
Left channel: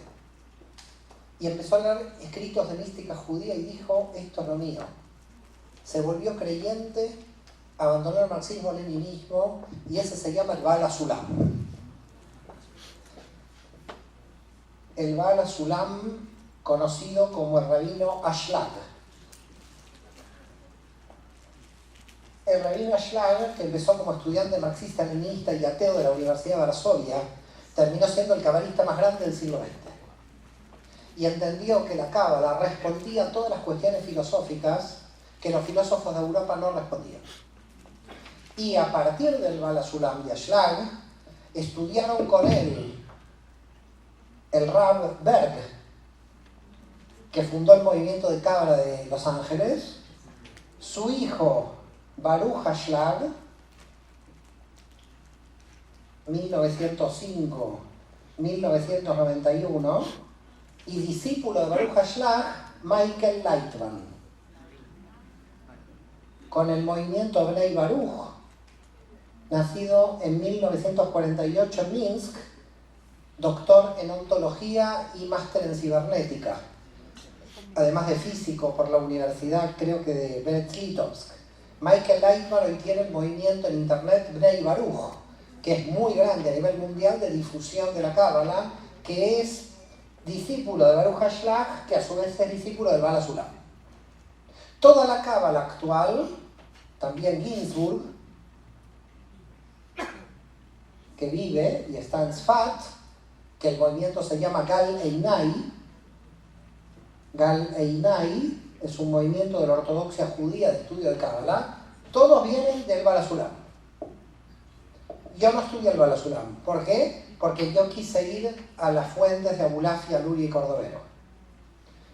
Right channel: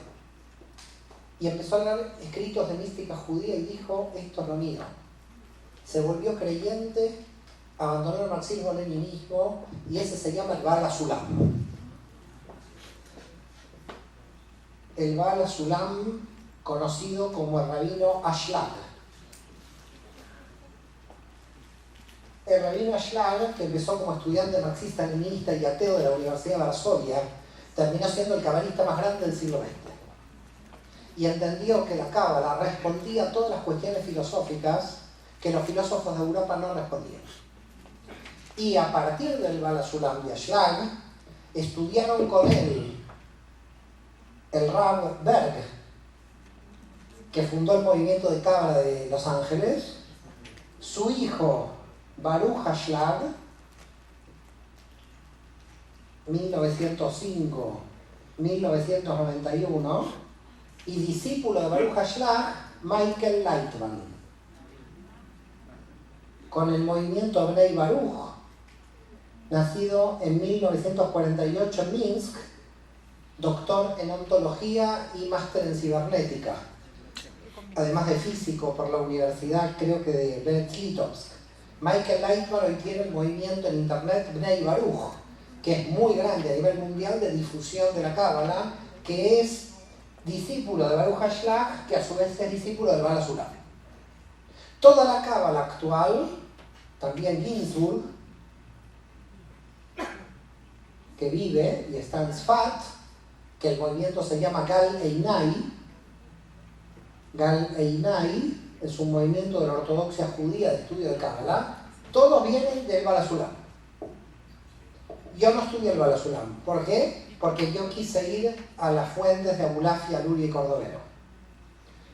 Y empezó a leer escritos de mística judía y dijo, esto es lo mío. Se volvió creyente, abandonó el marxismo-leninismo, y ese se llama el Baal HaSulam. El Baal HaSulam, conocido como el rabino Ashlag. El rabino Ashlag, que empezó como estudiante marxista-leninista y ateo de la Universidad de Varsovia, terminó siendo el cabalista más grande del siglo XX. Y entendió que la cábala respondía a todas las cuestiones filosóficas que los filósofos de Europa no respondían. Y a partir del Baal HaSulam y Ashlag, estudiaron con él el Rav Berg, que fundó el movimiento de cábala de Los Ángeles, su hijo Baruch Ashlag, 1905-1991, y discípulo de Baruch Ashlag, Michael Lightman, con el movimiento Bnei Baruch, nacido en 1948 en Minsk, doctor en ontología y máster en cibernética, además de físico por la universidad, creo que de Brest-Litovsk. Michael Lightman hoy tiene el movimiento en internet Bnei Baruch, que es muy grande a nivel mundial de difusión de la cábala, que es discípulo de Baruch Ashlag, que a su vez es discípulo del Baal HaSulam. Toda la cábala actual, también Ginsburg, que vive y está en Sfat, que el movimiento se llama Gal Einai. Gal Einai es un movimiento de la ortodoxia judía de estudio de cábala. Todos vienen del Baal HaSulam. Yo no estudié el Baal HaSulam. ¿Por qué? Porque yo quise ir a las fuentes de Abulafia, Luria y Cordovero.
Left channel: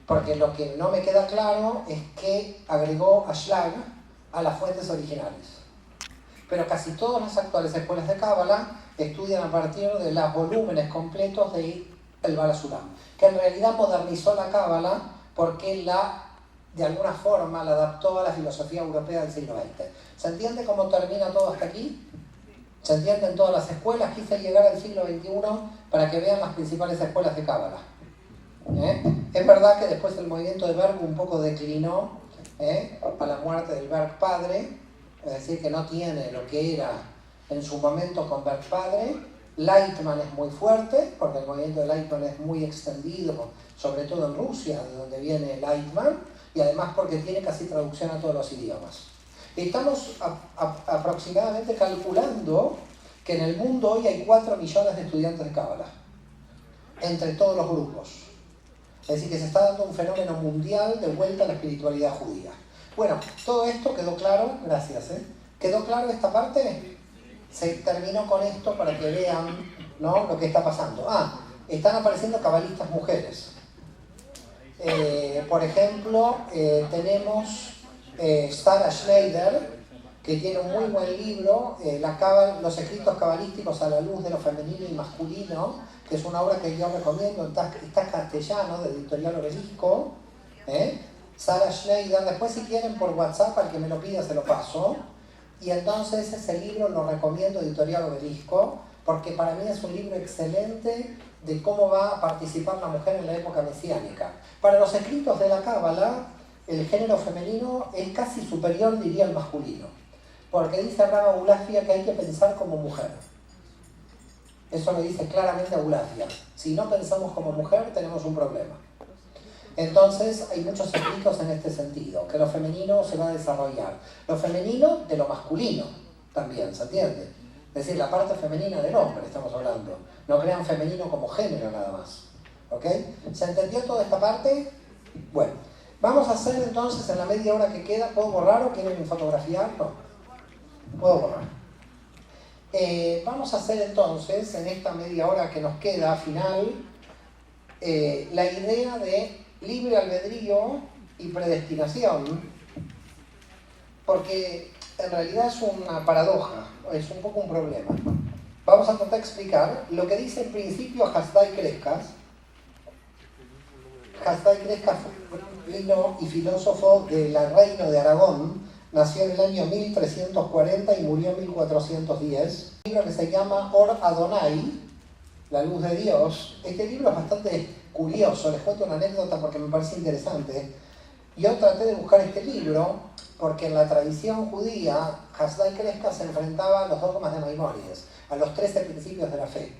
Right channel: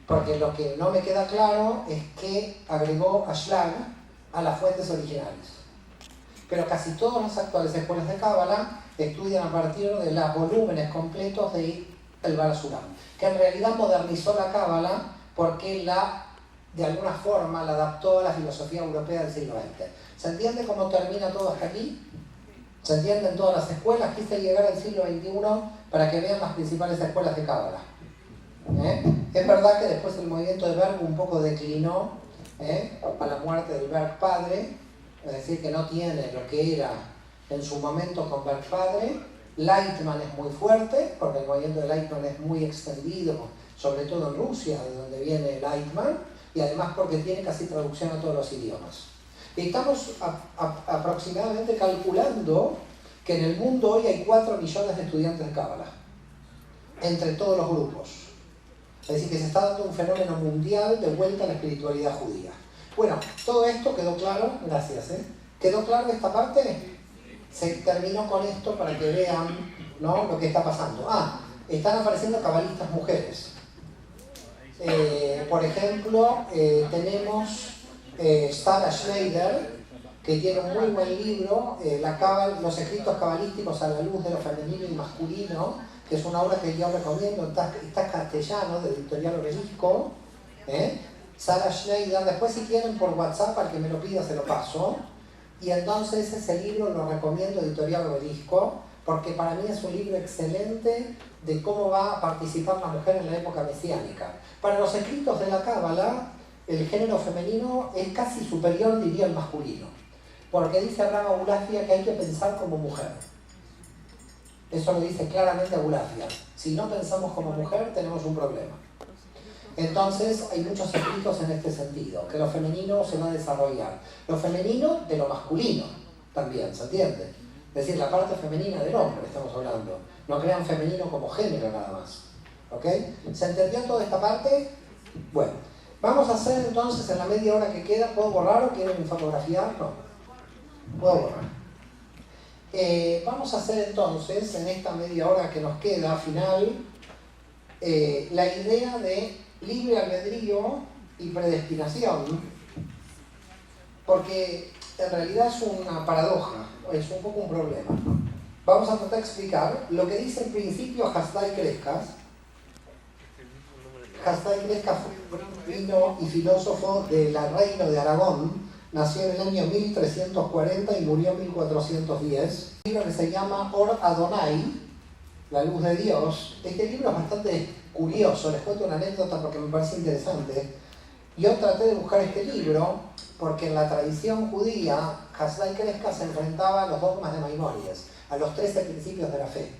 Porque lo que no me queda claro es que agregó Ashlag a las fuentes originales. Pero casi todas las actuales escuelas de cábala estudian a partir de los volúmenes completos del Baal HaSulam, que en realidad modernizó la cábala porque de alguna forma la adaptó a la filosofía europea del siglo XX. ¿Se entiende cómo termina todo hasta aquí? ¿Se entienden todas las escuelas? Quise llegar al siglo XXI para que vean las principales escuelas de cábala. Es verdad que después el movimiento de Berg un poco declinó a la muerte del Berg padre, es decir, que no tiene lo que era en su momento con Berg padre. Lightman es muy fuerte, porque el movimiento de Lightman es muy extendido, sobre todo en Rusia, de donde viene Lightman, y además porque tiene casi traducción a todos los idiomas. Y estamos aproximadamente calculando que en el mundo hoy hay 4 millones de estudiantes de cábala, entre todos los grupos. Es decir, que se está dando un fenómeno mundial de vuelta a la espiritualidad judía. Bueno, todo esto quedó claro, gracias. ¿Quedó claro esta parte? Se terminó con esto para que vean, ¿no?, lo que está pasando. Están apareciendo cabalistas mujeres. Por ejemplo, tenemos Sarah Schneider, que tiene un muy buen libro, Los escritos cabalísticos a la luz de lo femenino y masculino, que es una obra que yo recomiendo, está en castellano, de Editorial Obelisco. Sarah Schneider, después si quieren por WhatsApp, al que me lo pida se lo paso. Y entonces ese libro lo recomiendo, Editorial Obelisco, porque para mí es un libro excelente de cómo va a participar la mujer en la época mesiánica. Para los escritos de la cábala, el género femenino es casi superior, diría, al masculino, porque dice Rav Abulafia que hay que pensar como mujer. Eso lo dice claramente Abulafia. Si no pensamos como mujer, tenemos un problema. Entonces hay muchos escritos en este sentido, que lo femenino se va a desarrollar. Lo femenino de lo masculino también, ¿se entiende? Es decir, la parte femenina del hombre estamos hablando. No crean femenino como género nada más. ¿Ok? ¿Se entendió toda esta parte? Bueno, vamos a hacer entonces en la media hora que queda, ¿puedo borrar o quieren fotografiar? No. Puedo borrar. Vamos a hacer entonces, en esta media hora que nos queda final, la idea de libre albedrío y predestinación, porque en realidad es una paradoja, es un poco un problema. Vamos a tratar de explicar lo que dice en principio Hasdai Crescas. Hasdai Crescas vino y filósofo del reino de Aragón, nació en el año 1340 y murió en 1410. Un libro que se llama Or Adonai, la luz de Dios. Este libro es bastante curioso, les cuento una anécdota porque me parece interesante. Yo traté de buscar este libro porque en la tradición judía, Hasdai Crescas se enfrentaba a los dogmas de Maimónides, a los 13 principios de la fe.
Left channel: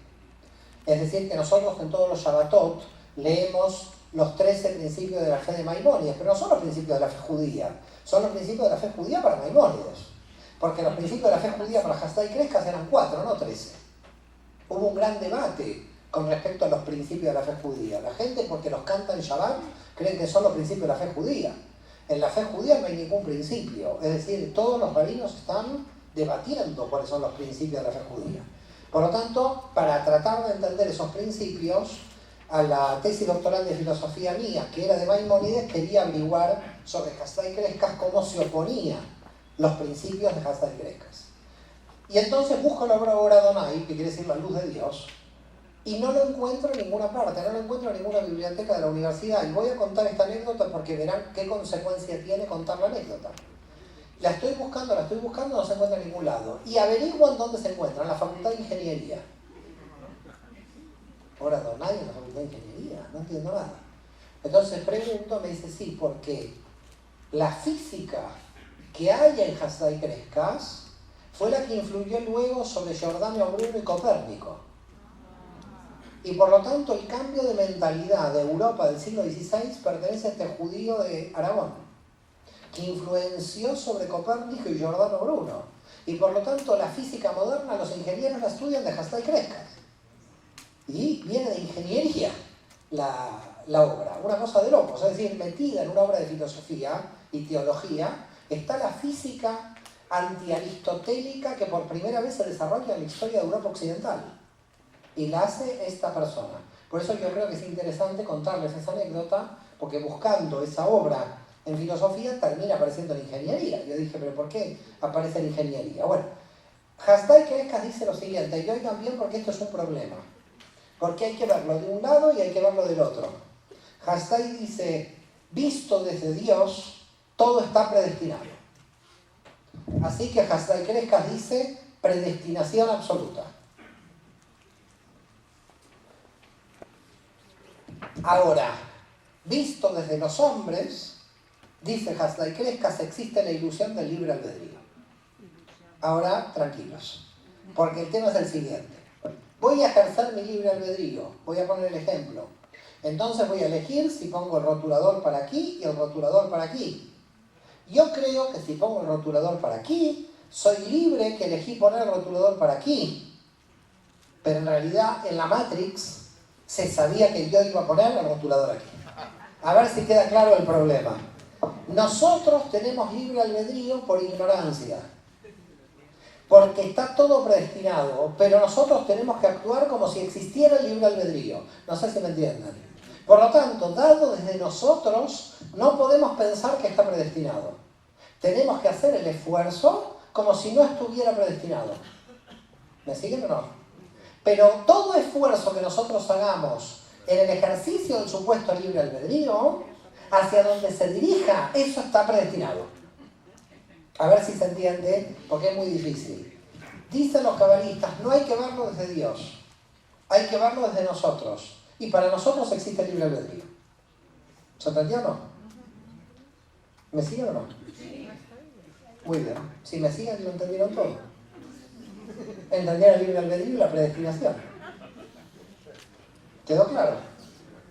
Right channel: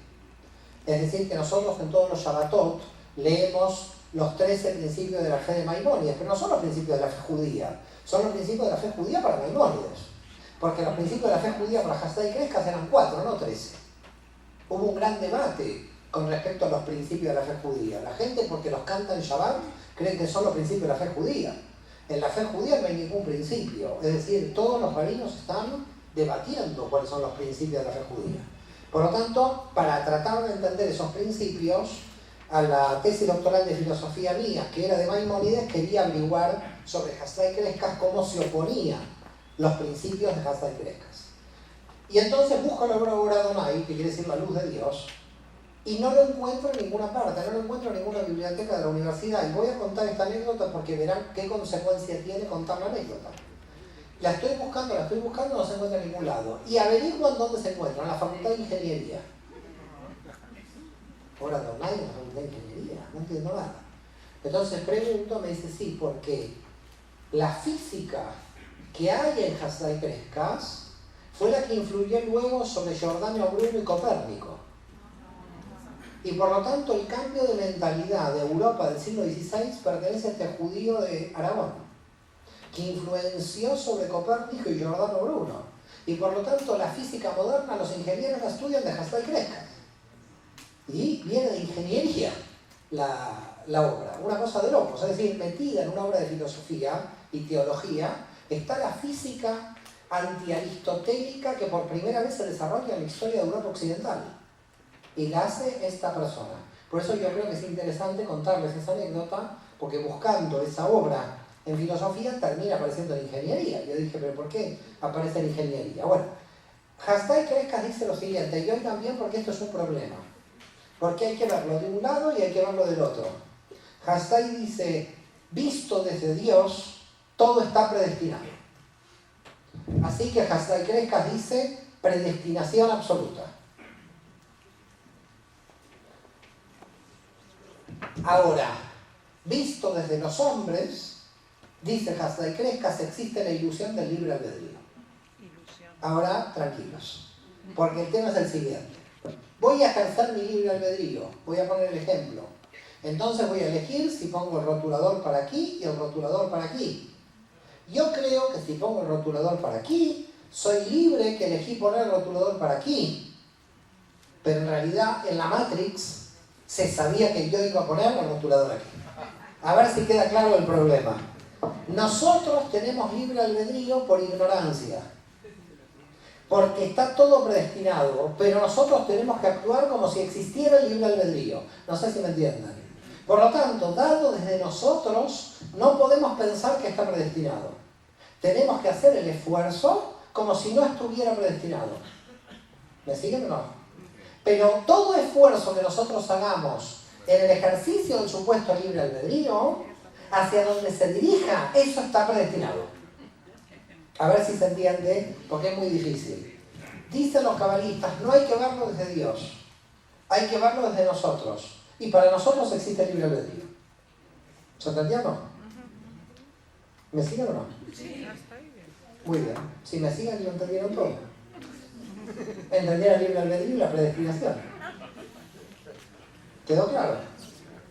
Es decir, que nosotros en todos los Shabbatot leemos los 13 principios de la fe de Maimónides, pero no son los principios de la fe judía, son los principios de la fe judía para Maimónides. Porque los principios de la fe judía para Hasdai Crescas eran 4, no 13. Hubo un gran debate con respecto a los principios de la fe judía. La gente, porque los canta en Shabbat, creen que son los principios de la fe judía. En la fe judía no hay ningún principio. Es decir, todos los rabinos están debatiendo cuáles son los principios de la fe judía. Por lo tanto, para tratar de entender esos principios, a la tesis doctoral de filosofía mía, que era de Maimónides, quería averiguar sobre Hasdai Crescas cómo se oponían los principios de Hasdai Crescas. Y entonces busco la obra Adonai, que quiere decir la luz de Dios, y no lo encuentro en ninguna parte, no lo encuentro en ninguna biblioteca de la universidad. Y voy a contar esta anécdota porque verán qué consecuencia tiene contar la anécdota. La estoy buscando, no se encuentra en ningún lado. Y averiguo en dónde se encuentra, en la Facultad de Ingeniería. Ahora Adonai en la Facultad de Ingeniería, no entiendo nada. Entonces pregunto, me dice sí, porque la física que hay en Hasdai Crescas fue la que influyó luego sobre Giordano Bruno y Copérnico. Y por lo tanto el cambio de mentalidad de Europa del siglo XVI pertenece a este judío de Aragón, que influenció sobre Copérnico y Giordano Bruno. Y por lo tanto la física moderna, los ingenieros la estudian de Hasdai Crescas. Y viene de ingeniería la obra, una cosa de locos. Es decir, metida en una obra de filosofía y teología está la física antiaristotélica que por primera vez se desarrolla en la historia de Europa Occidental. Y la hace esta persona. Por eso yo creo que es interesante contarles esa anécdota, porque buscando esa obra en filosofía termina apareciendo en ingeniería. Yo dije, ¿pero por qué aparece en ingeniería? Bueno, Hasdai Crescas dice lo siguiente, y hoy también porque esto es un problema. Porque hay que verlo de un lado y hay que verlo del otro. Hasdai dice, visto desde Dios, todo está predestinado. Así que Hasdai Crescas dice, predestinación absoluta. Ahora, visto desde los hombres, dice Hasdai Crescas, existe la ilusión del libre albedrío. Ahora, tranquilos, porque el tema es el siguiente. Voy a ejercer mi libre albedrío, voy a poner el ejemplo. Entonces voy a elegir si pongo el rotulador para aquí y el rotulador para aquí. Yo creo que si pongo el rotulador para aquí, soy libre que elegí poner el rotulador para aquí. Pero en realidad en la Matrix se sabía que yo iba a poner el rotulador aquí. A ver si queda claro el problema. Nosotros tenemos libre albedrío por ignorancia. Porque está todo predestinado, pero nosotros tenemos que actuar como si existiera el libre albedrío. No sé si me entienden. Por lo tanto, dado desde nosotros, no podemos pensar que está predestinado. Tenemos que hacer el esfuerzo como si no estuviera predestinado. ¿Me siguen o no? Pero todo esfuerzo que nosotros hagamos en el ejercicio del supuesto libre albedrío, hacia donde se dirija, eso está predestinado. A ver si se entiende, porque es muy difícil. Dicen los cabalistas, no hay que verlo desde Dios, hay que verlo desde nosotros. Y para nosotros existe el libre albedrío. ¿Se entendió o no? ¿Me siguen o no? Sí. Muy bien. Si me siguen, lo entendieron todo. Entendieron el libre albedrío y la predestinación. ¿Quedó claro?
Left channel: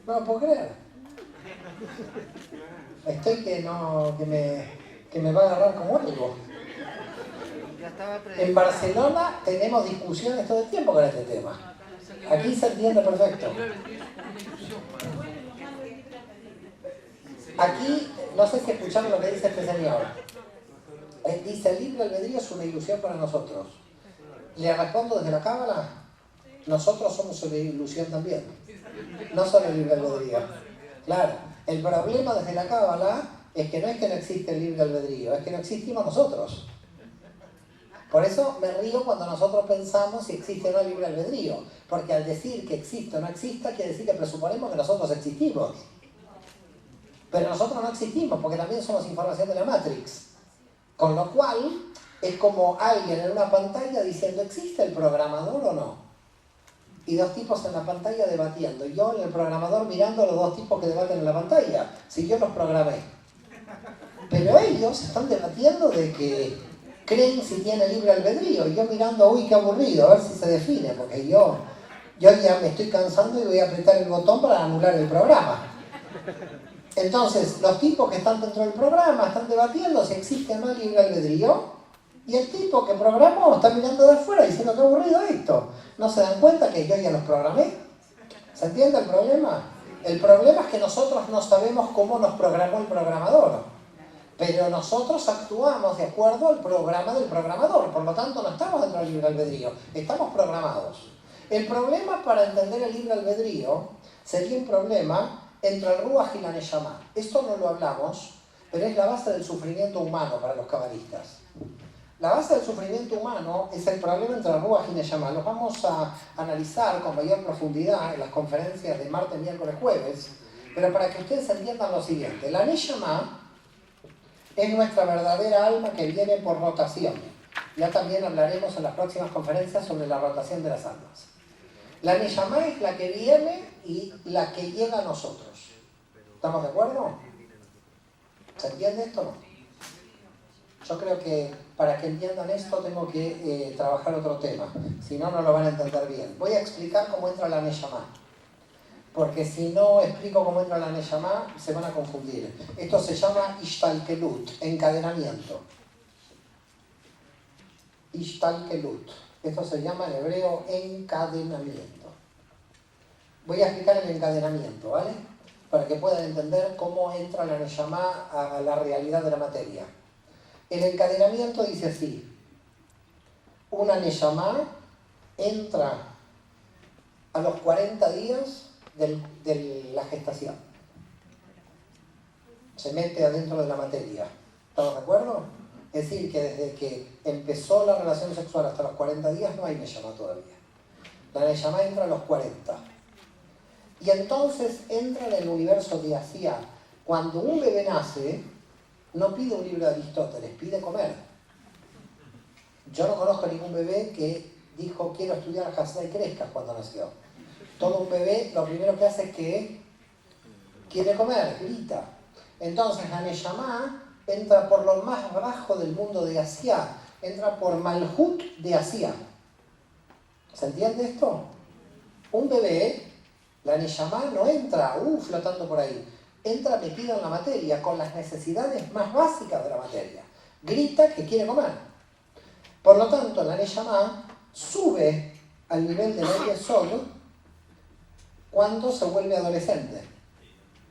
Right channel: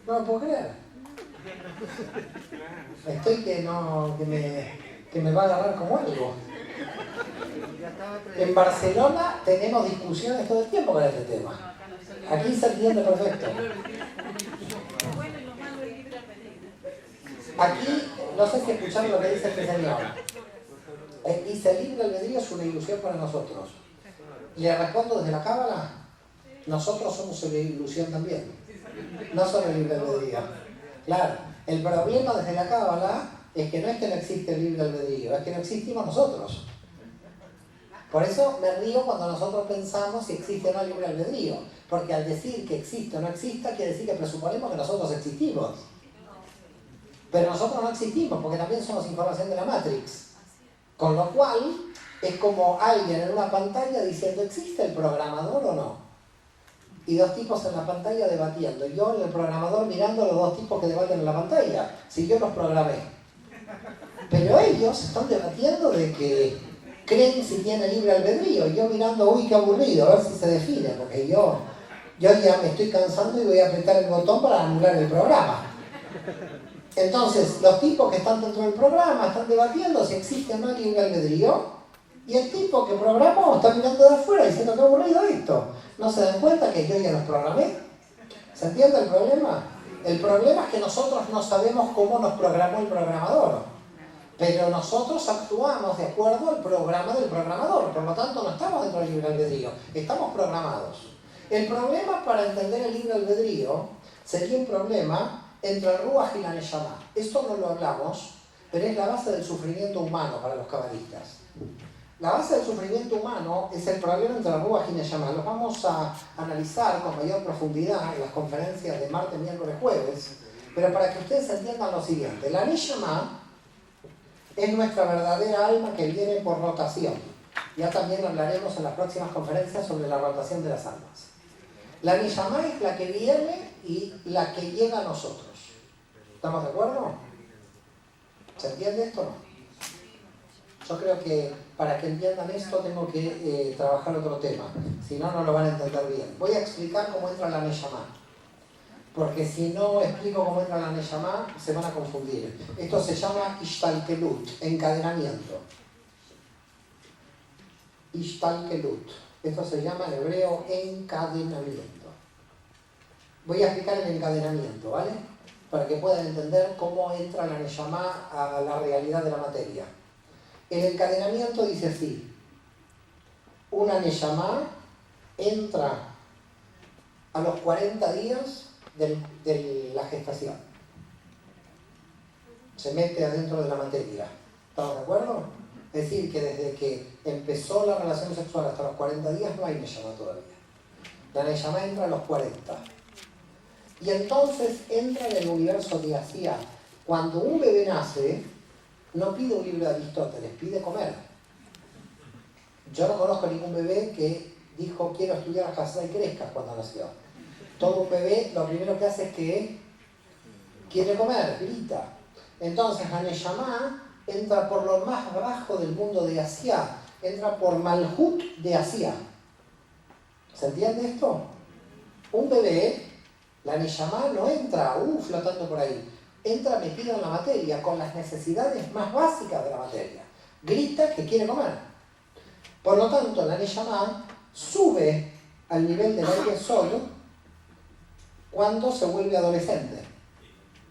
No lo puedo creer. Estoy que me va a agarrar como algo. En Barcelona tenemos discusiones todo el tiempo con este tema. Aquí se entiende perfecto. Aquí, no sé si escucharon lo que dice este señor. Dice, el libre albedrío es una ilusión para nosotros. Le respondo desde la Cábala, nosotros somos una ilusión también. No solo el libre albedrío. Claro, el problema desde la Cábala es que no existe el libre albedrío, es que no existimos nosotros. Por eso me río cuando nosotros pensamos si existe o no el libre albedrío. Porque al decir que existe o no exista, quiere decir que presuponemos que nosotros existimos. Pero nosotros no existimos, porque también somos información de la Matrix. Con lo cual, es como alguien en una pantalla diciendo, ¿existe el programador o no? Y dos tipos en la pantalla debatiendo. Y yo en el programador mirando a los dos tipos que debaten en la pantalla. Si yo los programé. Pero ellos están debatiendo de que creen si tiene libre albedrío. Y yo mirando, uy, qué aburrido, a ver si se define. Porque yo ya me estoy cansando y voy a apretar el botón para anular el programa. Entonces, los tipos que están dentro del programa están debatiendo si existe o no libre albedrío. Y el tipo que programó está mirando de afuera diciendo que aburrido esto. ¿No se dan cuenta que yo ya los programé? ¿Se entiende el problema? El problema es que nosotros no sabemos cómo nos programó el programador. Pero nosotros actuamos de acuerdo al programa del programador. Por lo tanto, no estamos dentro del libre albedrío. Estamos programados. El problema para entender el libre albedrío sería un problema entre el Ruach y la Neshama. Esto no lo hablamos, pero es la base del sufrimiento humano para los cabalistas. La base del sufrimiento humano es el problema entre el Ruach y Neshama. Los vamos a analizar con mayor profundidad en las conferencias de martes, miércoles, jueves, pero para que ustedes entiendan lo siguiente. La Neshama es nuestra verdadera alma que viene por rotación. Ya también hablaremos en las próximas conferencias sobre la rotación de las almas. La Neshama es la que viene y la que llega a nosotros. ¿Estamos de acuerdo? ¿Se entiende esto o no? Yo creo que para que entiendan esto tengo que trabajar otro tema. Si no, no lo van a entender bien. Voy a explicar cómo entra la Neshama. Porque si no explico cómo entra la Neshama, se van a confundir. Esto se llama Ishtalkelut, encadenamiento. Ishtalkelut. Esto se llama en hebreo encadenamiento. Voy a explicar el encadenamiento, ¿vale? Para que puedan entender cómo entra la Neshama a la realidad de la materia. El encadenamiento dice así. Una Neshama entra a los 40 días de la gestación. Se mete adentro de la materia. ¿Estamos de acuerdo? Es decir, que desde que empezó la relación sexual hasta los 40 días no hay Neshama todavía. La Neshama entra a los 40. Y entonces entra en el universo de Asia. Cuando un bebé nace, no pide un libro de Aristóteles, pide comer. Yo no conozco ningún bebé que dijo quiero estudiar Hasidá y crezca cuando nació. Todo un bebé lo primero que hace es que quiere comer, grita. Entonces la Neshama entra por lo más bajo del mundo de Asia, entra por Malhut de Asia. ¿Se entiende esto? Un bebé, la Neshama no entra flotando por ahí, entra metida en la materia con las necesidades más básicas de la materia. Grita que quiere comer. Por lo tanto, la Neshama sube al nivel del aire solo cuando se vuelve adolescente,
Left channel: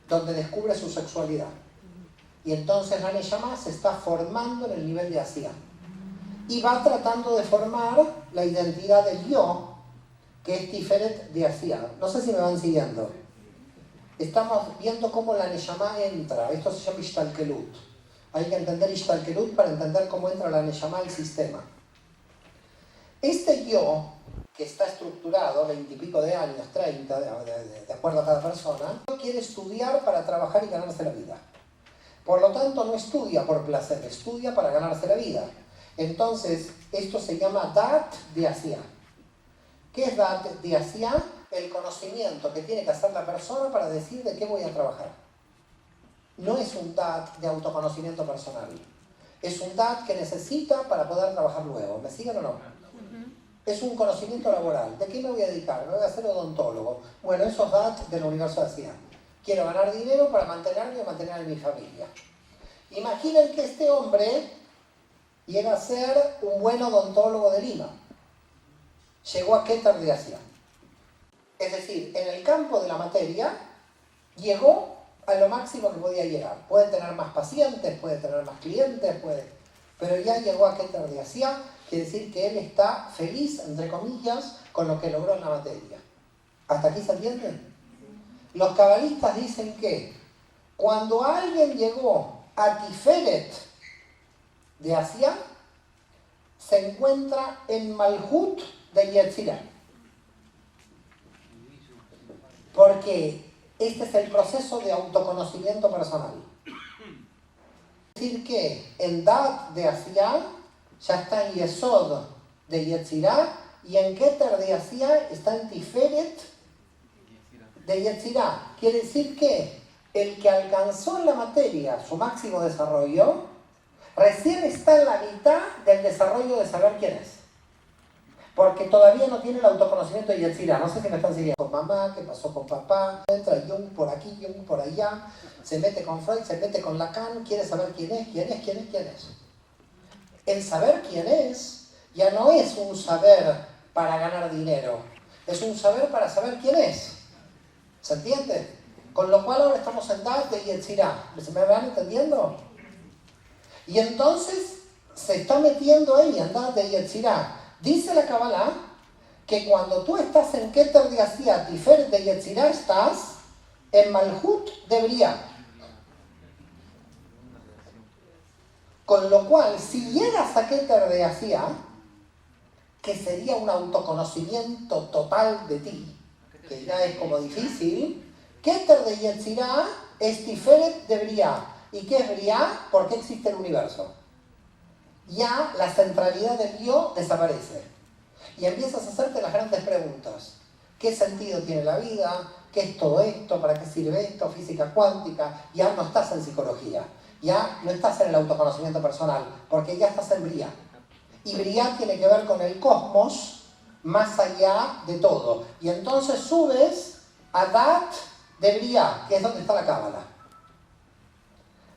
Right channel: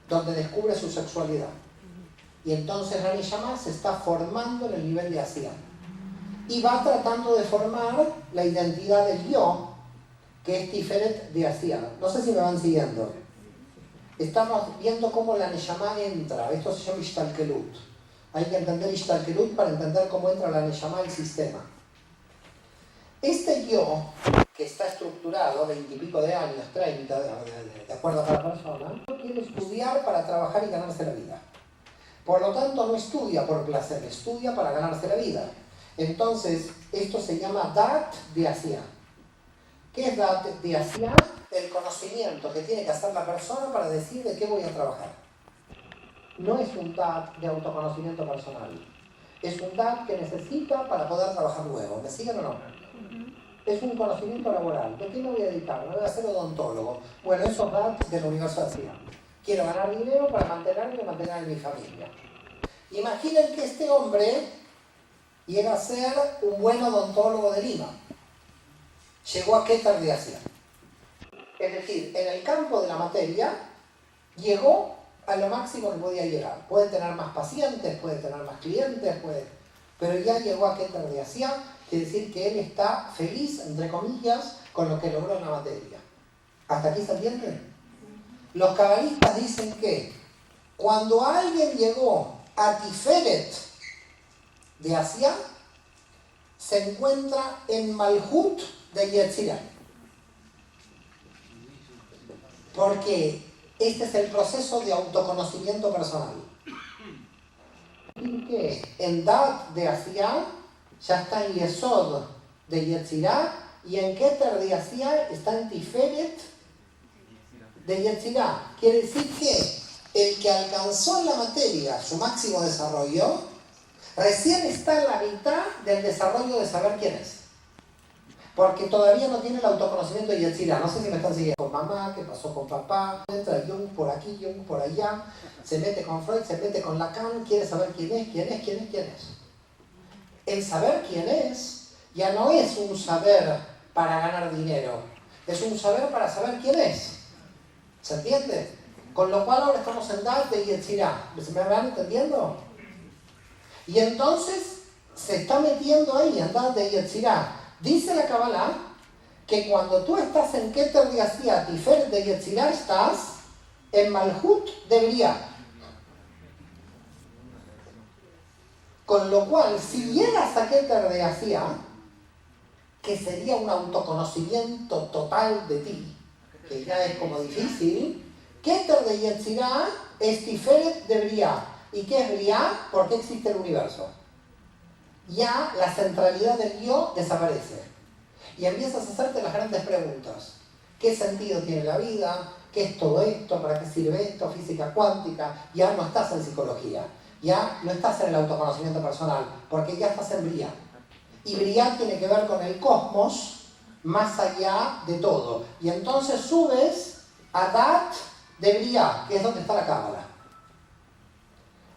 donde descubre su sexualidad. Y entonces la Neshama se está formando en el nivel de Asia. Y va tratando de formar la identidad del yo, que es Tiferet de Asia. No sé si me van siguiendo. Estamos viendo cómo la Neshama entra. Esto se llama Ishtalkelut. Hay que entender Ishtalkelut para entender cómo entra la Neshama al sistema. Este yo, que está estructurado, 20 y pico de años, 30, de acuerdo a cada persona, quiere estudiar para trabajar y ganarse la vida. Por lo tanto, no estudia por placer, estudia para ganarse la vida. Entonces, esto se llama Dat de Asia. ¿Qué es Dat de Asia? El conocimiento que tiene que hacer la persona para decir de qué voy a trabajar. No es un Dat de autoconocimiento personal. Es un Dat que necesita para poder trabajar luego. ¿Me siguen o no? Es un conocimiento laboral. ¿De qué me voy a dedicar? Me voy a ser odontólogo. Bueno, esos datos del universo de Asia. Quiero ganar dinero para mantenerme y mantener a mi familia. Imaginen que este hombre llega a ser un buen odontólogo de Lima. Llegó a Keter de Asia. Es decir, en el campo de la materia, llegó a lo máximo que podía llegar. Puede tener más pacientes, puede tener más clientes, pero ya llegó a Keter de Asia. Quiere decir que él está feliz, entre comillas, con lo que logró en la materia. ¿Hasta aquí se entiende? Los cabalistas dicen que cuando alguien llegó a Tiferet de Asia, se encuentra en Malhut de Yetzirah. Porque este es el proceso de autoconocimiento personal. Es decir que en Dat de Asiá ya está en Yesod de Yetzirah y en Keter de Asiá está en Tiferet de Yetzirah. Quiere decir que el que alcanzó en la materia su máximo desarrollo recién está en la mitad del desarrollo de saber quién es. Porque todavía no tiene el autoconocimiento de Yetzirah. No sé si me están siguiendo. Con mamá, qué pasó con papá, entra Jung por aquí, Jung por allá, se mete con Freud, se mete con Lacan, quiere saber quién es. El saber quién es ya no es un saber para ganar dinero, es un saber para saber quién es. ¿Se entiende? Con lo cual ahora estamos en Dat de Yetzirah. ¿Me van entendiendo? Y entonces se está metiendo ahí en Dat de Yetzirah. Dice la Kabbalah que cuando tú estás en Keter de Asiá, Tiferet de Yetzirah, estás en Malhut de Briah. Con lo cual, si llegas a Keter de Asiá, que sería un autoconocimiento total de ti, que ya es como difícil, Keter de Yetzirah es Tiferet de Briah. ¿Y qué es Briah? ¿Por qué existe el universo? Ya la centralidad del yo desaparece. Y empiezas a hacerte las grandes preguntas. ¿Qué sentido tiene la vida? ¿Qué es todo esto? ¿Para qué sirve esto? Física cuántica. Ya no estás en psicología. Ya no estás en el autoconocimiento personal. Porque ya estás en Briah. Y Briah tiene que ver con el cosmos más allá de todo. Y entonces subes a Dat de Briah, que es donde está la Cábala.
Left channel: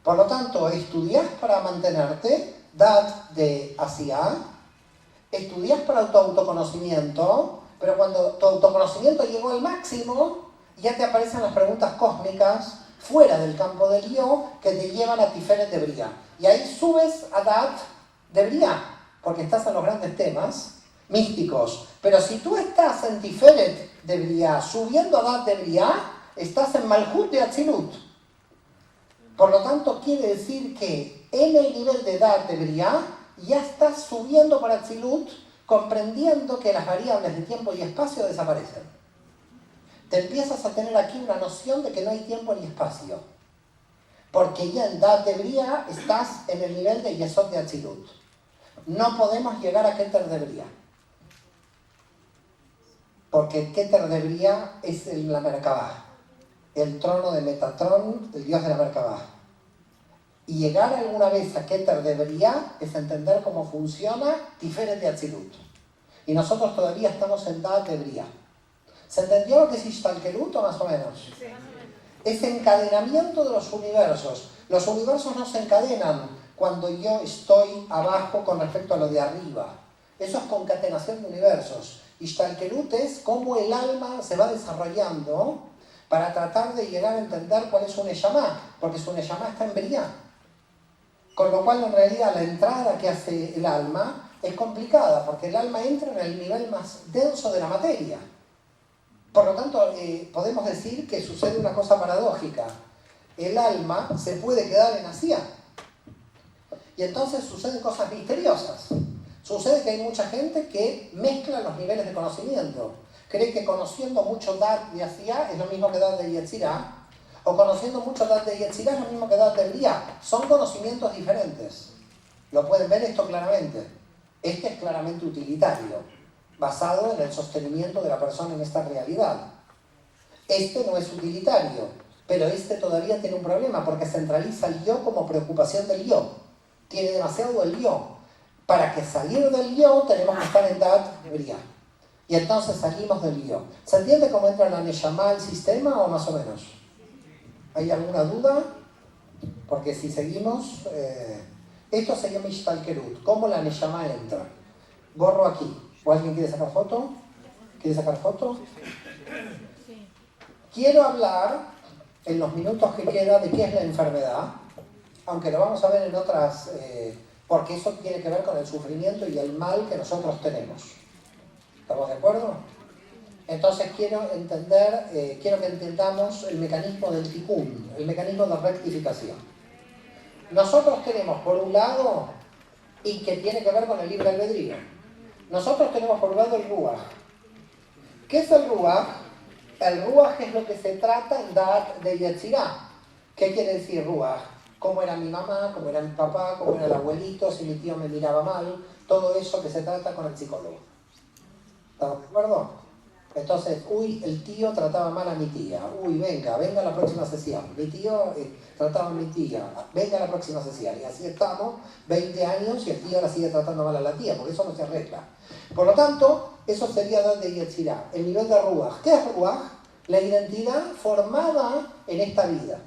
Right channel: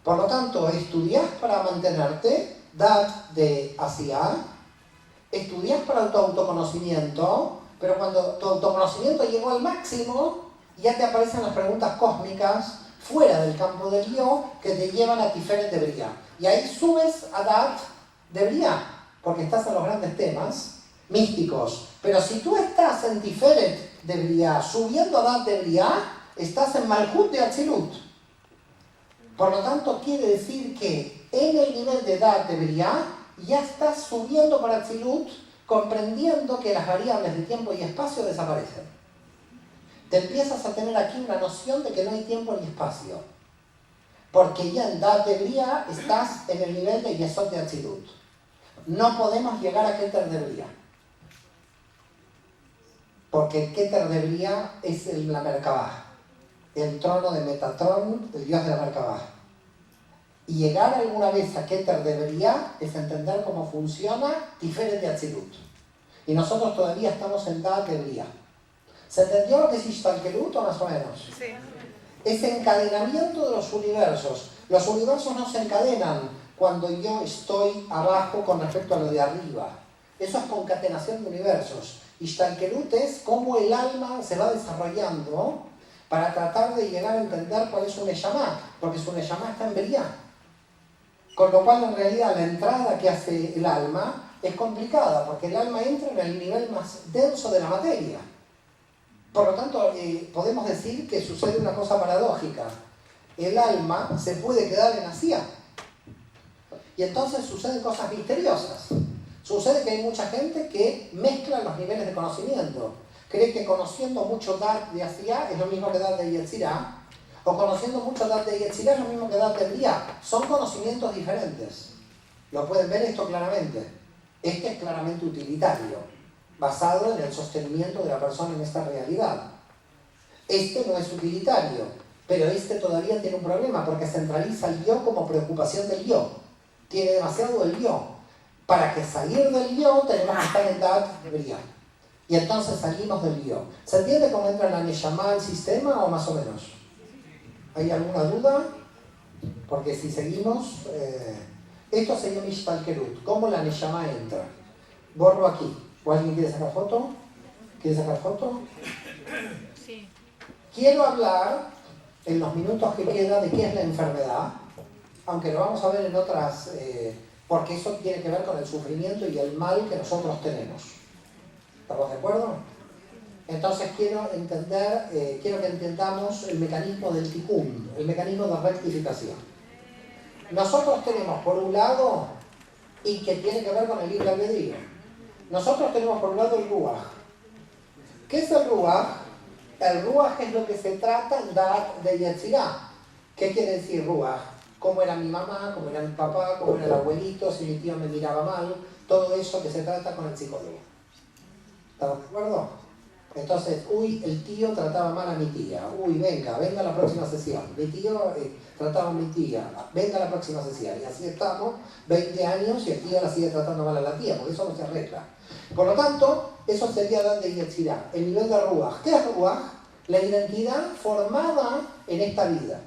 Por lo tanto, estudias para mantenerte, Dat de Asiá, estudias para tu autoconocimiento, pero cuando tu autoconocimiento llegó al máximo, ya te aparecen las preguntas cósmicas fuera del campo del yo que te llevan a Tiferet de Briah. Y ahí subes a Dat de Briah, porque estás en los grandes temas místicos. Pero si tú estás en Tiferet de Briah, subiendo a Dat de Briah, estás en Malhut de Atzilut. Por lo tanto, quiere decir que en el nivel de Dat de Briah ya estás subiendo para Atzilut, comprendiendo que las variables de tiempo y espacio desaparecen. Te empiezas a tener aquí una noción de que no hay tiempo ni espacio. Porque ya en Dat de Briah estás en el nivel de Yesod de Atzilut. No podemos llegar a Keter de Briah. Porque Keter de Briah es la Merkabah, el trono de Metatron, el dios de la Merkabah. Y llegar alguna vez a Keter de Briah es entender cómo funciona Tiferet de Atzilut. Y nosotros todavía estamos en Dat de Briah. ¿Se entendió lo que es Ishtalkelut o más o menos? Sí. Es encadenamiento de los universos. Los universos no se encadenan cuando yo estoy abajo con respecto a lo de arriba. Eso es concatenación de universos. Ishtalkelut es cómo el alma se va desarrollando para tratar de llegar a entender cuál es su Neshama, porque su Neshama está en Briah. Con lo cual, en realidad, la entrada que hace el alma es complicada, porque el alma entra en el nivel más denso de la materia. Por lo tanto, podemos decir que sucede una cosa paradójica. El alma se puede quedar en Asiá. Y entonces suceden cosas misteriosas. Sucede que hay mucha gente que mezcla los niveles de conocimiento. Cree que conociendo mucho Dat de Asiá es lo mismo que Dat de Yetzirah, o conociendo mucho Dat de Yetzirah es lo mismo que Dat de Briah. Son conocimientos diferentes. Lo pueden ver esto claramente. Este es claramente utilitario, basado en el sostenimiento de la persona en esta realidad. Este no es utilitario, pero este todavía tiene un problema porque centraliza el yo como preocupación del yo. Tiene demasiado el yo. Para que salir del yo tenemos que estar en Dat de Briah. Y entonces salimos del yo. ¿Se entiende cómo entra la Neshama al sistema o más o menos? ¿Hay alguna duda? Porque si seguimos... esto sería Mishtalkelut. ¿Cómo la Neshama entra? Borro aquí. ¿O alguien quiere sacar foto? ¿Quiere sacar foto? Sí. Quiero hablar, en los minutos que queda, de qué es la enfermedad. Aunque lo vamos a ver en otras... porque eso tiene que ver con el sufrimiento y el mal que nosotros tenemos. ¿Estamos de acuerdo? Entonces quiero que entendamos el mecanismo del tikkun, el mecanismo de rectificación. Nosotros tenemos, por un lado, y que tiene que ver con el libre albedrío. Nosotros tenemos por un lado el Ruach. ¿Qué es el Ruach? El Ruach es lo que se trata de Yetzirah. ¿Qué quiere decir Ruach? Cómo era mi mamá, cómo era mi papá, cómo era el abuelito, si mi tío me miraba mal, todo eso que se trata con el psicólogo. ¿Estamos de acuerdo? Entonces, uy, el tío trataba mal a mi tía, uy, venga a la próxima sesión, mi tío trataba a mi tía, venga a la próxima sesión, y así estamos 20 años y el tío la sigue tratando mal a la tía, porque eso no se arregla. Por lo tanto, eso sería Dan de Yetzirah, el nivel de Ruach. ¿Qué es Ruach? La identidad formada en esta vida.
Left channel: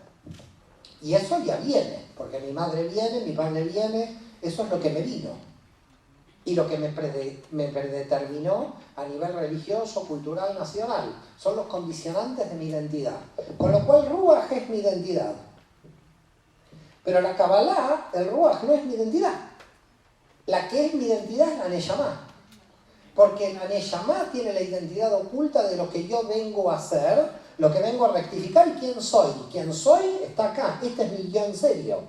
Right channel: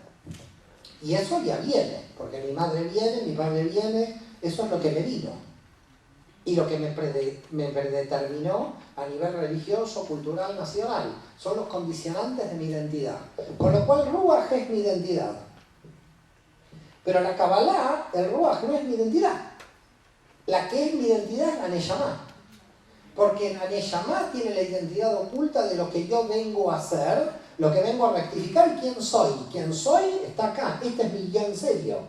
Y eso ya viene, porque mi madre viene, mi padre viene, eso es lo que me vino. Y lo que me predeterminó a nivel religioso, cultural, nacional. Son los condicionantes de mi identidad. Con lo cual, Ruach es mi identidad. Pero la Kabbalah, el Ruach no es mi identidad. La que es mi identidad es la Neshama. Porque la Neshama tiene la identidad oculta de lo que yo vengo a hacer, lo que vengo a rectificar y quién soy. Quién soy está acá. Este es mi yo en serio.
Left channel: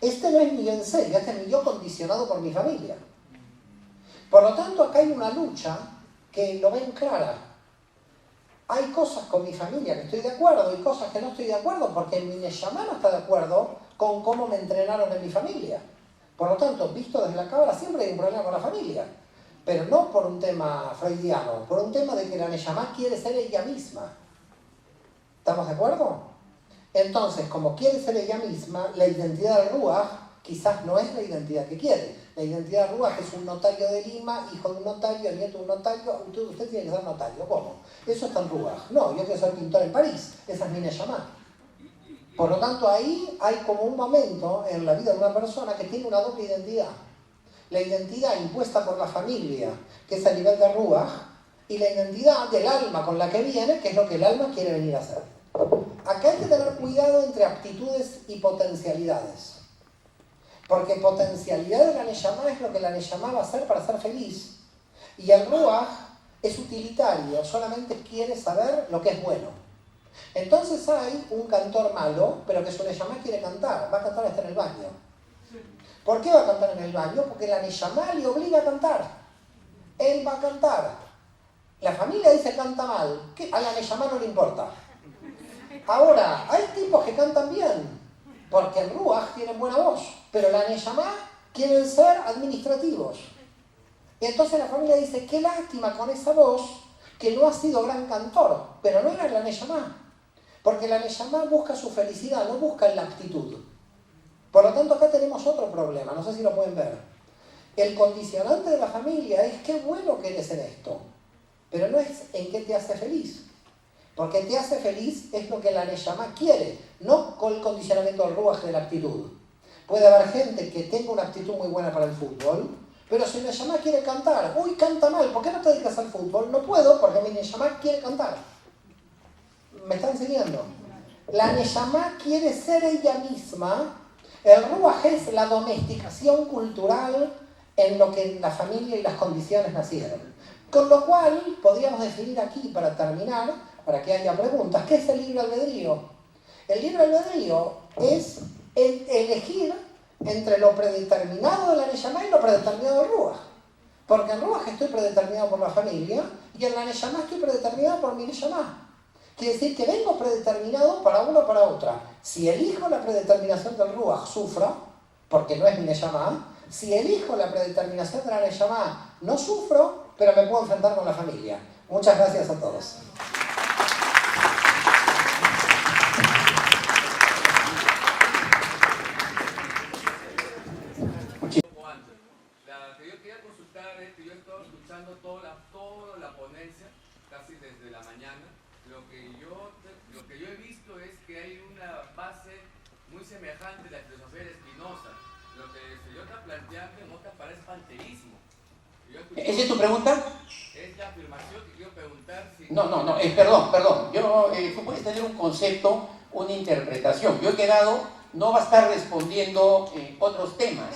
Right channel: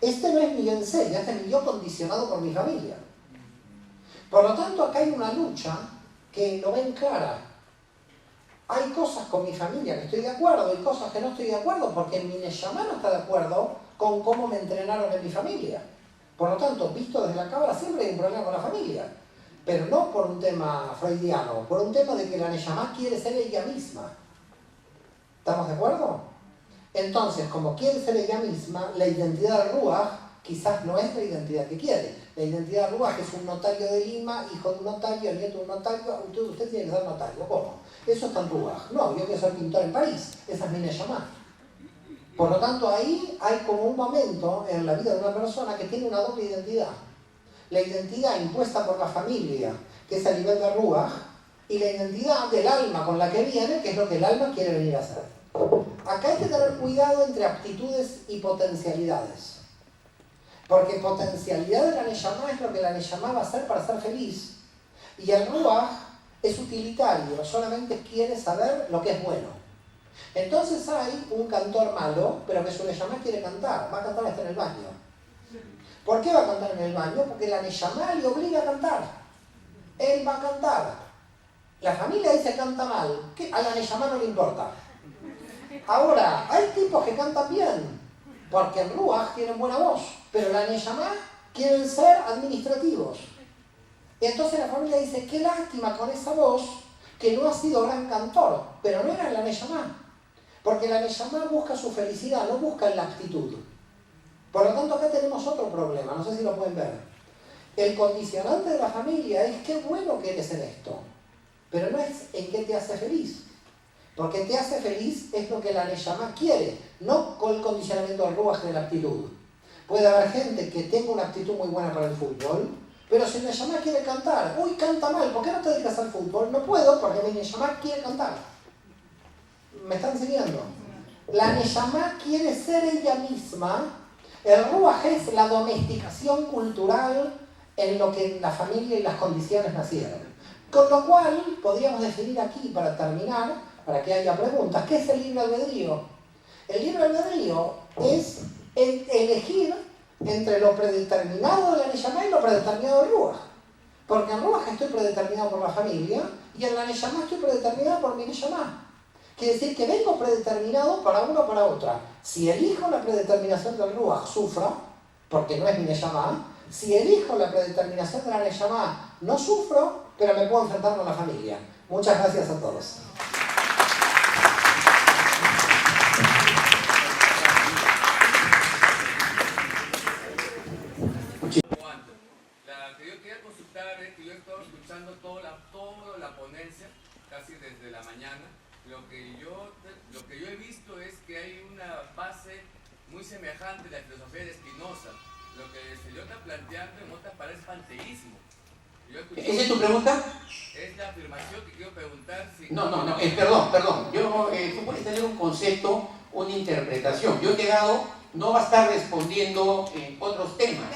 Este no es mi yo en serio, este es mi yo condicionado por mi familia. Por lo tanto, acá hay una lucha que lo ven clara. Hay cosas con mi familia que estoy de acuerdo, hay cosas que no estoy de acuerdo, porque mi Neshama no está de acuerdo con cómo me entrenaron en mi familia. Por lo tanto, visto desde la cámara, siempre hay un problema con la familia. Pero no por un tema freudiano, por un tema de que la Neshama quiere ser ella misma. ¿Estamos de acuerdo? Entonces, como quiere ser ella misma, la identidad del Ruach quizás no es la identidad que quiere. La identidad del Ruach es un notario de Lima, hijo de un notario, nieto de un notario, usted tiene que ser notario. ¿Cómo? Eso está en Ruach. No, yo quiero ser pintor en París. Esa es mi Neshama. Por lo tanto, ahí hay como un momento en la vida de una persona que tiene una doble identidad. La identidad impuesta por la familia, que es a nivel de Ruach, y la identidad del alma con la que viene, que es lo que el alma quiere venir a hacer. Acá hay que tener cuidado entre aptitudes y potencialidades. Porque potencialidad de la Neshama es lo que la Neshama va a hacer para ser feliz. Y el Ruach es utilitario, solamente quiere saber lo que es bueno. Entonces hay un cantor malo, pero que su Neshama quiere cantar, va a cantar hasta en el baño. ¿Por qué va a cantar en el baño? Porque la Neshama le obliga a cantar. Él va a cantar. La familia dice canta mal, a la Neshama no le importa. Ahora, hay tipos que cantan bien, porque en Ruach tienen buena voz, pero la Neshama quieren ser administrativos. Y entonces la familia dice, qué lástima con esa voz, que no ha sido gran cantor, pero no era la Neshama. Porque la Neshama busca su felicidad, no busca la aptitud. Por lo tanto, acá tenemos otro problema, no sé si lo pueden ver. El condicionante de la familia es qué bueno que eres en esto, pero no es en qué te hace feliz. Porque te hace feliz es lo que la Neshama quiere, no con el condicionamiento del Ruach de la aptitud. Puede haber gente que tenga una aptitud muy buena para el fútbol, pero si la Neshama quiere cantar, uy, canta mal, ¿por qué no te dedicas al fútbol? No puedo porque mi Neshama quiere cantar. ¿Me están siguiendo? La Neshama quiere ser ella misma. El Ruach es la domesticación cultural en lo que la familia y las condiciones nacieron. Con lo cual, podríamos definir aquí, para terminar, para que haya preguntas, ¿qué es el libre albedrío? El libre albedrío es elegir entre lo predeterminado de la Neshama y lo predeterminado del Ruach. Porque en Ruach estoy predeterminado por la familia y en la Neshama estoy predeterminado por mi Neshama. Quiere decir que vengo predeterminado para uno o para otra. Si elijo la predeterminación del Ruach, sufro, porque no es mi Neshama. Si elijo la predeterminación de la Neshama, no sufro, pero me puedo enfrentar con la familia. Muchas gracias a todos. La que yo quería consultar es que yo he estado escuchando toda la ponencia, casi desde la mañana. Lo que yo he visto es que hay una base muy semejante a la filosofía de Spinoza. Lo que el señor está planteando en otra parece panteísmo. ¿Esa es tu pregunta? Es la afirmación que quiero preguntar si... No, perdón. Tú puedes tener un concepto, una interpretación. Yo he quedado, no va a estar respondiendo otros temas.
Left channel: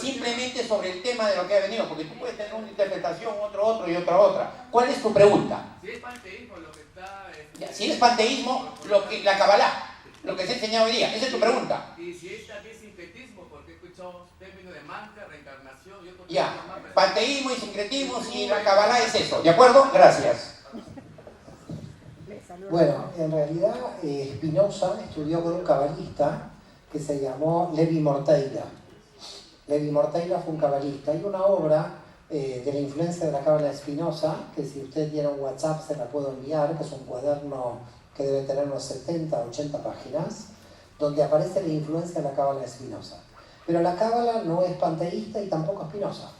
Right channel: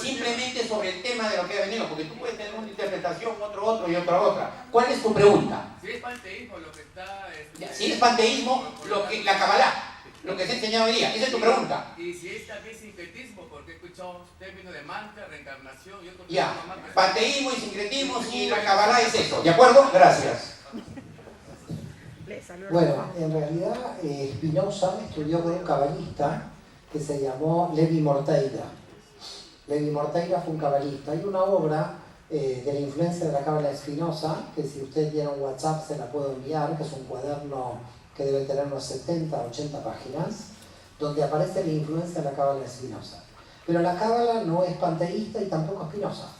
Simplemente sobre el tema de lo que ha venido, porque tú puedes tener una interpretación, otro y otra. ¿Cuál es tu pregunta? Si es panteísmo lo que está... Si es panteísmo, la Kabbalah. lo que se ha enseñado hoy día. Esa es tu pregunta. Y si es también sincretismo, porque he escuchado términos de mantra, reencarnación y otros Ya, términos más. panteísmo y sincretismo y la Kabbalah es eso. ¿De acuerdo? Gracias. Bueno, en realidad Spinoza estudió con un cabalista que se llamó Levi Morteira. Levi Morteira fue un cabalista. Hay una obra de la influencia de la cábala de Spinoza, que si usted tiene un WhatsApp se la puedo enviar, que es un cuaderno que debe tener unos 70, 80 páginas, donde aparece la influencia de la cábala de Spinoza. Pero la cábala no es panteísta y tampoco es Spinoza,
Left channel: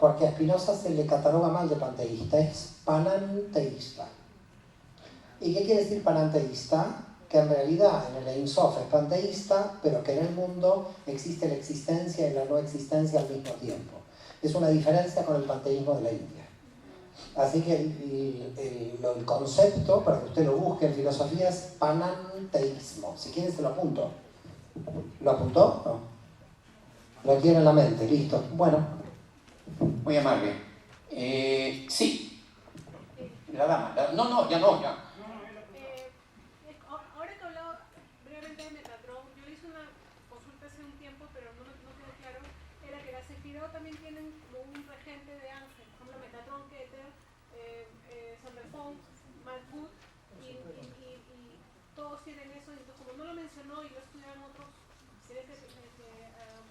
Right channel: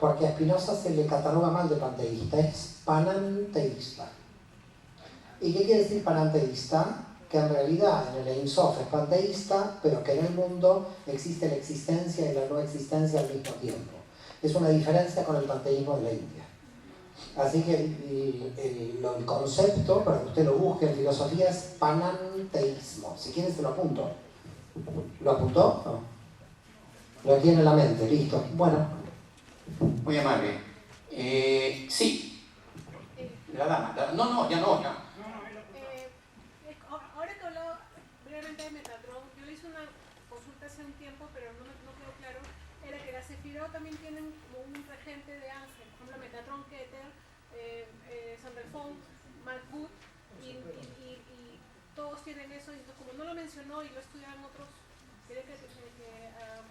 porque a Spinoza se le cataloga mal de panteísta, es pananteísta. ¿Y qué quiere decir pananteísta? Que en realidad en el Ein Sof es panteísta, pero que en el mundo existe la existencia y la no existencia al mismo tiempo. Es una diferencia con el panteísmo de la India. Así que el concepto, para que usted lo busque en filosofía, es pananteísmo. Si quiere se lo apunto. ¿Lo apuntó? No. Lo tiene en la mente, listo. Bueno. Muy amable. Sí. La dama. No, ya no, ya. Ahora que hablaba brevemente de Metatron, yo le hice una consulta hace un tiempo, pero no quedó claro, era que las Sefirot también tienen como un regente de ángel, por ejemplo Metatron, Keter, Sanderfond, Malkut, y todos tienen eso, y entonces como no lo mencionó y lo estudiaban otros, sería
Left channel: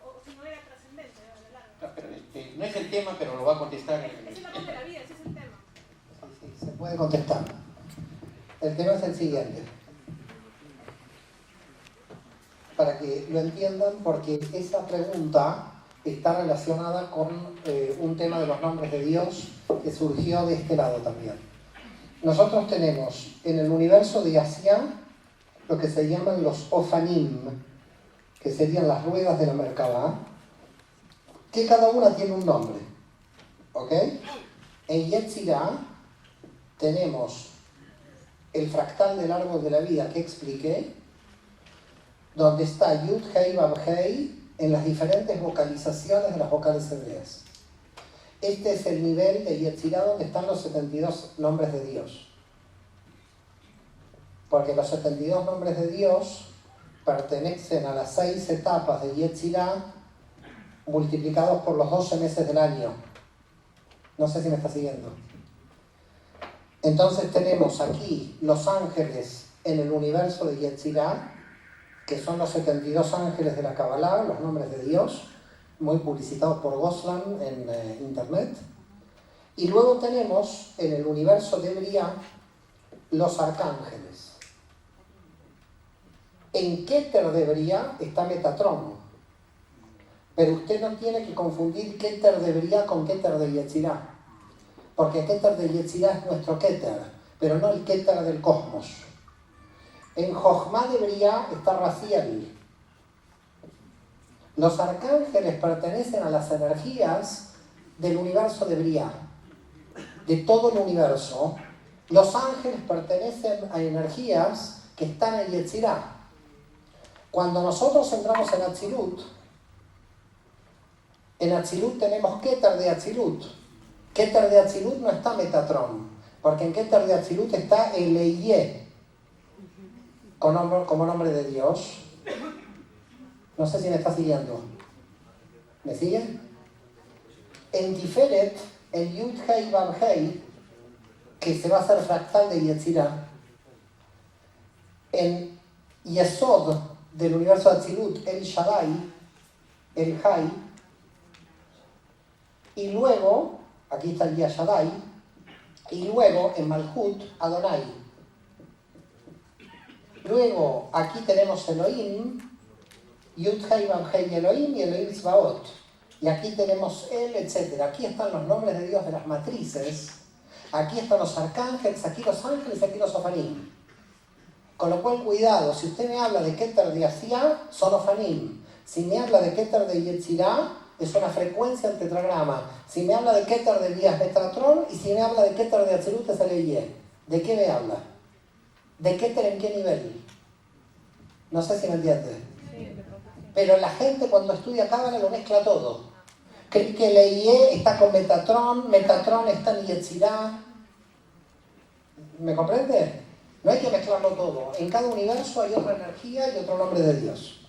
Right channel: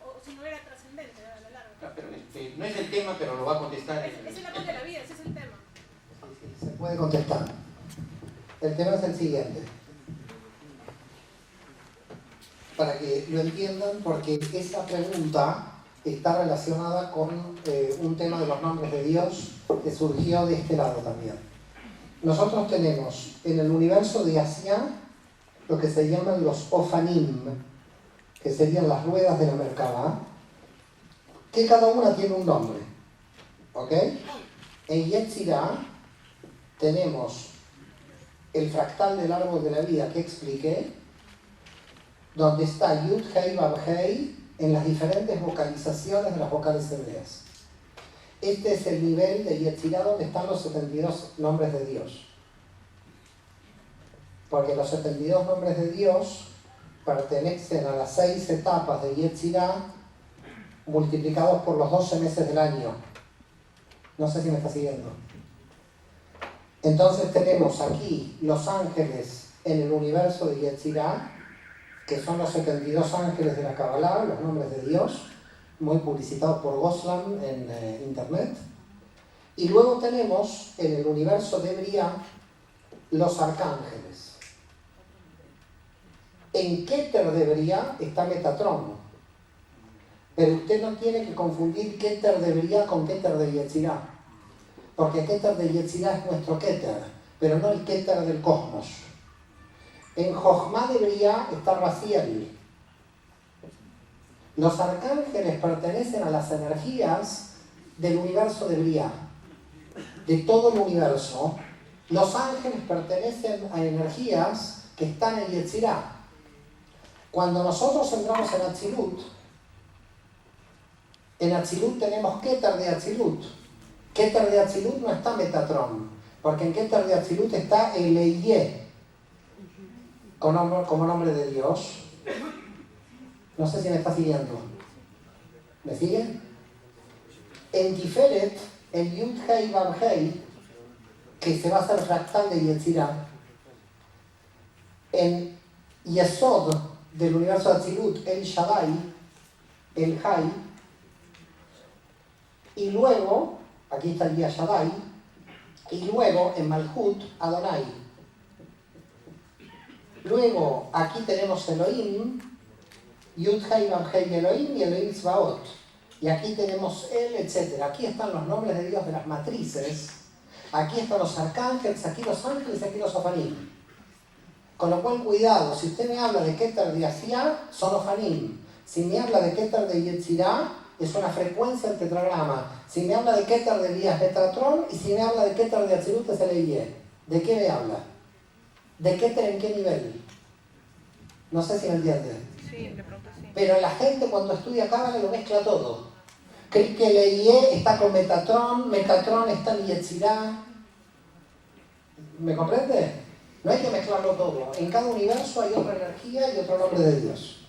o si no era trascendente a la larga. Pero no es el tema, pero lo va a contestar. Es el árbol de la vida, ese es el tema. Sí, se puede contestar. El tema es el siguiente. Para que lo entiendan, porque esa pregunta está relacionada con un tema de los nombres de Dios que surgió de este lado también. Nosotros tenemos en el universo de Asia lo que se llaman los Ofanim, que serían las ruedas de la Merkabah, que cada una tiene un nombre. ¿Ok? En Yetzirah tenemos el fractal del árbol de la vida que expliqué, donde está Yud, Hei, Vav, Hei en las diferentes vocalizaciones de las vocales hebreas. Este es el nivel de Yetzirah donde están los 72 nombres de Dios. Porque los 72 nombres de Dios pertenecen a las 6 etapas de Yetzirah multiplicados por los 12 meses del año. No sé si me está siguiendo. Entonces tenemos aquí los ángeles en el universo de Yetzirah, que son los 72 ángeles de la Kabbalah, los nombres de Dios, muy publicitados por Goslan en internet. Y luego tenemos en el universo de Briah los arcángeles. En Keter de Briah está Metatron, pero usted no tiene que confundir Keter de Briah con Keter de Yetzirah, porque Keter de Yetzirah es nuestro Keter, pero no el Keter del cosmos. En Jochma de Briah está Raziel. Los arcángeles pertenecen a las energías del universo de Briah, de todo el universo. Los ángeles pertenecen a energías que están en Yetzirah. Cuando nosotros entramos en Atzilut tenemos Keter de Atzilut. Keter de Atzilut no está Metatron, porque en Keter de Atzilut está el Eiyeh, como nombre de Dios. No sé si me está siguiendo. ¿Me sigue? En Tiferet, el Yud Hei Vav Hei, que se va a hacer fractal de Yetzirah. En Yesod del universo de Atzilut, el Shaddai, el Hai. Y luego, aquí está el Shaddai. Y luego en Malhut, Adonai. Luego, aquí tenemos Elohim, Yud Hei Vav Hei Elohim y Elohim Tzvaot. Y aquí tenemos él, etc. Aquí están los nombres de Dios de las matrices. Aquí están los arcángeles, aquí los ángeles y aquí los ofanim. Con lo cual, cuidado, si usted me habla de Keter de Asia, son ofanim. Si me habla de Keter de Yetzirah, es una frecuencia del tetragrama. Si me habla de Keter de Briah, es Metatron. Y si me habla de Keter de Atzilut, es el Eiyeh. ¿De qué me habla? ¿De Keter en qué nivel? No sé si me entiende. Sí, de pronto sí. Pero la gente cuando estudia Cábala lo mezcla todo. Cree que el Eiyeh está con Metatron, Metatron está en Yetzirah. ¿Me comprende? No hay que mezclarlo todo. En cada universo hay otra energía y otro nombre de Dios.